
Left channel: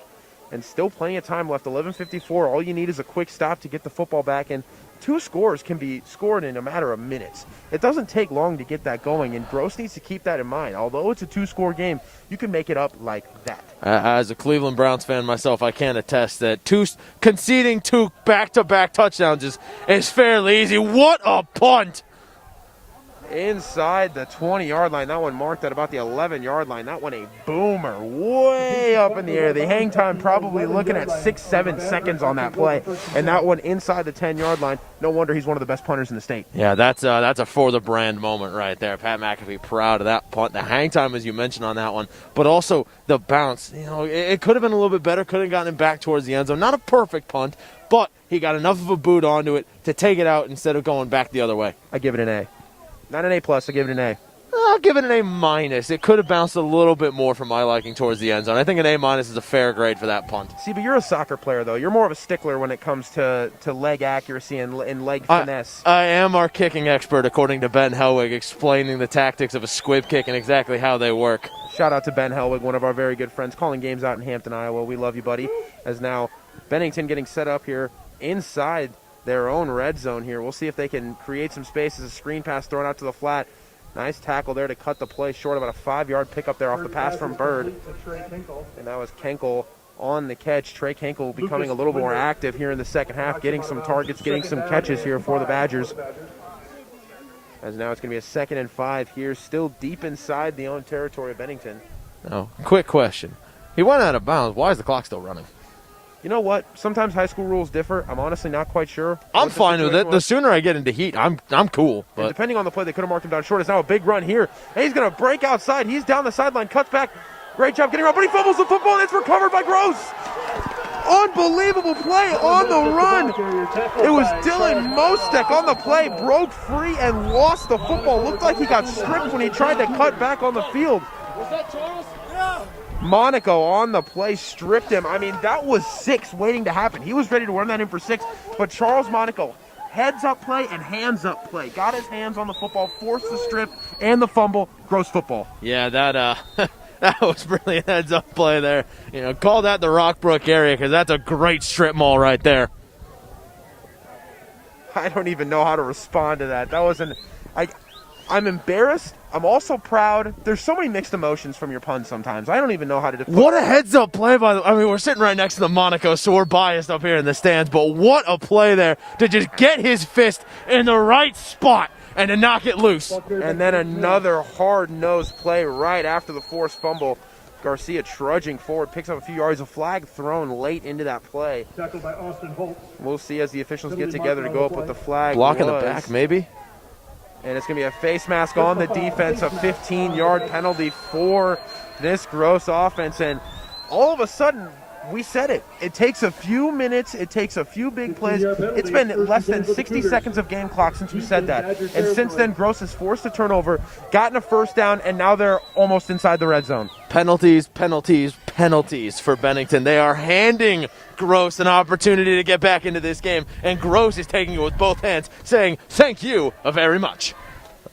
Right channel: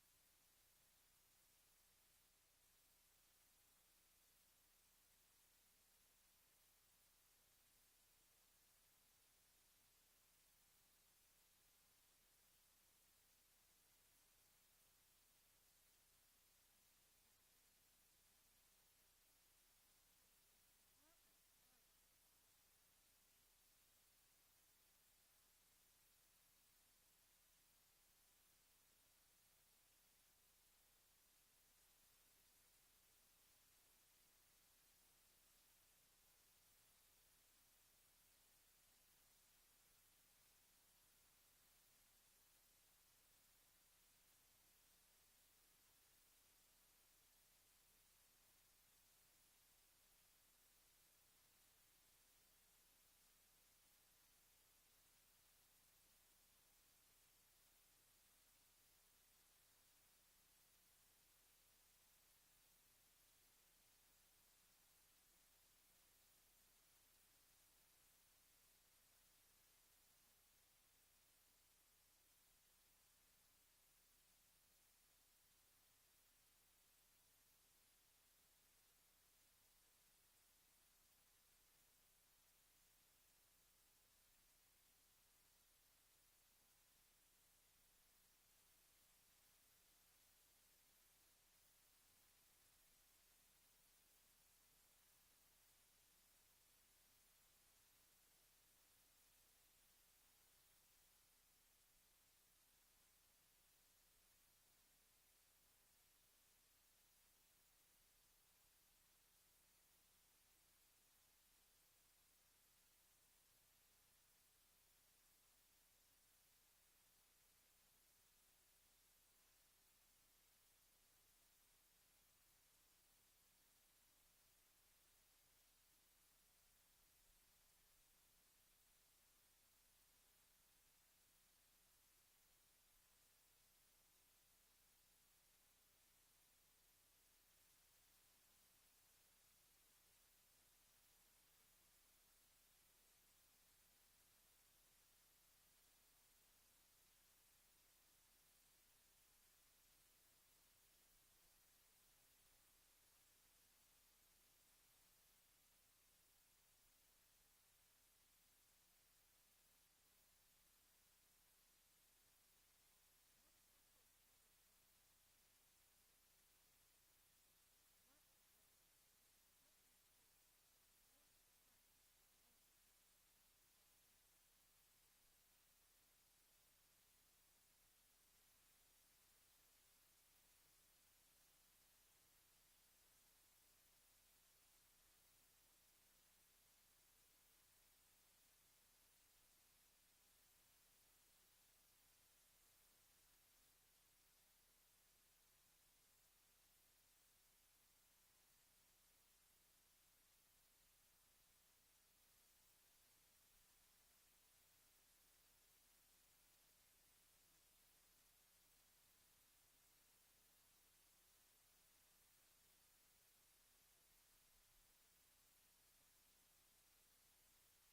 and still plenty of time left. 11:54. All you need is a quick stop to get the football back, and 2 scores can be scored in a matter of minutes. It doesn't take long to get that going, and Gross needs to keep that in mind. Although it's a 2-score game, you can make it up like that. As a Cleveland Browns fan myself, I can attest that conceding 2 back-to-back touchdowns is fairly easy. What a punt! Inside the 20-yard line. That one marked at about the 11-yard line. That one a boomer way up in the air. The hang time probably looking at 6-7 seconds on that play. And that one inside the 10-yard line. No wonder he's one of the best punters in the state. Yeah, that's a for-the-brand moment right there. Pat McAfee proud of that punt. The hang time, as you mentioned on that one, but also the bounce. It could have been a little bit better. Could have gotten him back towards the end zone. Not a perfect punt, but he got enough of a boot onto it to take it out instead of going back the other way. I give it an A. Not an A+, I give it an A. I'll give it an A-. It could have bounced a little bit more for my liking towards the end zone. I think an A- is a fair grade for that punt. See, but you're a soccer player, though. You're more of a stickler when it comes to leg accuracy and leg finesse. I am our kicking expert, according to Ben Helwig, explaining the tactics of a squib kick and exactly how they work. Shout out to Ben Helwig, one of our very good friends, calling games out in Hampton, Iowa. We love you, buddy. As now Bennington getting set up here inside their own red zone here. We'll see if they can create some space as a screen pass thrown out to the flat. Nice tackle there to cut the play short. About a 5-yard pickup there off the pass from Bird. And that was Kenkel on the catch. Trey Kenkel becoming a little more active here in the second half, getting some targets, getting some catches here for the Badgers. As now it's going to be a 2nd and 5 here, still deep inside the own territory of Bennington. Oh, quick question. He went out of bounds. Why is the clock still running? You know what? Sometimes high school rules differ. I'm honestly not quite sure. I'm fine with it. The sooner I get into heat, I'm cool. And depending on the play, they could have marked him down short. It's now a big run here. And he's going to break outside. He's down the sideline, cuts back. Great job getting around, but he fumbles the football, and it's recovered by Gross. Unbelievable play on the run. It was Dylan Mostek on the play, broke free and lost the football. Looked like he got stripped when he tried to cut back on the field. Was that Charles? Monaco on the play stripped him. I mean, that was 6 waiting to happen. He was ready to run that in for 6, but Charles Monaco, heads up play and hands up play. Got his hands on the football, forced the strip and the fumble. Gross football. Yeah, that that was brilliant heads up play there. You know, call that the Rockbrook area because that's a great strip mall right there. I don't even know how to respond to that. That wasn't. I'm embarrassed. I'm also proud. There's so many mixed emotions from your puns sometimes. I don't even know how to define. What a heads-up play by the... I mean, we're sitting right next to the Monaco, so we're biased up here in the stands, but what a play there to just get his fist in the right spot and to knock it loose. And then another hard-nosed play right after the forced fumble. Garcia trudging forward, picks up a few yards. A flag thrown late into that play. Tackled by Austin Holt. We'll see as the officials get together to go up with the flag. Block in the back, maybe? And it's going to be a face mask on the defense, a 15-yard penalty for this Gross offense. And all of a sudden, we said it. It takes a few minutes. It takes a few big plays. It's been less than 60 seconds of game clock since we said that. And since then, Gross has forced a turnover, gotten a first down, and now they're almost inside the red zone. Penalties, penalties, penalties for Bennington. They are handing Gross an opportunity to get back into this game, and Gross is taking it with both hands, saying thank you very much.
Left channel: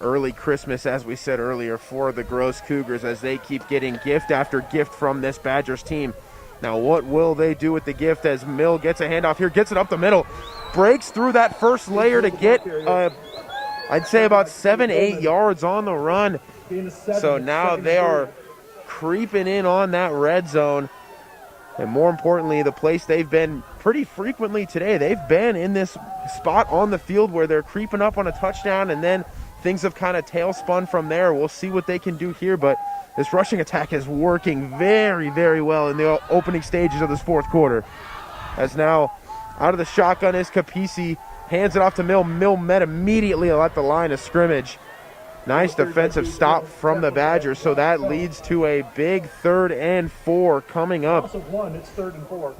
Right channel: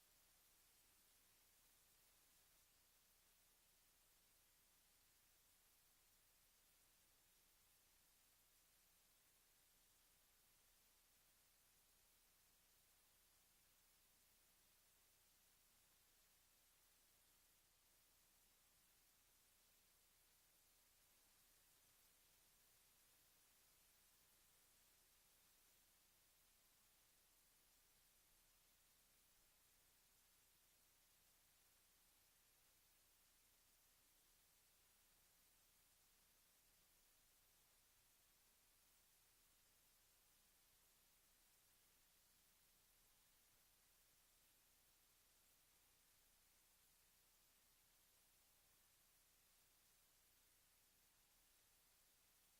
Early Christmas, as we said earlier, for the Gross Cougars as they keep getting gift after gift from this Badgers team. Now, what will they do with the gift as Mill gets a handoff here, gets it up the middle, breaks through that first layer to get, I'd say, about 7-8 yards on the run. So now they are creeping in on that red zone. And more importantly, the place they've been pretty frequently today. They've been in this spot on the field where they're creeping up on a touchdown, and then things have kind of tailspun from there. We'll see what they can do here, but this rushing attack is working very, very well in the opening stages of this fourth quarter. As now out of the shotgun is Capisi, hands it off to Mill. Mill met immediately at the line of scrimmage. Nice defensive stop from the Badgers, so that leads to a big 3rd and 4 coming up. It's 3rd and 4.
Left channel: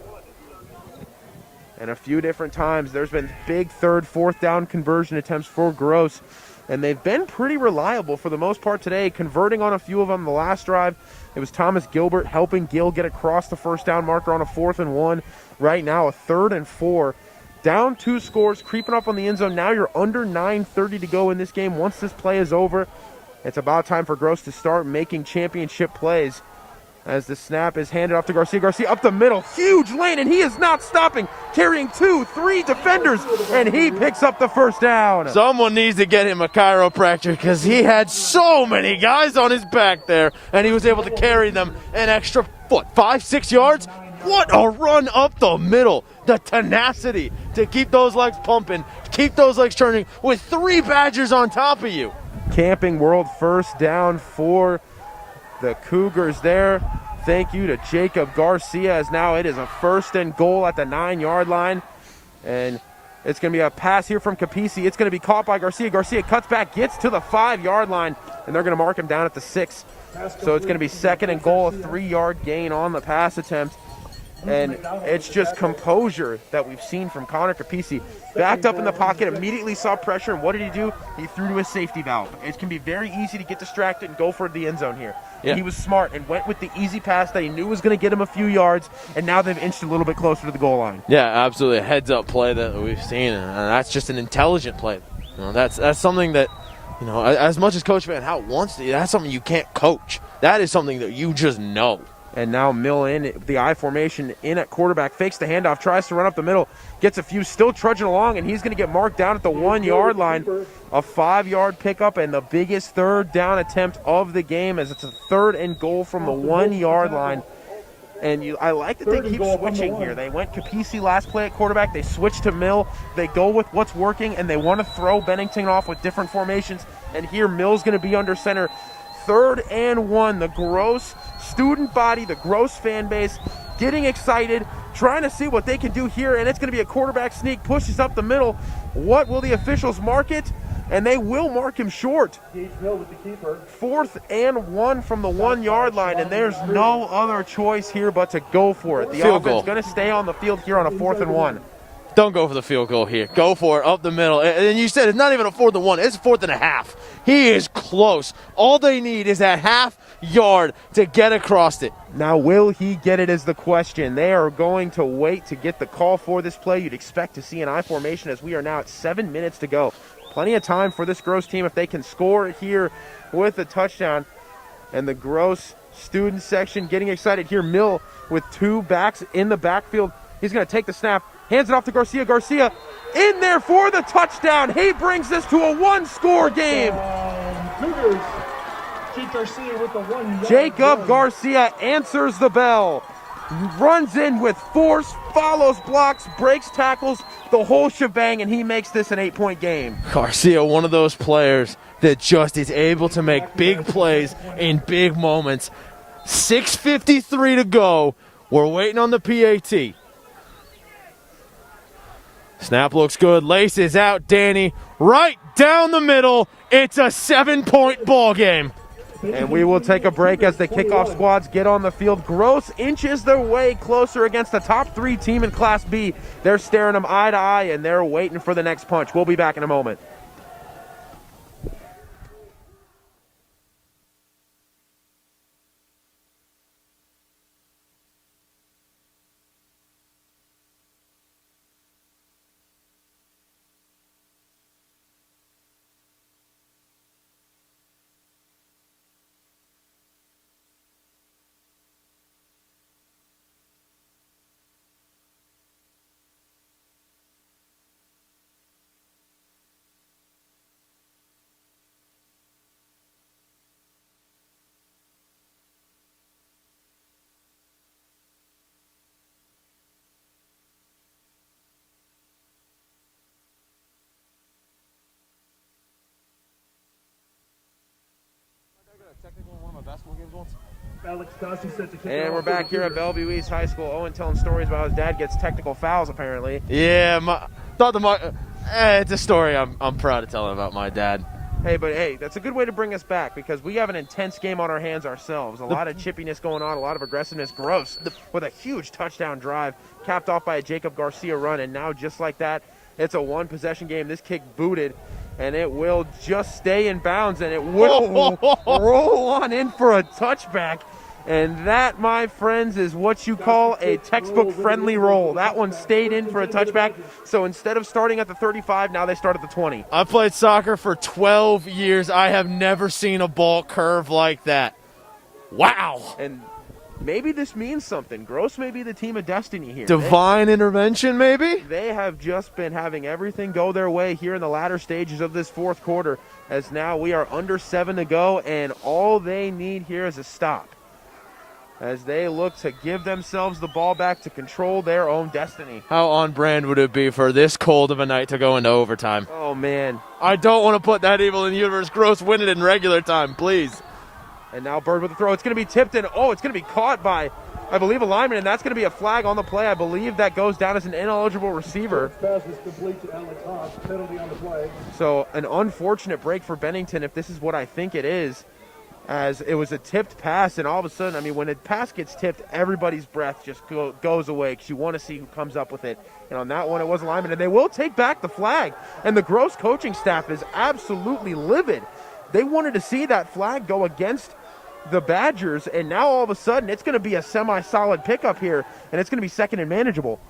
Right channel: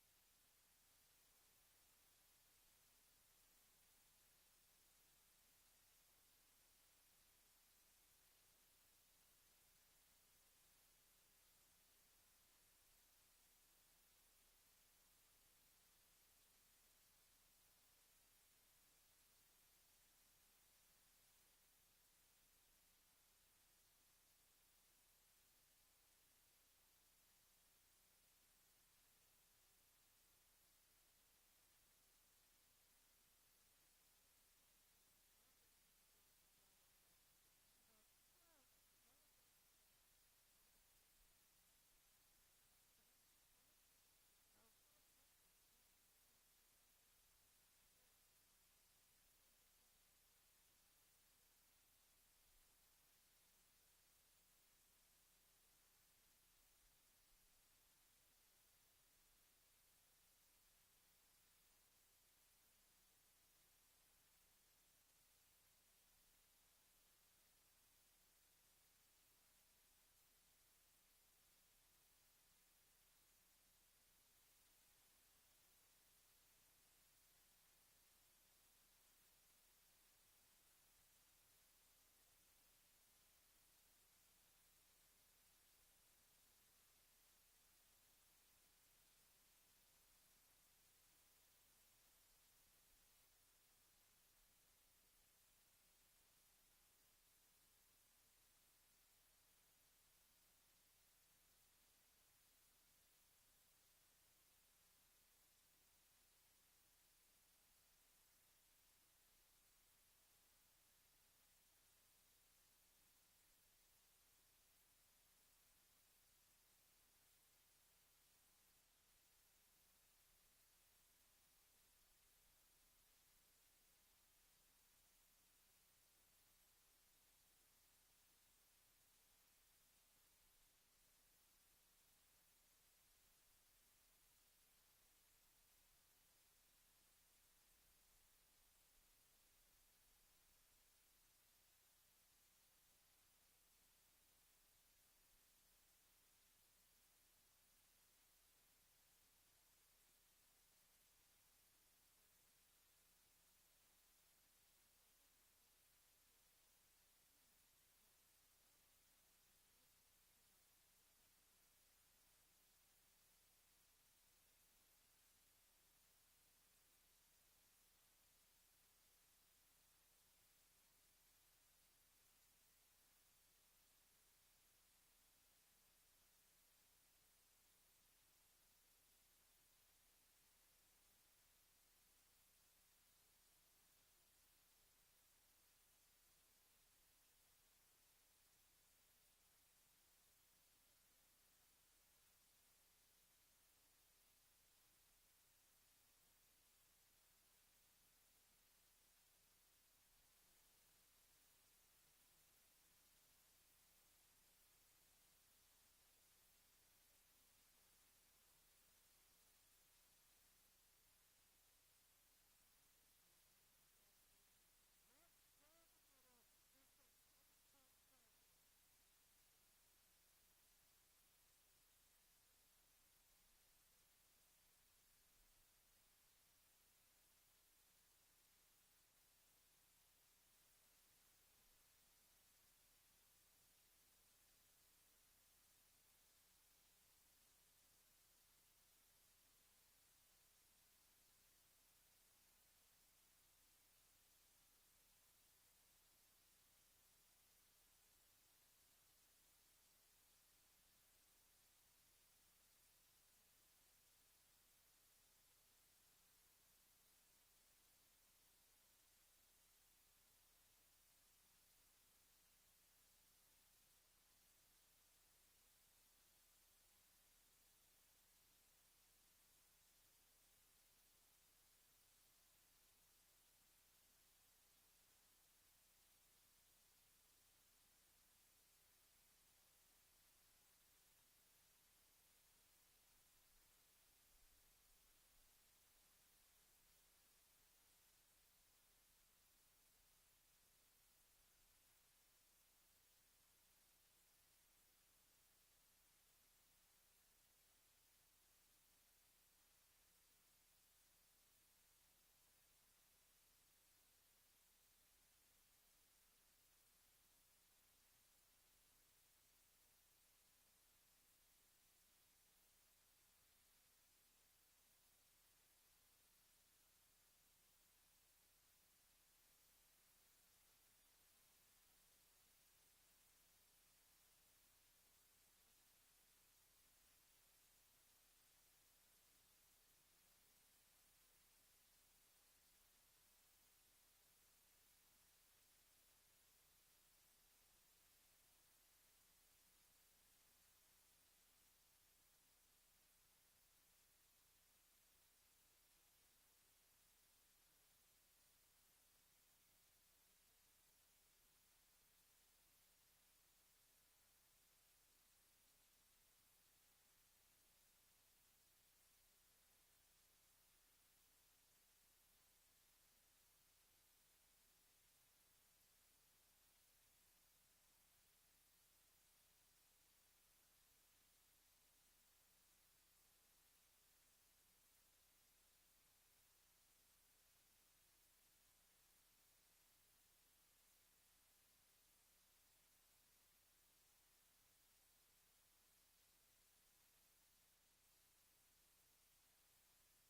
And a few different times there's been big 3rd, 4th down conversion attempts for Gross, and they've been pretty reliable for the most part today, converting on a few of them. The last drive, it was Thomas Gilbert helping Gill get across the first down marker on a 4th and 1. Right now, a 3rd and 4. Down 2 scores, creeping up on the end zone. Now you're under 9:30 to go in this game. Once this play is over, it's about time for Gross to start making championship plays. As the snap is handed off to Garcia. Garcia up the middle, huge lane, and he is not stopping, carrying 2-3 defenders, and he picks up the first down. Someone needs to get him a chiropractor because he had so many guys on his back there, and he was able to carry them an extra, 5-6 yards? What a run up the middle. The tenacity to keep those legs pumping, keep those legs turning with 3 Badgers on top of you. Camping World first down for the Cougars there. Thank you to Jacob Garcia, as now it is a 1st and goal at the 9-yard line. And it's going to be a pass here from Capisi. It's going to be caught by Garcia. Garcia cuts back, gets to the 5-yard line, and they're going to mark him down at the 6. So it's going to be 2nd and goal, a 3-yard gain on the pass attempt. And it's just composure that we've seen from Connor Capisi. Backed up in the pocket, immediately saw pressure, and what did he do? He threw to his safety valve. It can be very easy to get distracted and go for the end zone here. Yeah. He was smart and went with the easy pass that he knew was going to get him a few yards, and now they've inched a little bit closer to the goal line. Yeah, absolutely. A heads-up play that we've seen, and that's just an intelligent play. You know, that's something that, you know, as much as Coach Van Hout wants to, that's something you can't coach. That is something that you just know. And now Mill in the I formation in at quarterback, fakes the handoff, tries to run up the middle, gets a few, still trudging along, and he's going to get marked down at the 1-yard line. A 5-yard pickup and the biggest 3rd down attempt of the game, as it's a 3rd and goal from the 1-yard line. And I like that they keep switching here. They went Capisi last play at quarterback. They switched to Mill. They go with what's working, and they want to throw Bennington off with different formations. And here Mill's going to be under center. 3rd and 1. The Gross student body, the Gross fan base, getting excited, trying to see what they can do here, and it's going to be a quarterback sneak, pushes up the middle. What will the officials mark it? And they will mark him short. Gage Mill with the keeper. 4th and 1 from the 1 yard line, and there's no other choice here but to go for it. The Field offense goal. going to stay on the field here on a 4th and 1. Don't go for the field goal here. Go for it up the middle. And you said it's not even a 4th and 1. It's 4th and a half. He is close. All they need is that half yard to get across it. Now, will he get it is the question. They are going to wait to get the call for this play. You'd expect to see an I formation as we are now at 7 minutes to go. Plenty of time for this Gross team if they can score here with a touchdown. And the Gross student section getting excited here. Mill with 2 backs in the backfield. He's going to take the snap, hands it off to Garcia. Garcia in there for the touchdown. He brings this to a 1-score game. Cougars. Jake Garcia with the 1 yard Jacob run. Garcia answers the bell. Runs in with force, follows blocks, breaks tackles, the whole shebang, and he makes this an 8-point game. Garcia, one of those players that just is able to make big plays in big moments. 6:53 to go. We're waiting on the PAT. Snap looks good. Laces out, Danny. Right down the middle. It's a 7-point ball game. And we will take a break as the kickoff squads get on the field. Gross inches their way closer against the top 3 team in Class B. They're staring them eye to eye, and they're waiting for the next punch. We'll be back in a moment. Alex Dossie set to kick it And off we're for the back here at Cougars. Bellevue East High School. Owen telling stories about his dad gets technical fouls, apparently. Yeah, it's a story I'm proud to tell about my dad. Hey, that's a good way to bring us back because we have an intense game on our hands ourselves. A lot of chippiness going on, a lot of aggressiveness. Gross with a huge touchdown drive, capped off by a Jacob Garcia run. And now just like that, it's a 1-possession game. This kick booted, and it will just stay in bounds, and it will roll on in for a touchback. And that, my friends, is what you call a textbook-friendly roll. That one stayed in for a touchback. So instead of starting at the 35, now they start at the 20. I played soccer for 12 years. I have never seen a ball curve like that. Wow. And maybe this means something. Gross may be the team of destiny here. Divine intervention, maybe? They have just been having everything go their way here in the latter stages of this 4th quarter, as now we are under 7 to go, and all they need here is a stop, as they look to give themselves the ball back to control their own destiny. How on brand would it be for this cold of a night to go into overtime? Oh, man. I don't want to put that evil in the universe. Gross, win it in regular time, please. And now Bird with the throw. It's going to be tipped in. Oh, it's going to be caught by, I believe, a lineman, and that's going to be a flag on the play. I believe that goes down as an ineligible receiver. Pass is complete to Alex Haas. Penalty on the play. So an unfortunate break for Bennington, if this is what I think it is, as it was a tipped pass, and all of a sudden, I mean, when a pass gets tipped, everybody's breath just goes away because you want to see who comes up with it. And on that one, it was a lineman, and they will take back the flag. And the Gross coaching staff is absolutely livid. They wanted to see that flag go against the Badgers, and now all of a sudden, it's going to be a semi-solid pickup here, and it's going to be second and manageable.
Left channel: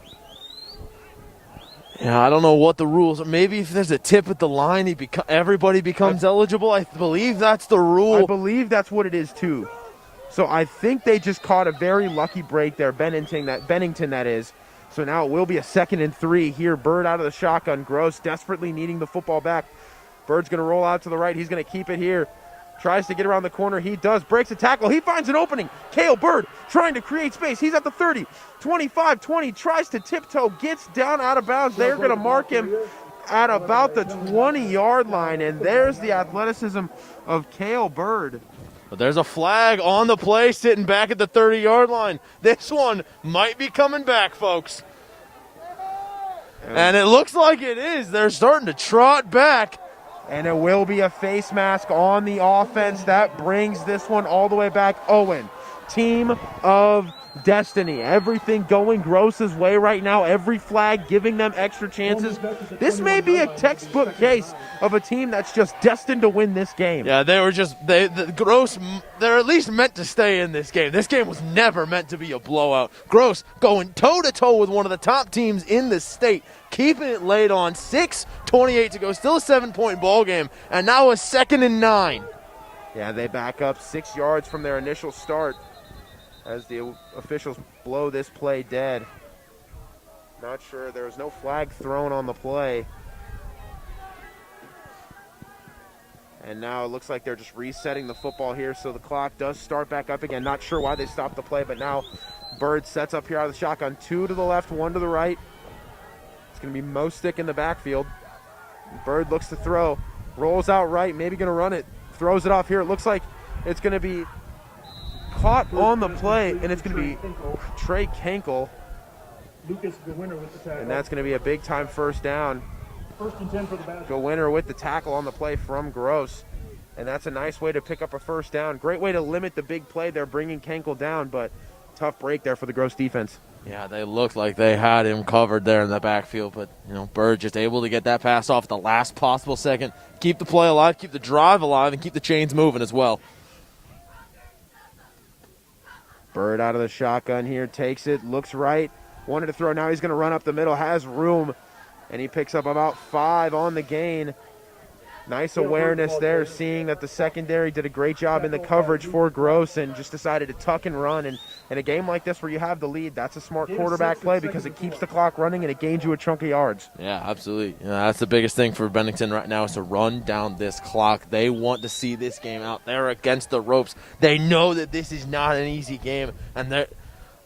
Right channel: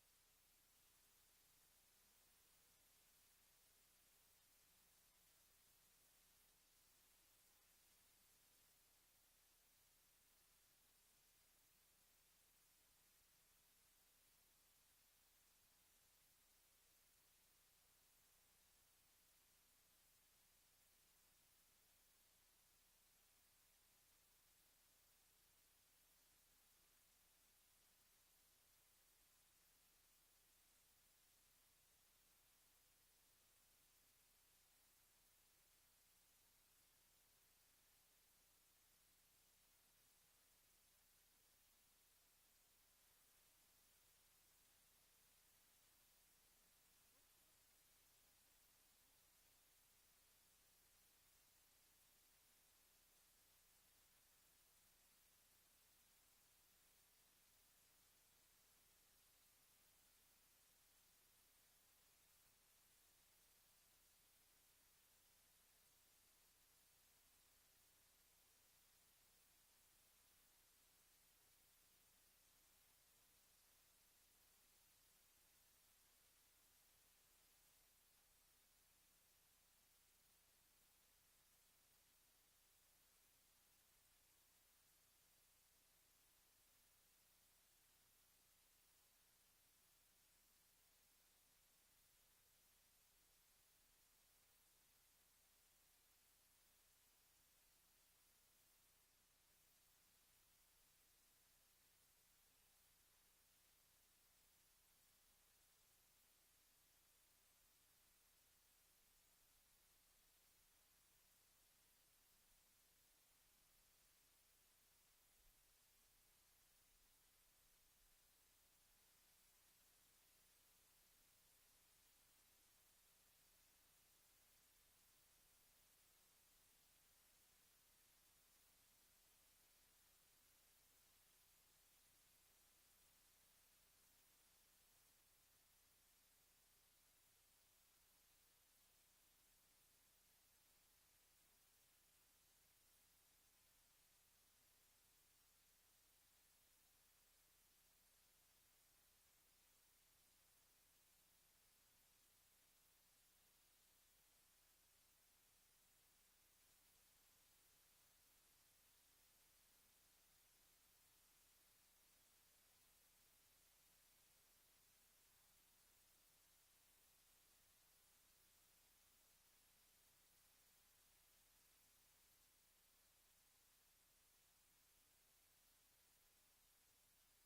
Yeah, I don't know what the rules are. Maybe if there's a tip at the line, everybody becomes eligible. I believe that's the rule. I believe that's what it is, too. So I think they just caught a very lucky break there, Bennington, that is. So now it will be a 2nd and 3 here. Bird out of the shotgun. Gross desperately needing the football back. Bird's going to roll out to the right. He's going to keep it here. Tries to get around the corner. He does. Breaks a tackle. He finds an opening. Cale Bird trying to create space. He's at the 30, 25, 20. Tries to tiptoe. Gets down out of bounds. They're going to mark him at about the 20-yard line. And there's the athleticism of Cale Bird. But there's a flag on the play sitting back at the 30-yard line. This one might be coming back, folks. And it looks like it is. They're starting to trot back. And it will be a face mask on the offense. That brings this one all the way back. Owen, team of destiny. Everything going Gross's way right now. Every flag giving them extra chances. This may be a textbook case of a team that's just destined to win this game. Yeah, they were just, Gross, they're at least meant to stay in this game. This game was never meant to be a blowout. Gross going toe-to-toe with one of the top teams in the state, keeping it laid on. 6:28 to go, still a 7-point ball game, and now a 2nd and 9. Yeah, they back up 6 yards from their initial start as the officials blow this play dead. Not sure, there was no flag thrown on the play. And now it looks like they're just resetting the football here, so the clock does start back up again. Not sure why they stopped the play, but now Bird sets up here out of the shotgun. 2 to the left, 1 to the right. It's going to be Mostick in the backfield. Bird looks to throw, rolls out right, maybe going to run it, throws it off here. It looks like it's going to be caught on the play, and it's going to be Trey Kenkel. Lucas, the winner with the tackle. And that's going to be a big-time first down. 1st and 10 for the Badgers. Go winner with the tackle on the play from Gross. And that's a nice way to pick up a first down. Great way to limit the big play there, bringing Kenkel down, but tough break there for the Gross defense. Yeah, they looked like they had him covered there in the backfield, but, Bird just able to get that pass off at the last possible second, keep the play alive, keep the drive alive, and keep the chains moving as well. Bird out of the shotgun here, takes it, looks right, wanted to throw, now he's going to run up the middle, has room, and he picks up about 5 on the gain. Nice awareness there, seeing that the secondary did a great job in the coverage for Gross and just decided to tuck and run. And in a game like this where you have the lead, that's a smart quarterback play because it keeps the clock running and it gains you a chunk of yards. Yeah, absolutely. That's the biggest thing for Bennington right now is to run down this clock. They want to see this game out. They're against the ropes. They know that this is not an easy game, and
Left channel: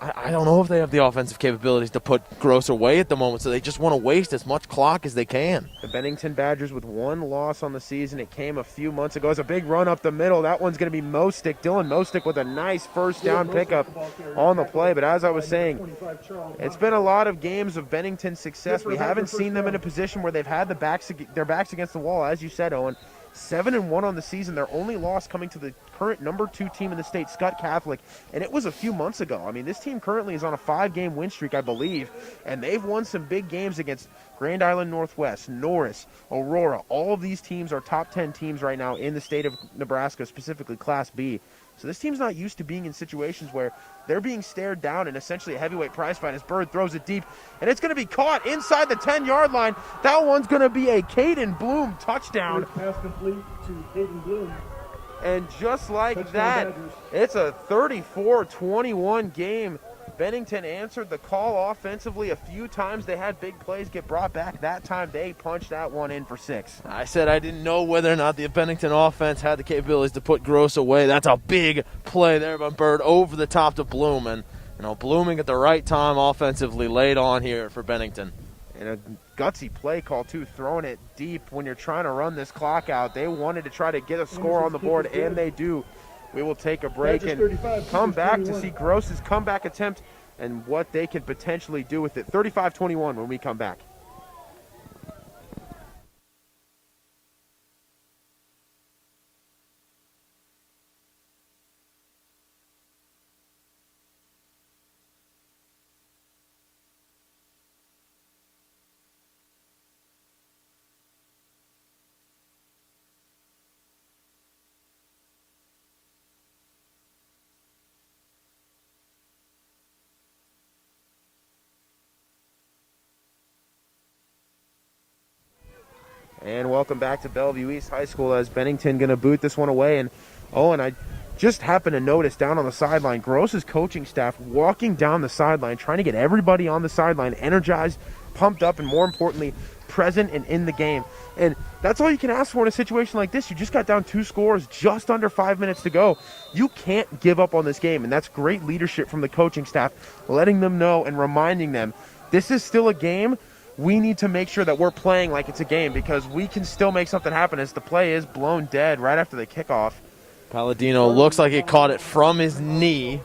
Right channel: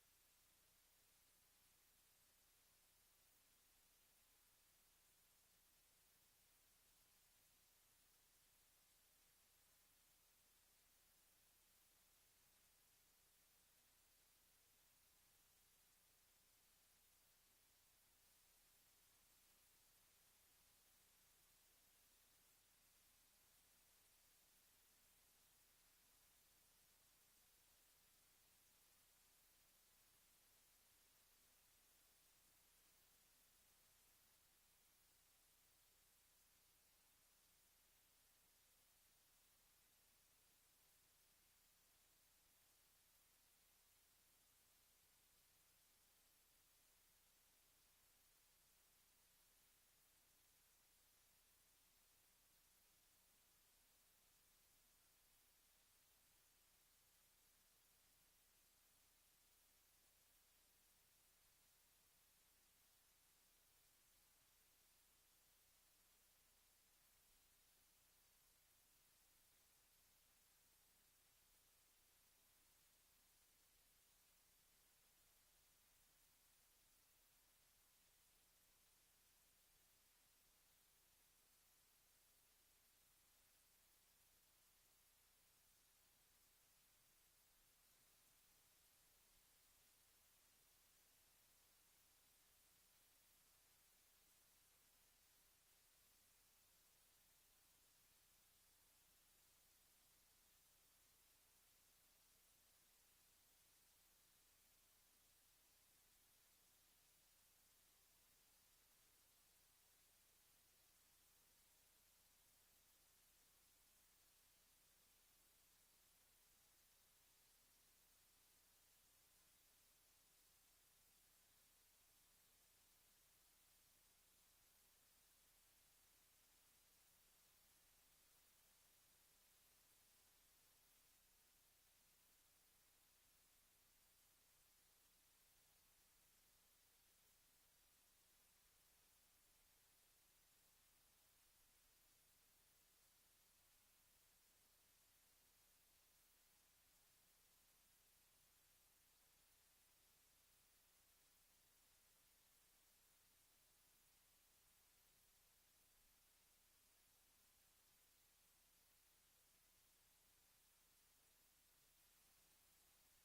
I don't know if they have the offensive capabilities to put Gross away at the moment, so they just want to waste as much clock as they can. The Bennington Badgers with 1 loss on the season. It came a few months ago. It's a big run up the middle. That one's going to be Mostick. Dylan Mostick with a nice first down pickup on the play. But as I was saying, it's been a lot of games of Bennington's success. We haven't seen them in a position where they've had their backs against the wall, as you said, Owen. 7-1 on the season. Their only loss coming to the current number 2 team in the state, Scott Catholic, and it was a few months ago. I mean, this team currently is on a 5-game win streak, I believe, and they've won some big games against Grand Island Northwest, Norris, Aurora. All of these teams are top 10 teams right now in the state of Nebraska, specifically Class B. So this team's not used to being in situations where they're being stared down in essentially a heavyweight prize fight as Bird throws it deep, and it's going to be caught inside the 10-yard line. That one's going to be a Caden Bloom touchdown. Pass complete to Caden Bloom. And just like Touchdown that, Badgers. it's a 34-21 game. Bennington answered the call offensively a few times. They had big plays get brought back. That time they punched that one in for 6. I said I didn't know whether or not the Bennington offense had the capabilities to put Gross away. That's a big play there by Bird over the top to Bloom. And, blooming at the right time offensively laid on here for Bennington. And a gutsy play call, too, throwing it deep when you're trying to run this clock out. They wanted to try to get a score on the board, and they do. We will take a break and come back to see Gross's comeback attempt and what they can potentially do with it. 35-21 when we come back. And welcome back to Bellevue East High School as Bennington going to boot this one away. And I just happened to notice down on the sideline, Gross's coaching staff walking down the sideline, trying to get everybody on the sideline energized, pumped up, and more importantly, present and in the game. And that's all you can ask for in a situation like this. You just got down 2 scores, just under 5 minutes to go. You can't give up on this game, and that's great leadership from the coaching staff, letting them know and reminding them this is still a game. We need to make sure that we're playing like it's a game because we can still make something happen as the play is blown dead right after the kickoff. Palladino looks like he caught it from his knee.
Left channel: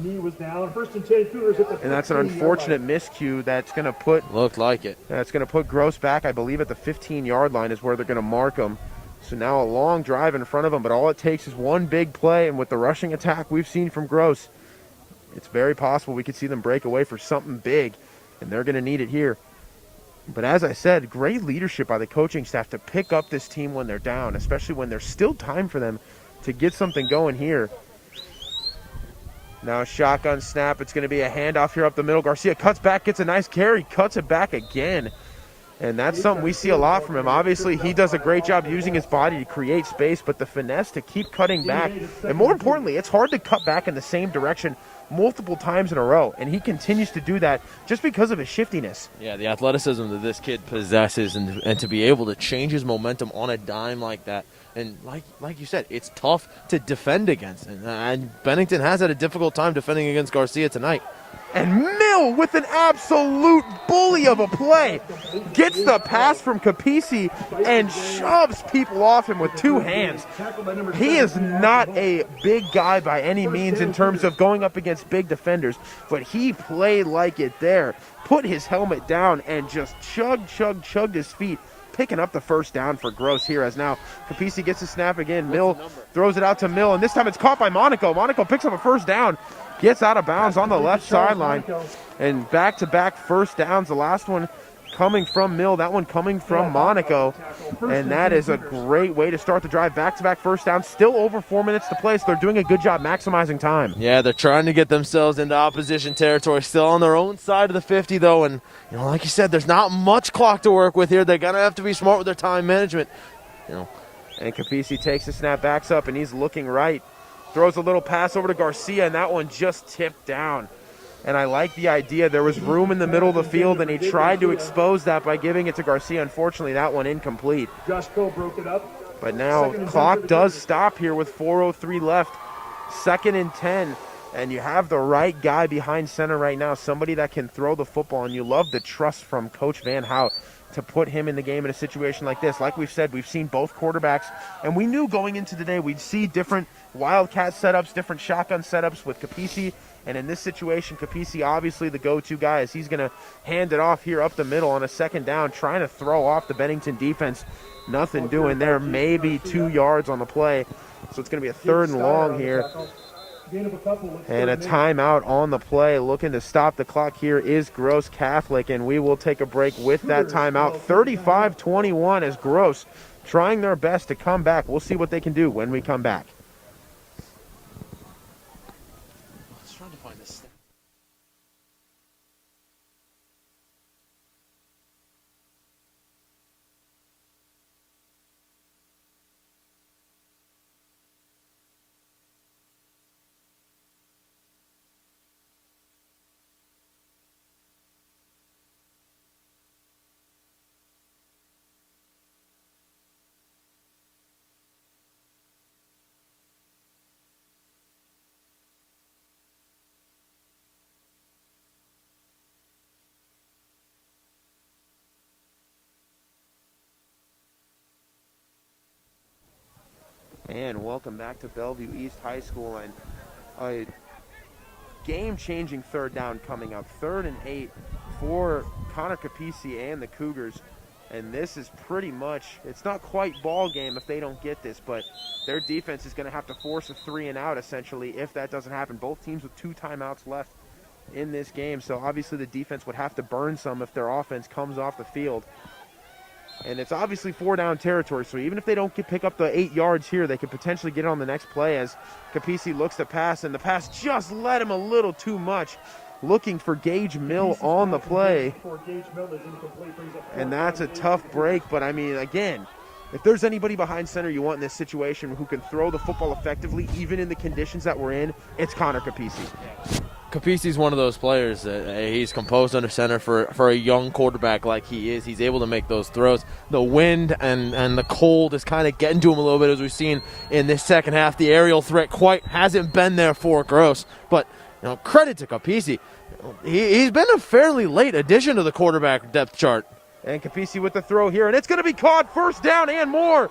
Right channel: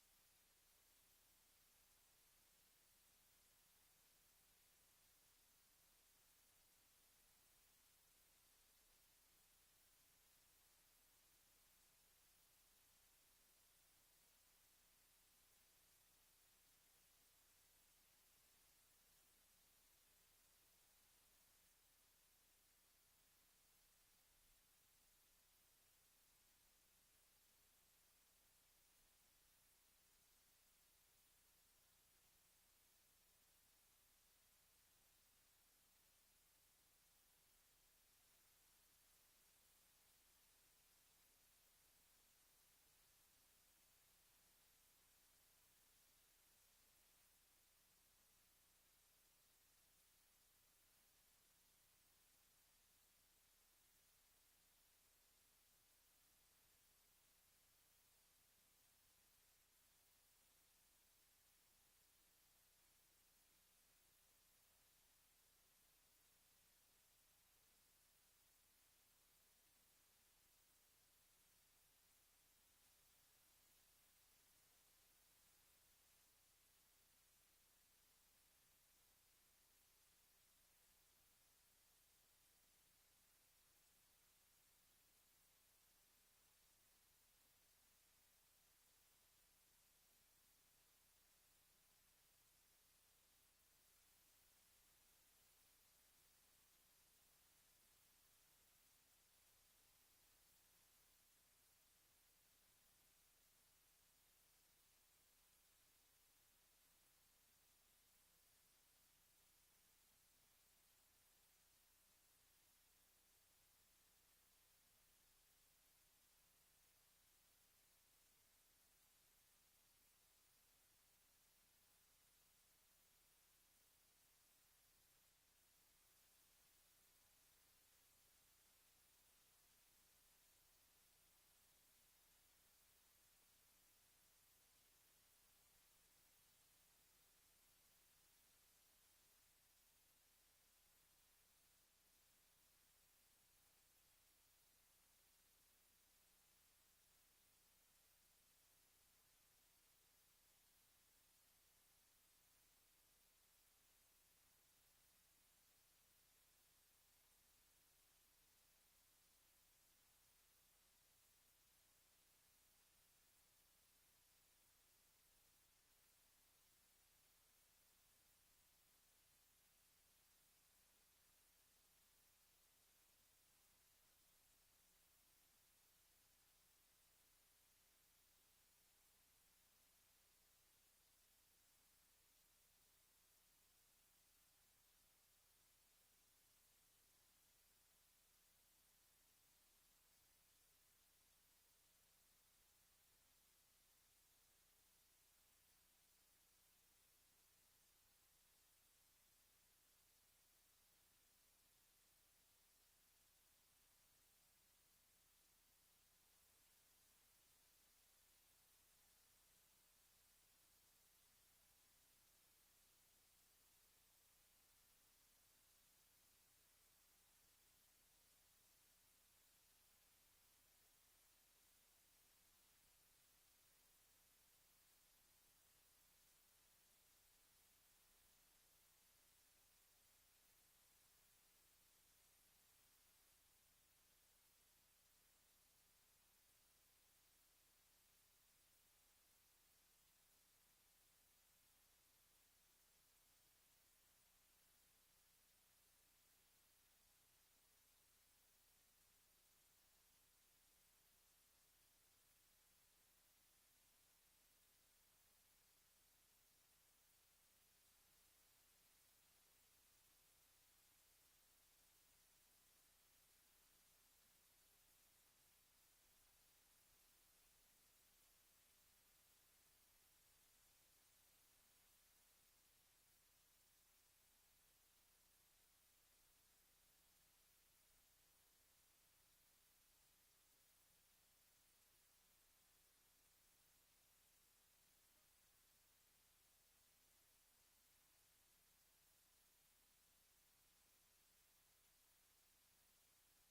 Knee was down. First and 10, Cougars at the And that's an 15-yard unfortunate line. miscue that's going to put Looked like it. That's going to put Gross back, I believe, at the 15-yard line is where they're going to mark him. So now a long drive in front of him, but all it takes is one big play, and with the rushing attack we've seen from Gross, it's very possible we could see them break away for something big, and they're going to need it here. But as I said, great leadership by the coaching staff to pick up this team when they're down, especially when there's still time for them to get something going here. Now a shotgun snap. It's going to be a handoff here up the middle. Garcia cuts back, gets a nice carry, cuts it back again. And that's something we see a lot from him. Obviously, he does a great job using his body to create space, but the finesse to keep cutting back. And more importantly, it's hard to cut back in the same direction multiple times in a row. And he continues to do that just because of his shiftiness. Yeah, the athleticism that this kid possesses and to be able to change his momentum on a dime like that. And like you said, it's tough to defend against. And Bennington has had a difficult time defending against Garcia tonight. And Mill with an absolute bully of a play gets the pass from Capisi and shoves people off him with two hands. He is not a big guy by any means in terms of going up against big defenders, but he played like it there. Put his helmet down and just chugged his feet, picking up the first down for Gross here as now Capisi gets the snap again. Mill throws it out to Mill, and this time it's caught by Monaco. Monaco picks up a first down. Gets out of bounds on the left sideline. And back-to-back first downs. The last one coming from Mill, that one coming from Monaco. And that is a great way to start the drive. Back-to-back first downs. Still over 4 minutes to play, so they're doing a good job maximizing time. Yeah, they're trying to get themselves into opposition territory. Still on their own side of the 50, though. And, you know, like you said, there's not much clock to work with here. They're going to have to be smart with their time management. You know. And Capisi takes the snap, backs up, and he's looking right. Throws a little pass over to Garcia, and that one just tipped down. And I like the idea. There was room in the middle of the field, and he tried to expose that by giving it to Garcia. Unfortunately, that one incomplete. Josh Cole broke it up. But now clock does stop here with 4:03 left. 2nd and 10. And you have the right guy behind center right now, somebody that can throw the football. And you love the trust from Coach Van Hout to put him in the game in a situation like this. Like we've said, we've seen both quarterbacks, and we knew going into today we'd see different wildcat setups, different shotgun setups with Capisi, and in this situation, Capisi obviously the go-to guy as he's going to hand it off here up the middle on a second down, trying to throw off the Bennington defense. Nothing doing there, maybe 2 yards on the play, so it's going to be a 3rd and long here. And a timeout on the play. Looking to stop the clock here is Gross Catholic, and we will take a break with that timeout. 35-21 as Gross trying their best to come back. We'll see what they can do when we come back. And welcome back to Bellevue East High School, and a game-changing 3rd down coming up. 3rd and 8 for Connor Capisi and the Cougars, and this is pretty much, it's not quite ball game if they don't get this, but their defense is going to have to force a 3-and-out essentially if that doesn't happen. Both teams with 2 timeouts left in this game, so obviously the defense would have to burn some if their offense comes off the field. And it's obviously 4-down territory, so even if they don't pick up the 8 yards here, they could potentially get it on the next play as Capisi looks to pass, and the pass just led him a little too much. Looking for Gage Mill on the play. And that's a tough break, but I mean, again, if there's anybody behind center you want in this situation who can throw the football effectively, even in the conditions that we're in, it's Connor Capisi. Capisi's one of those players that he's composed under center for a young quarterback like he is. He's able to make those throws. The wind and the cold is kind of getting to him a little bit, as we've seen in this second half. The aerial threat quite hasn't been there for Gross, but you know, credit to Capisi. He's been a fairly late addition to the quarterback depth chart. And Capisi with the throw here, and it's going to be caught. 1st down and more.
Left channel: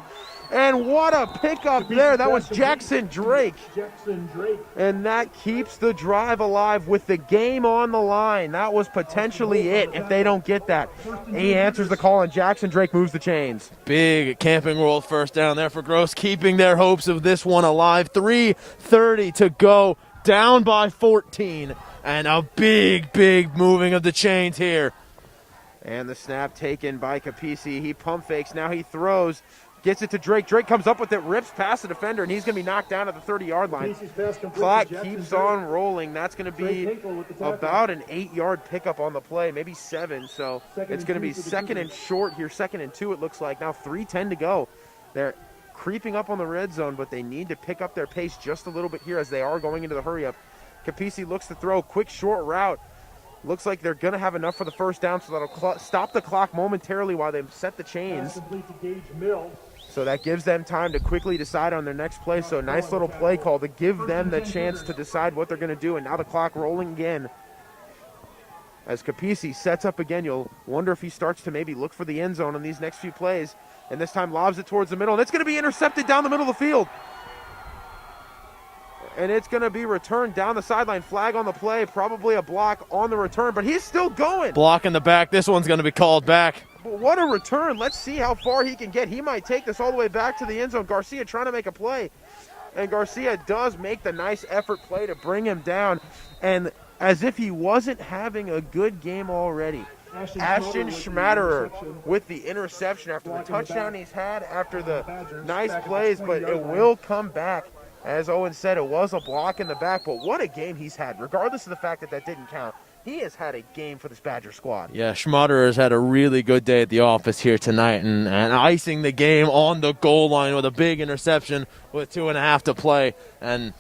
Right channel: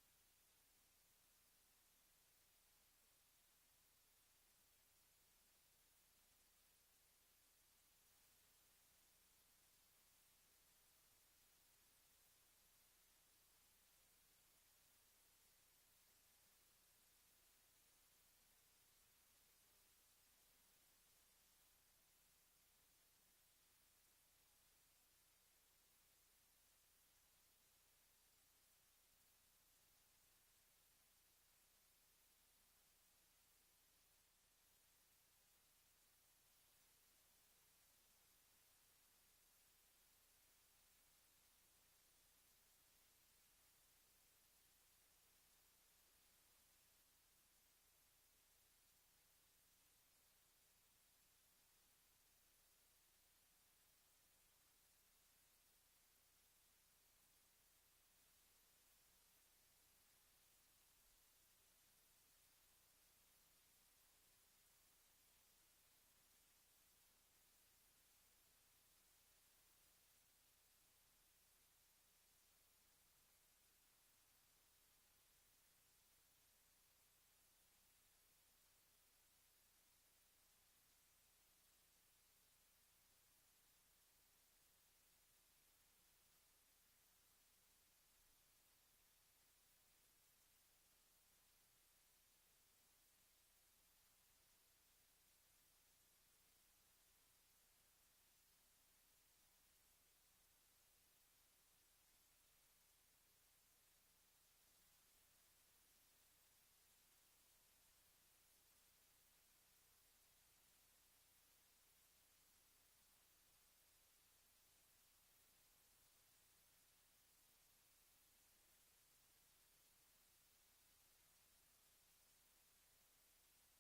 And what a pickup there. That was Jackson Drake. Jackson Drake. And that keeps the drive alive with the game on the line. That was potentially it if they don't get that. He answers the call, and Jackson Drake moves the chains. Big Camping World first down there for Gross, keeping their hopes of this one alive. 3:30 to go, down by 14. And a big moving of the chains here. And the snap taken by Capisi. He pump fakes. Now he throws. Gets it to Drake. Drake comes up with it, rips past the defender, and he's going to be knocked down at the 30-yard line. Clock keeps on rolling. That's going to be about an 8-yard pickup on the play, maybe 7. So it's going to be second and short here, 2nd and 2 it looks like. Now 3:10 to go. They're creeping up on the red zone, but they need to pick up their pace just a little bit here as they are going into the hurry-up. Capisi looks to throw. Quick short route. Looks like they're going to have enough for the first down, so that'll stop the clock momentarily while they set the chains. So that gives them time to quickly decide on their next play. So a nice little play call to give them the chance to decide what they're going to do. And now the clock rolling again. As Capisi sets up again, you'll wonder if he starts to maybe look for the end zone on these next few plays. And this time lobs it towards the middle. And it's going to be intercepted down the middle of the field. And it's going to be returned down the sideline. Flag on the play, probably a block on the return, but he's still going. Block in the back. This one's going to be called back. But what a return. Let's see how far he can get. He might take this all the way back to the end zone. Garcia trying to make a play. And Garcia does make the nice effort play to bring him down. And as if he wasn't having a good game already, Ashton Schmatterer with the interception after the touchdown he's had, after the nice plays, but it will come back. As Owen said, it was a block in the back, but what a game he's had. Regardless of the fact that that didn't count, he has had a game for this Badger squad. Yeah, Schmaderer has had a really good day at the office here tonight and icing the game on the goal line with a big interception with 2.5 to play. And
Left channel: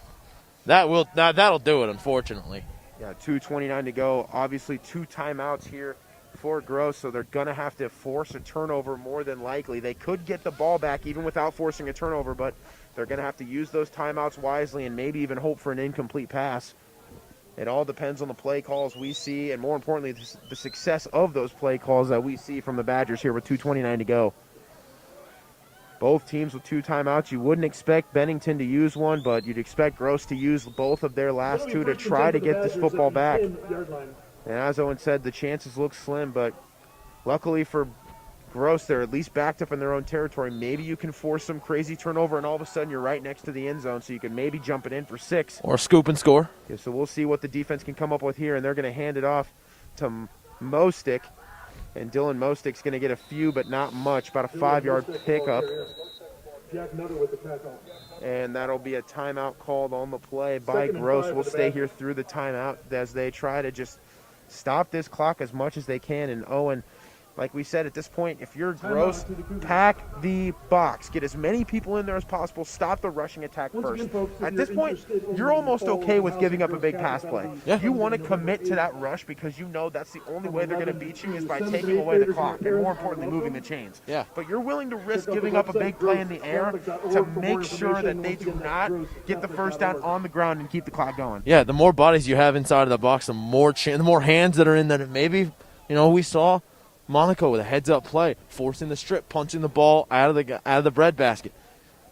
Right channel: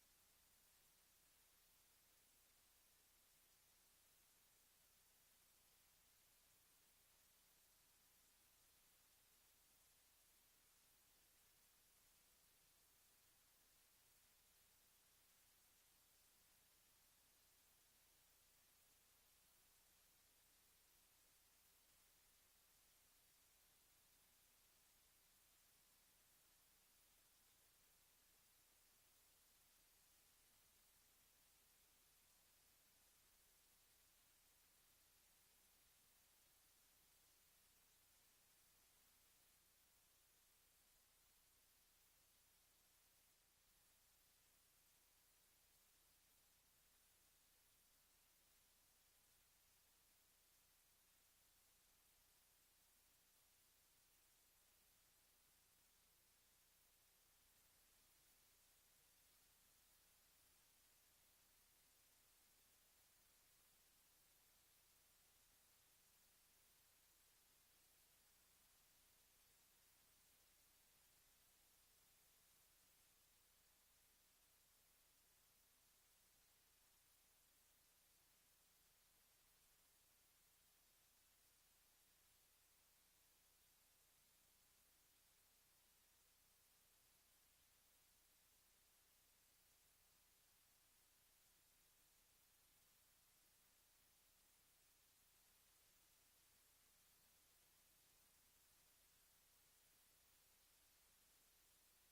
that'll do it, unfortunately. Yeah, 2:29 to go. Obviously, 2 timeouts here for Gross, so they're going to have to force a turnover more than likely. They could get the ball back even without forcing a turnover, but they're going to have to use those timeouts wisely and maybe even hope for an incomplete pass. It all depends on the play calls we see, and more importantly, the success of those play calls that we see from the Badgers here with 2:29 to go. Both teams with 2 timeouts. You wouldn't expect Bennington to use one, but you'd expect Gross to use both of their last 2 to try to get this football back. And as Owen said, the chances look slim, but luckily for Gross, they're at least backed up in their own territory. Maybe you can force some crazy turnover, and all of a sudden you're right next to the end zone, so you can maybe jump it in for 6. Or scoop and score. Yeah, so we'll see what the defense can come up with here, and they're going to hand it off to Mostick. And Dylan Mostick's going to get a few, but not much, about a 5-yard pickup. And that'll be a timeout called on the play by Gross. We'll stay here through the timeout as they try to just stop this clock as much as they can. And Owen, like we said, at this point, if you're Gross, pack the box. Get as many people in there as possible. Stop the rushing attack first. At this point, you're almost okay with giving up a big pass play. Yeah. You want to commit to that rush because you know that's the only way they're going to beat you is by taking away the clock and, more importantly, moving the chains. Yeah. But you're willing to risk giving up a big play in the air to make sure that they do not get the first down on the ground and keep the clock going. Yeah, the more bodies you have inside of the box, the more hands that are in there. Maybe, we saw Monaco with a heads-up play, forcing the strip, punching the ball out of the breadbasket.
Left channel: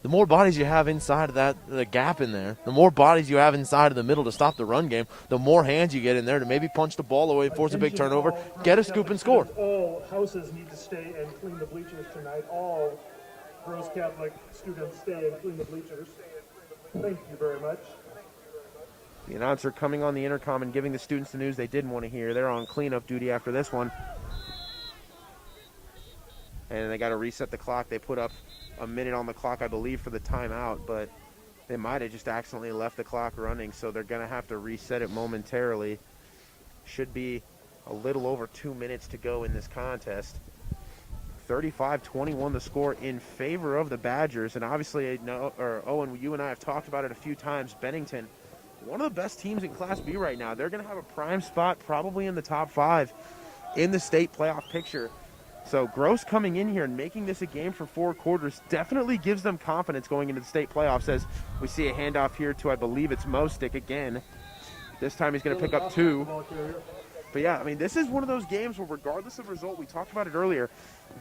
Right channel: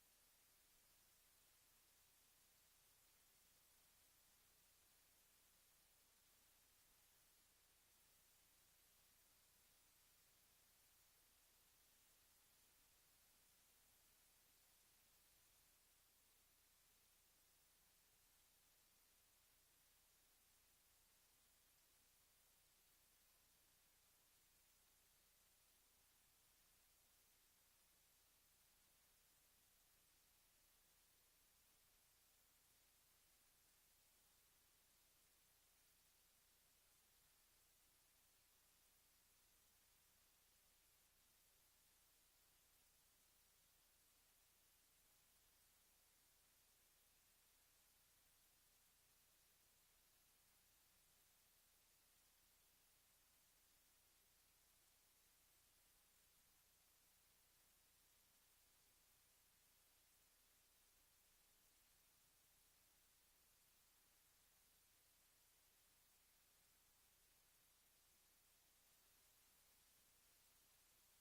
The more bodies you have inside of the gap in there, the more bodies you have inside of the middle to stop the run game, the more hands you get in there to maybe punch the ball away, force a big turnover, get a scoop and score. All houses need to stay and clean the bleachers tonight. All Gross Catholic students stay and clean the bleachers. Thank you very much. The announcer coming on the intercom and giving the students the news they didn't want to hear. They're on cleanup duty after this one. And they got to reset the clock. They put up a minute on the clock, I believe, for the timeout, but they might have just accidentally left the clock running, so they're going to have to reset it momentarily. Should be a little over 2 minutes to go in this contest. 35-21 the score in favor of the Badgers, and obviously, Owen, you and I have talked about it a few times. Bennington, one of the best teams in Class B right now. They're going to have a prime spot probably in the top 5 in the state playoff picture. So Gross coming in here and making this a game for 4 quarters definitely gives them confidence going into the state playoffs, as we see a handoff here to, I believe it's Mostick again. This time he's going to pick up 2. But yeah, I mean, this is one of those games where regardless of result, we talked about it earlier,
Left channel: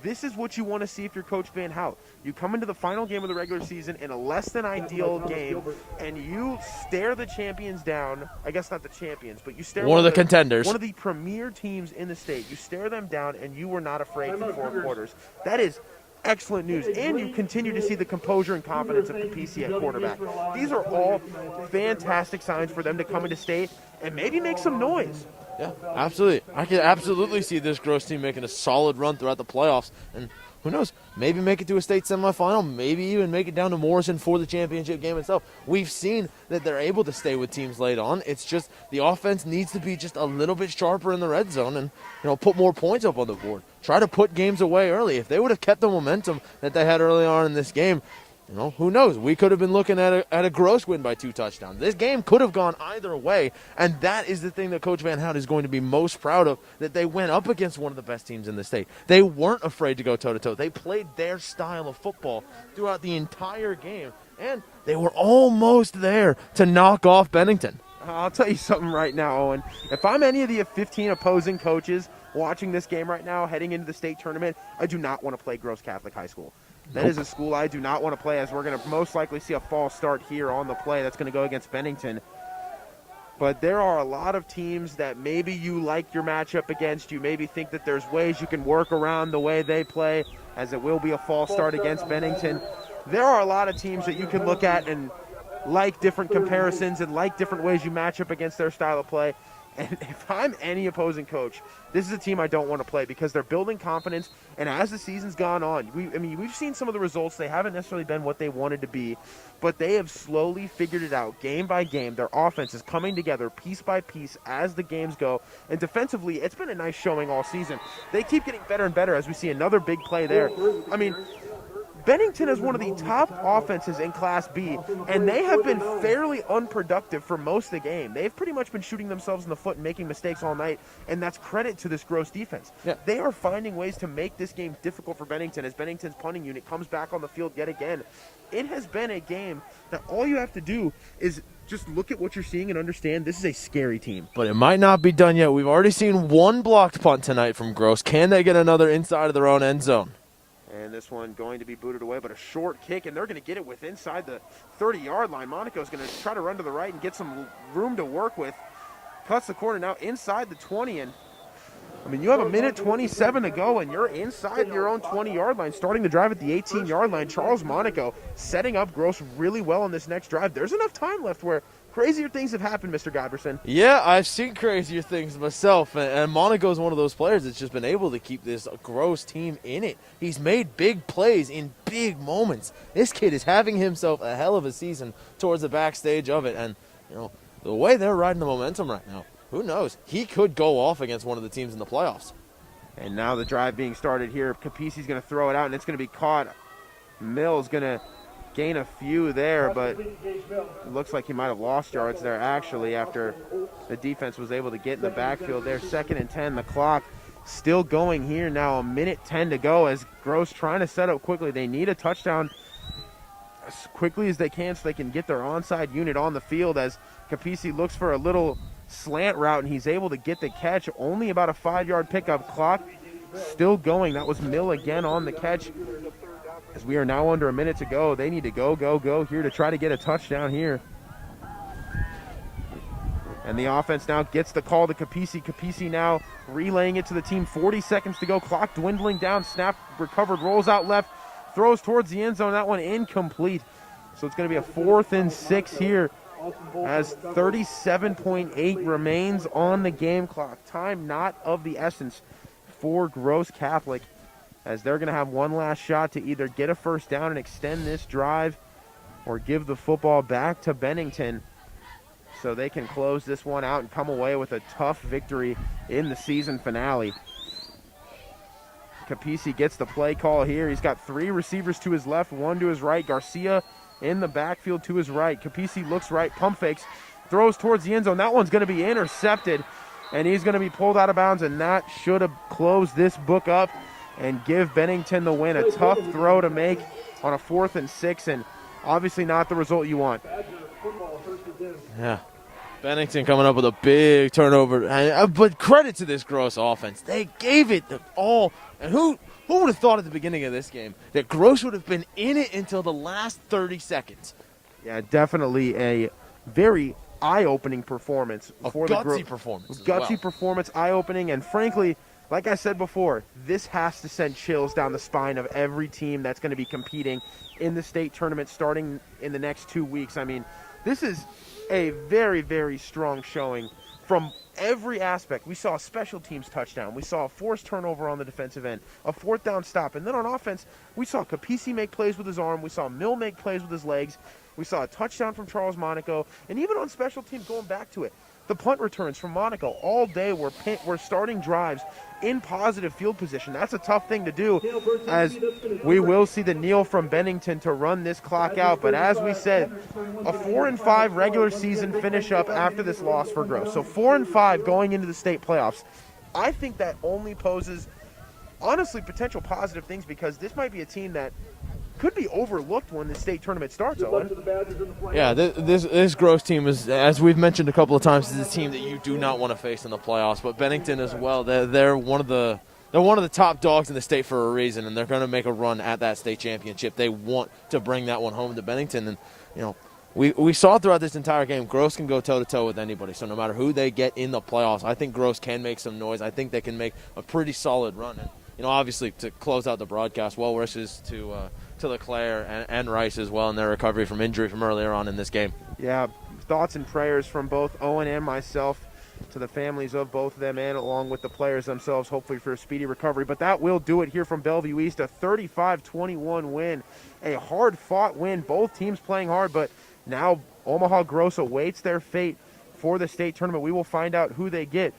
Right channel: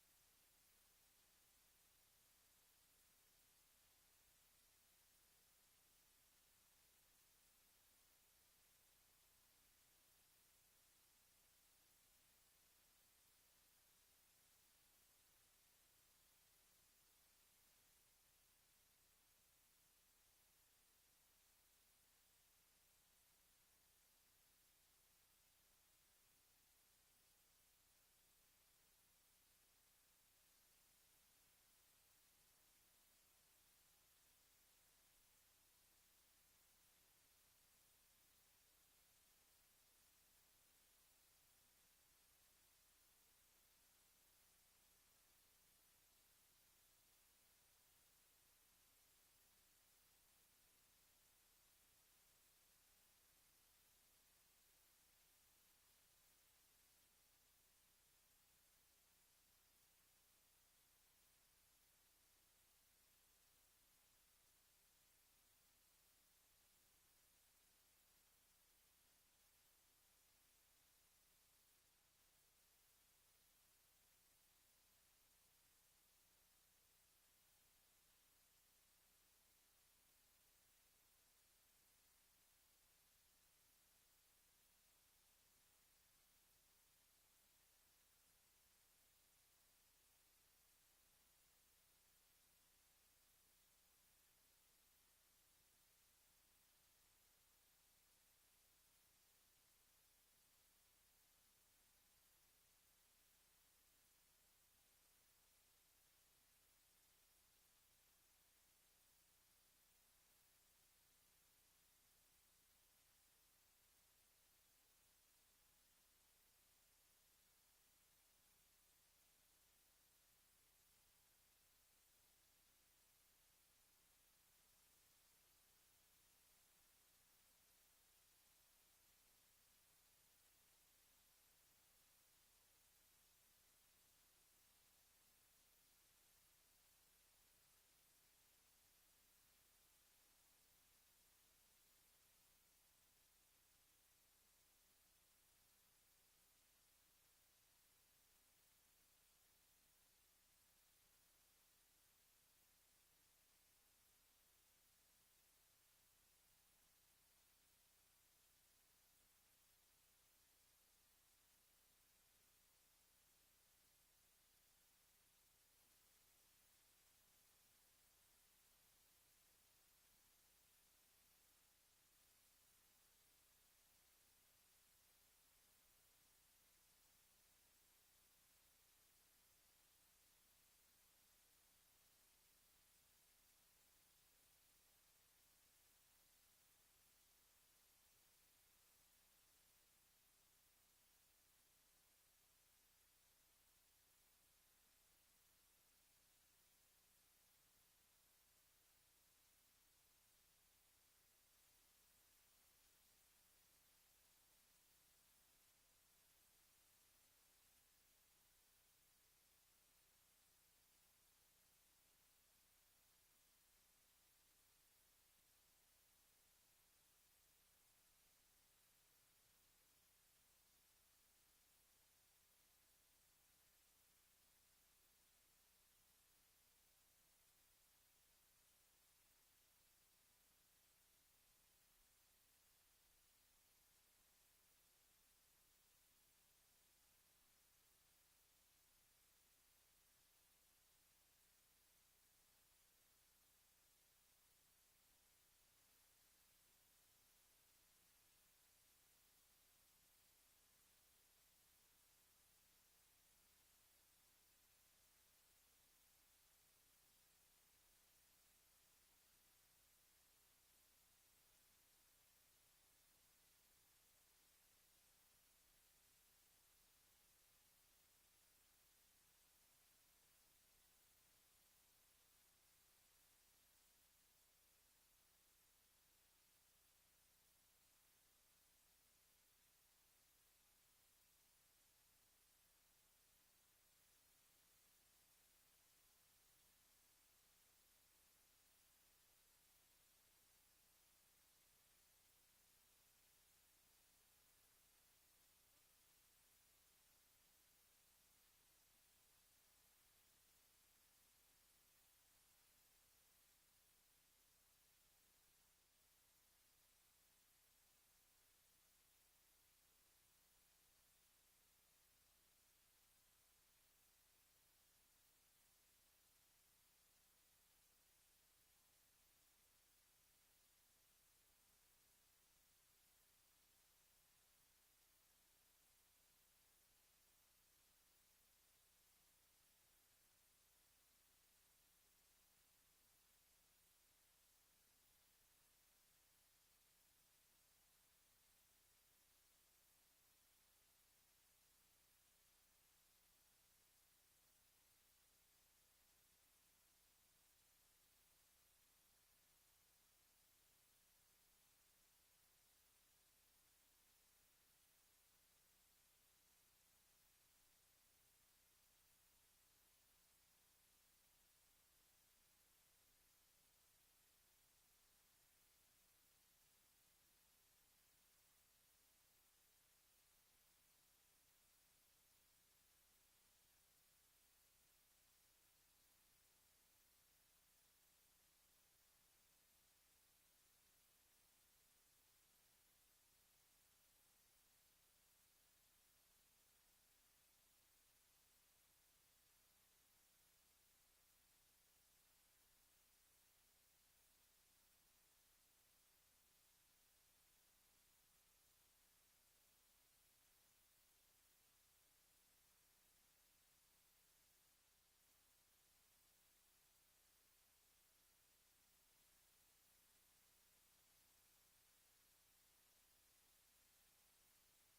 This is what you want to see if you're Coach Van Hout. You come into the final game of the regular season in a less than ideal game, and you stare the champions down. I guess not the champions, but you stare one of the contenders, one of the premier teams in the state. You stare them down, and you were not afraid for 4 quarters. That is excellent news, and you continue to see the composure and confidence of Capisi at quarterback. These are all fantastic signs for them to come into state and maybe make some noise. Yeah, absolutely. I can absolutely see this Gross team making a solid run throughout the playoffs. And who knows, maybe make it to a state semifinal, maybe even make it down to Morrison for the championship game itself. We've seen that they're able to stay with teams late on. It's just the offense needs to be just a little bit sharper in the red zone and, put more points up on the board. Try to put games away early. If they would have kept the momentum that they had early on in this game, who knows? We could have been looking at a Gross win by 2 touchdowns. This game could have gone either way, and that is the thing that Coach Van Hout is going to be most proud of, that they went up against one of the best teams in the state. They weren't afraid to go toe-to-toe. They played their style of football throughout the entire game, and they were almost there to knock off Bennington. I'll tell you something right now, Owen. If I'm any of the 15 opposing coaches watching this game right now, heading into the state tournament, I do not want to play Gross Catholic High School. That is a school I do not want to play, as we're going to most likely see a false start here on the play. That's going to go against Bennington. But there are a lot of teams that maybe you like your matchup against. You maybe think that there's ways you can work around the way they play, as it will be a false start against Bennington. There are a lot of teams that you can look at and like different comparisons and like different ways you match up against their style of play. And if I'm any opposing coach, this is a team I don't want to play, because they're building confidence. And as the season's gone on, we've seen some of the results. They haven't necessarily been what they wanted to be, but they have slowly figured it out game by game. Their offense is coming together piece by piece as the games go. And defensively, it's been a nice showing all season. They keep getting better and better as we see another big play there. Bennington is one of the top offenses in Class B, and they have been fairly unproductive for most of the game. They've pretty much been shooting themselves in the foot and making mistakes all night, and that's credit to this Gross defense. Yeah. They are finding ways to make this game difficult for Bennington as Bennington's punting unit comes back on the field yet again. It has been a game that all you have to do is just look at what you're seeing and understand this is a scary team. But it might not be done yet. We've already seen 1 blocked punt tonight from Gross. Can they get another inside of their own end zone? And this one going to be booted away, but a short kick, and they're going to get it with inside the 30-yard line. Monaco's going to try to run to the right and get some room to work with. Cuts the corner now inside the 20, and you have 1:27 to go, and you're inside your own 20-yard line, starting the drive at the 18-yard line. Charles Monaco setting up Gross really well on this next drive. There's enough time left where crazier things have happened, Mr. Godberson. Yeah, I've seen crazier things myself, and Monaco's one of those players that's just been able to keep this Gross team in it. He's made big plays in big moments. This kid is having himself a hell of a season towards the backstage of it, and the way they're riding the momentum right now, who knows? He could go off against one of the teams in the playoffs. And now the drive being started here. Capisi's going to throw it out, and it's going to be caught. Mill's going to gain a few there, but it looks like he might have lost yards there, actually, after the defense was able to get in the backfield there. 2nd and 10, the clock still going here now, 1:10 to go as Gross trying to set up quickly. They need a touchdown as quickly as they can so they can get their onside unit on the field, as Capisi looks for a little slant route, and he's able to get the catch. Only about a 5-yard pickup. Clock still going. That was Mill again on the catch. As we are now under a minute to go, they need to go here to try to get a touchdown here. And the offense now gets the call to Capisi. Capisi now relaying it to the team. 40 seconds to go. Clock dwindling down. Snap recovered. Rolls out left. Throws towards the end zone. That one incomplete. So it's going to be a 4th and 6 here, as 37.8 remains on the game clock. Time not of the essence for Gross Catholic, as they're going to have one last shot to either get a first down and extend this drive or give the football back to Bennington so they can close this one out and come away with a tough victory in the season finale. Capisi gets the play call here. He's got 3 receivers to his left, 1 to his right. Garcia in the backfield to his right. Capisi looks right, pump fakes, throws towards the end zone. That one's going to be intercepted, and he's going to be pulled out of bounds, and that should have closed this book up and give Bennington the win. A tough throw to make on a 4th and 6, and obviously not the result you want. Yeah. Bennington coming up with a big turnover. But credit to this Gross offense. They gave it the all. And who Who would have thought at the beginning of this game that Gross would have been in it until the last 30 seconds? Yeah, definitely a very eye-opening performance. For the Gutsy performance. Gutsy performance, eye-opening, and frankly, like I said before, this has to send chills down the spine of every team that's going to be competing in the state tournament starting in the next 2 weeks. I mean, this is a very, very strong showing from every aspect. We saw a special teams touchdown. We saw a forced turnover on the defensive end, a fourth down stop. And then on offense, we saw Capisi make plays with his arm. We saw Mill make plays with his legs. We saw a touchdown from Charles Monaco. And even on special teams, going back to it, the punt returns from Monaco all day were starting drives in positive field position. That's a tough thing to do, as we will see the kneel from Bennington to run this clock out. But as we said, a 4-5 regular season finish up after this loss for Gross. So 4-5 going into the state playoffs. I think that only poses, honestly, potential positive things, because this might be a team that could be overlooked when the state tournament starts, Owen. Yeah, this Gross team is, as we've mentioned a couple of times, is a team that you do not want to face in the playoffs. But Bennington as well, they're one of the top dogs in the state for a reason, and they're going to make a run at that state championship. They want to bring that one home to Bennington, and you know, we saw throughout this entire game, Gross can go toe-to-toe with anybody. So no matter who they get in the playoffs, I think Gross can make some noise. I think they can make a pretty solid run. And you know, obviously, to close out the broadcast, well wishes to LeClaire and Rice as well in their recovery from injury from earlier on in this game. Yeah, thoughts and prayers from both Owen and myself to the families of both of them, and along with the players themselves, hopefully for a speedy recovery. But that will do it here from Bellevue East, a 35-21 win, a hard-fought win. Both teams playing hard, but now Omaha Gross awaits their fate for the state tournament. We will find out who they get.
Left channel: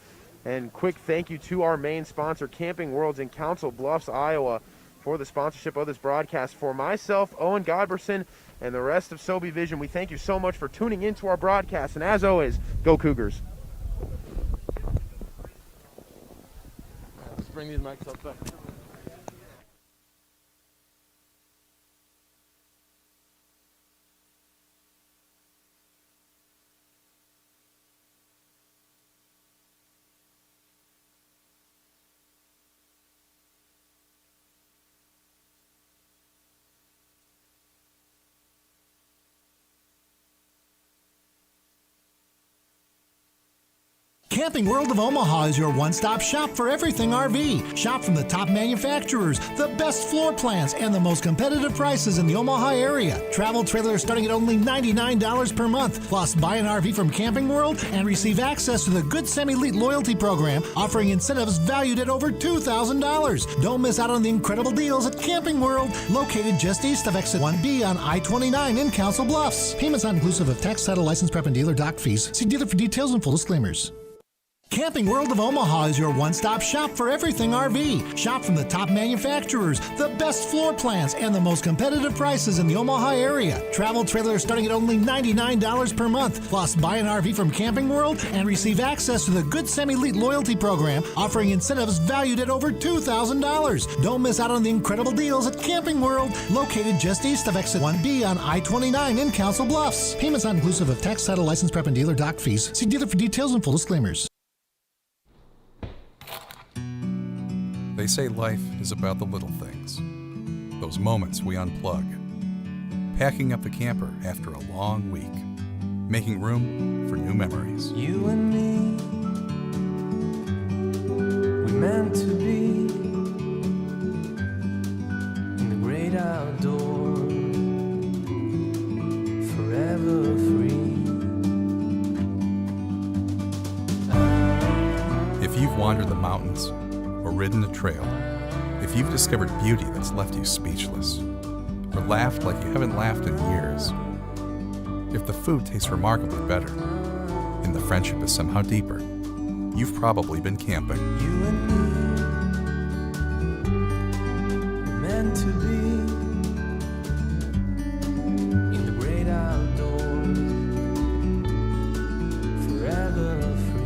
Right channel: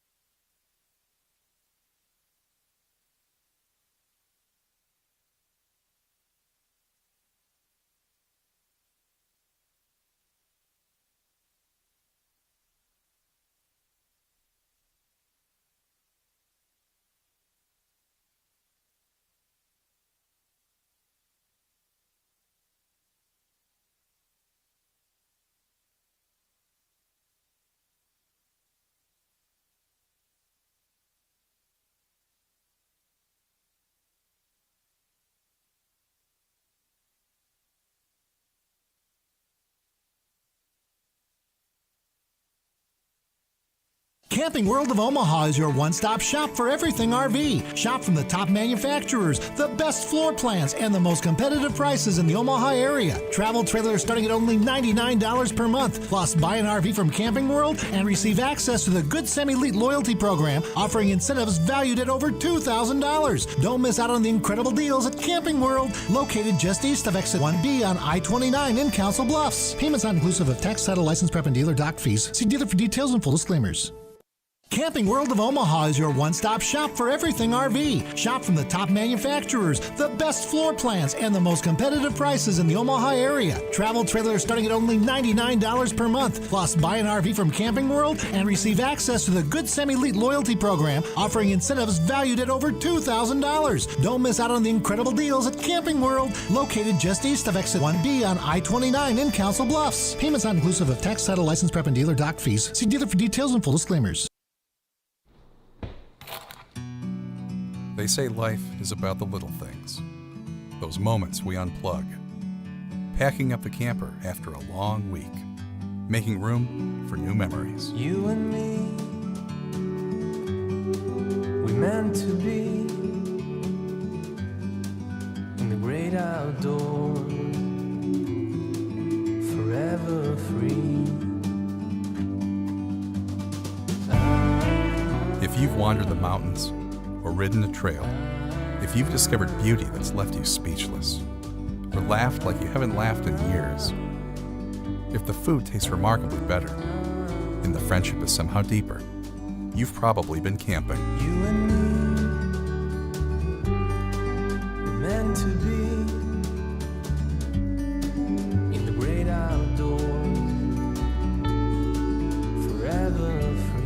And quick thank you to our main sponsor, Camping Worlds in Council Bluffs, Iowa, for the sponsorship of this broadcast. For myself, Owen Godberson, and the rest of Sobe Vision, we thank you so much for tuning into our broadcast. And as always, go Cougars. Let's bring these mics up back. Camping World of Omaha is your one-stop shop for everything RV. Shop from the top manufacturers, the best floor plans, and the most competitive prices in the Omaha area. Travel trailers starting at only $99 per month. Plus, buy an RV from Camping World and receive access to the Good Sem Elite loyalty program, offering incentives valued at over $2,000. Don't miss out on the incredible deals at Camping World, located just east of Exit 1B on I-29 in Council Bluffs. Payments not inclusive of tax, title, license, prep, and dealer dock fees. See dealer for details and full disclaimers. Camping World of Omaha is your one-stop shop for everything RV. Shop from the top manufacturers, the best floor plans, and the most competitive prices in the Omaha area. Travel trailers starting at only $99 per month. Plus, buy an RV from Camping World and receive access to the Good Sem Elite loyalty program, offering incentives valued at over $2,000. Don't miss out on the incredible deals at Camping World, located just east of Exit 1B on I-29 in Council Bluffs. Payments not inclusive of tax, title, license, prep, and dealer dock fees. See dealer for details and full disclaimers. They say life is about the little things, those moments we unplug, packing up the camper after a long week, making room for new memories. You and me, we meant to be in the great outdoors, forever free. If you've wandered the mountains or ridden a trail, if you've discovered beauty that's left you speechless, or laughed like you haven't laughed in years, if the food tastes remarkably better and the friendship is somehow deeper, you've probably been camping. You and me, we're meant to be in the great outdoors, forever free.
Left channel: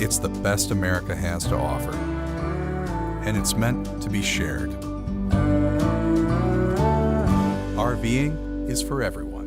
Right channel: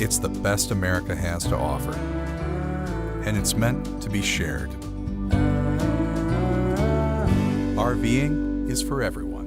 It's the best America has to offer, and it's meant to be shared. RVing is for everyone.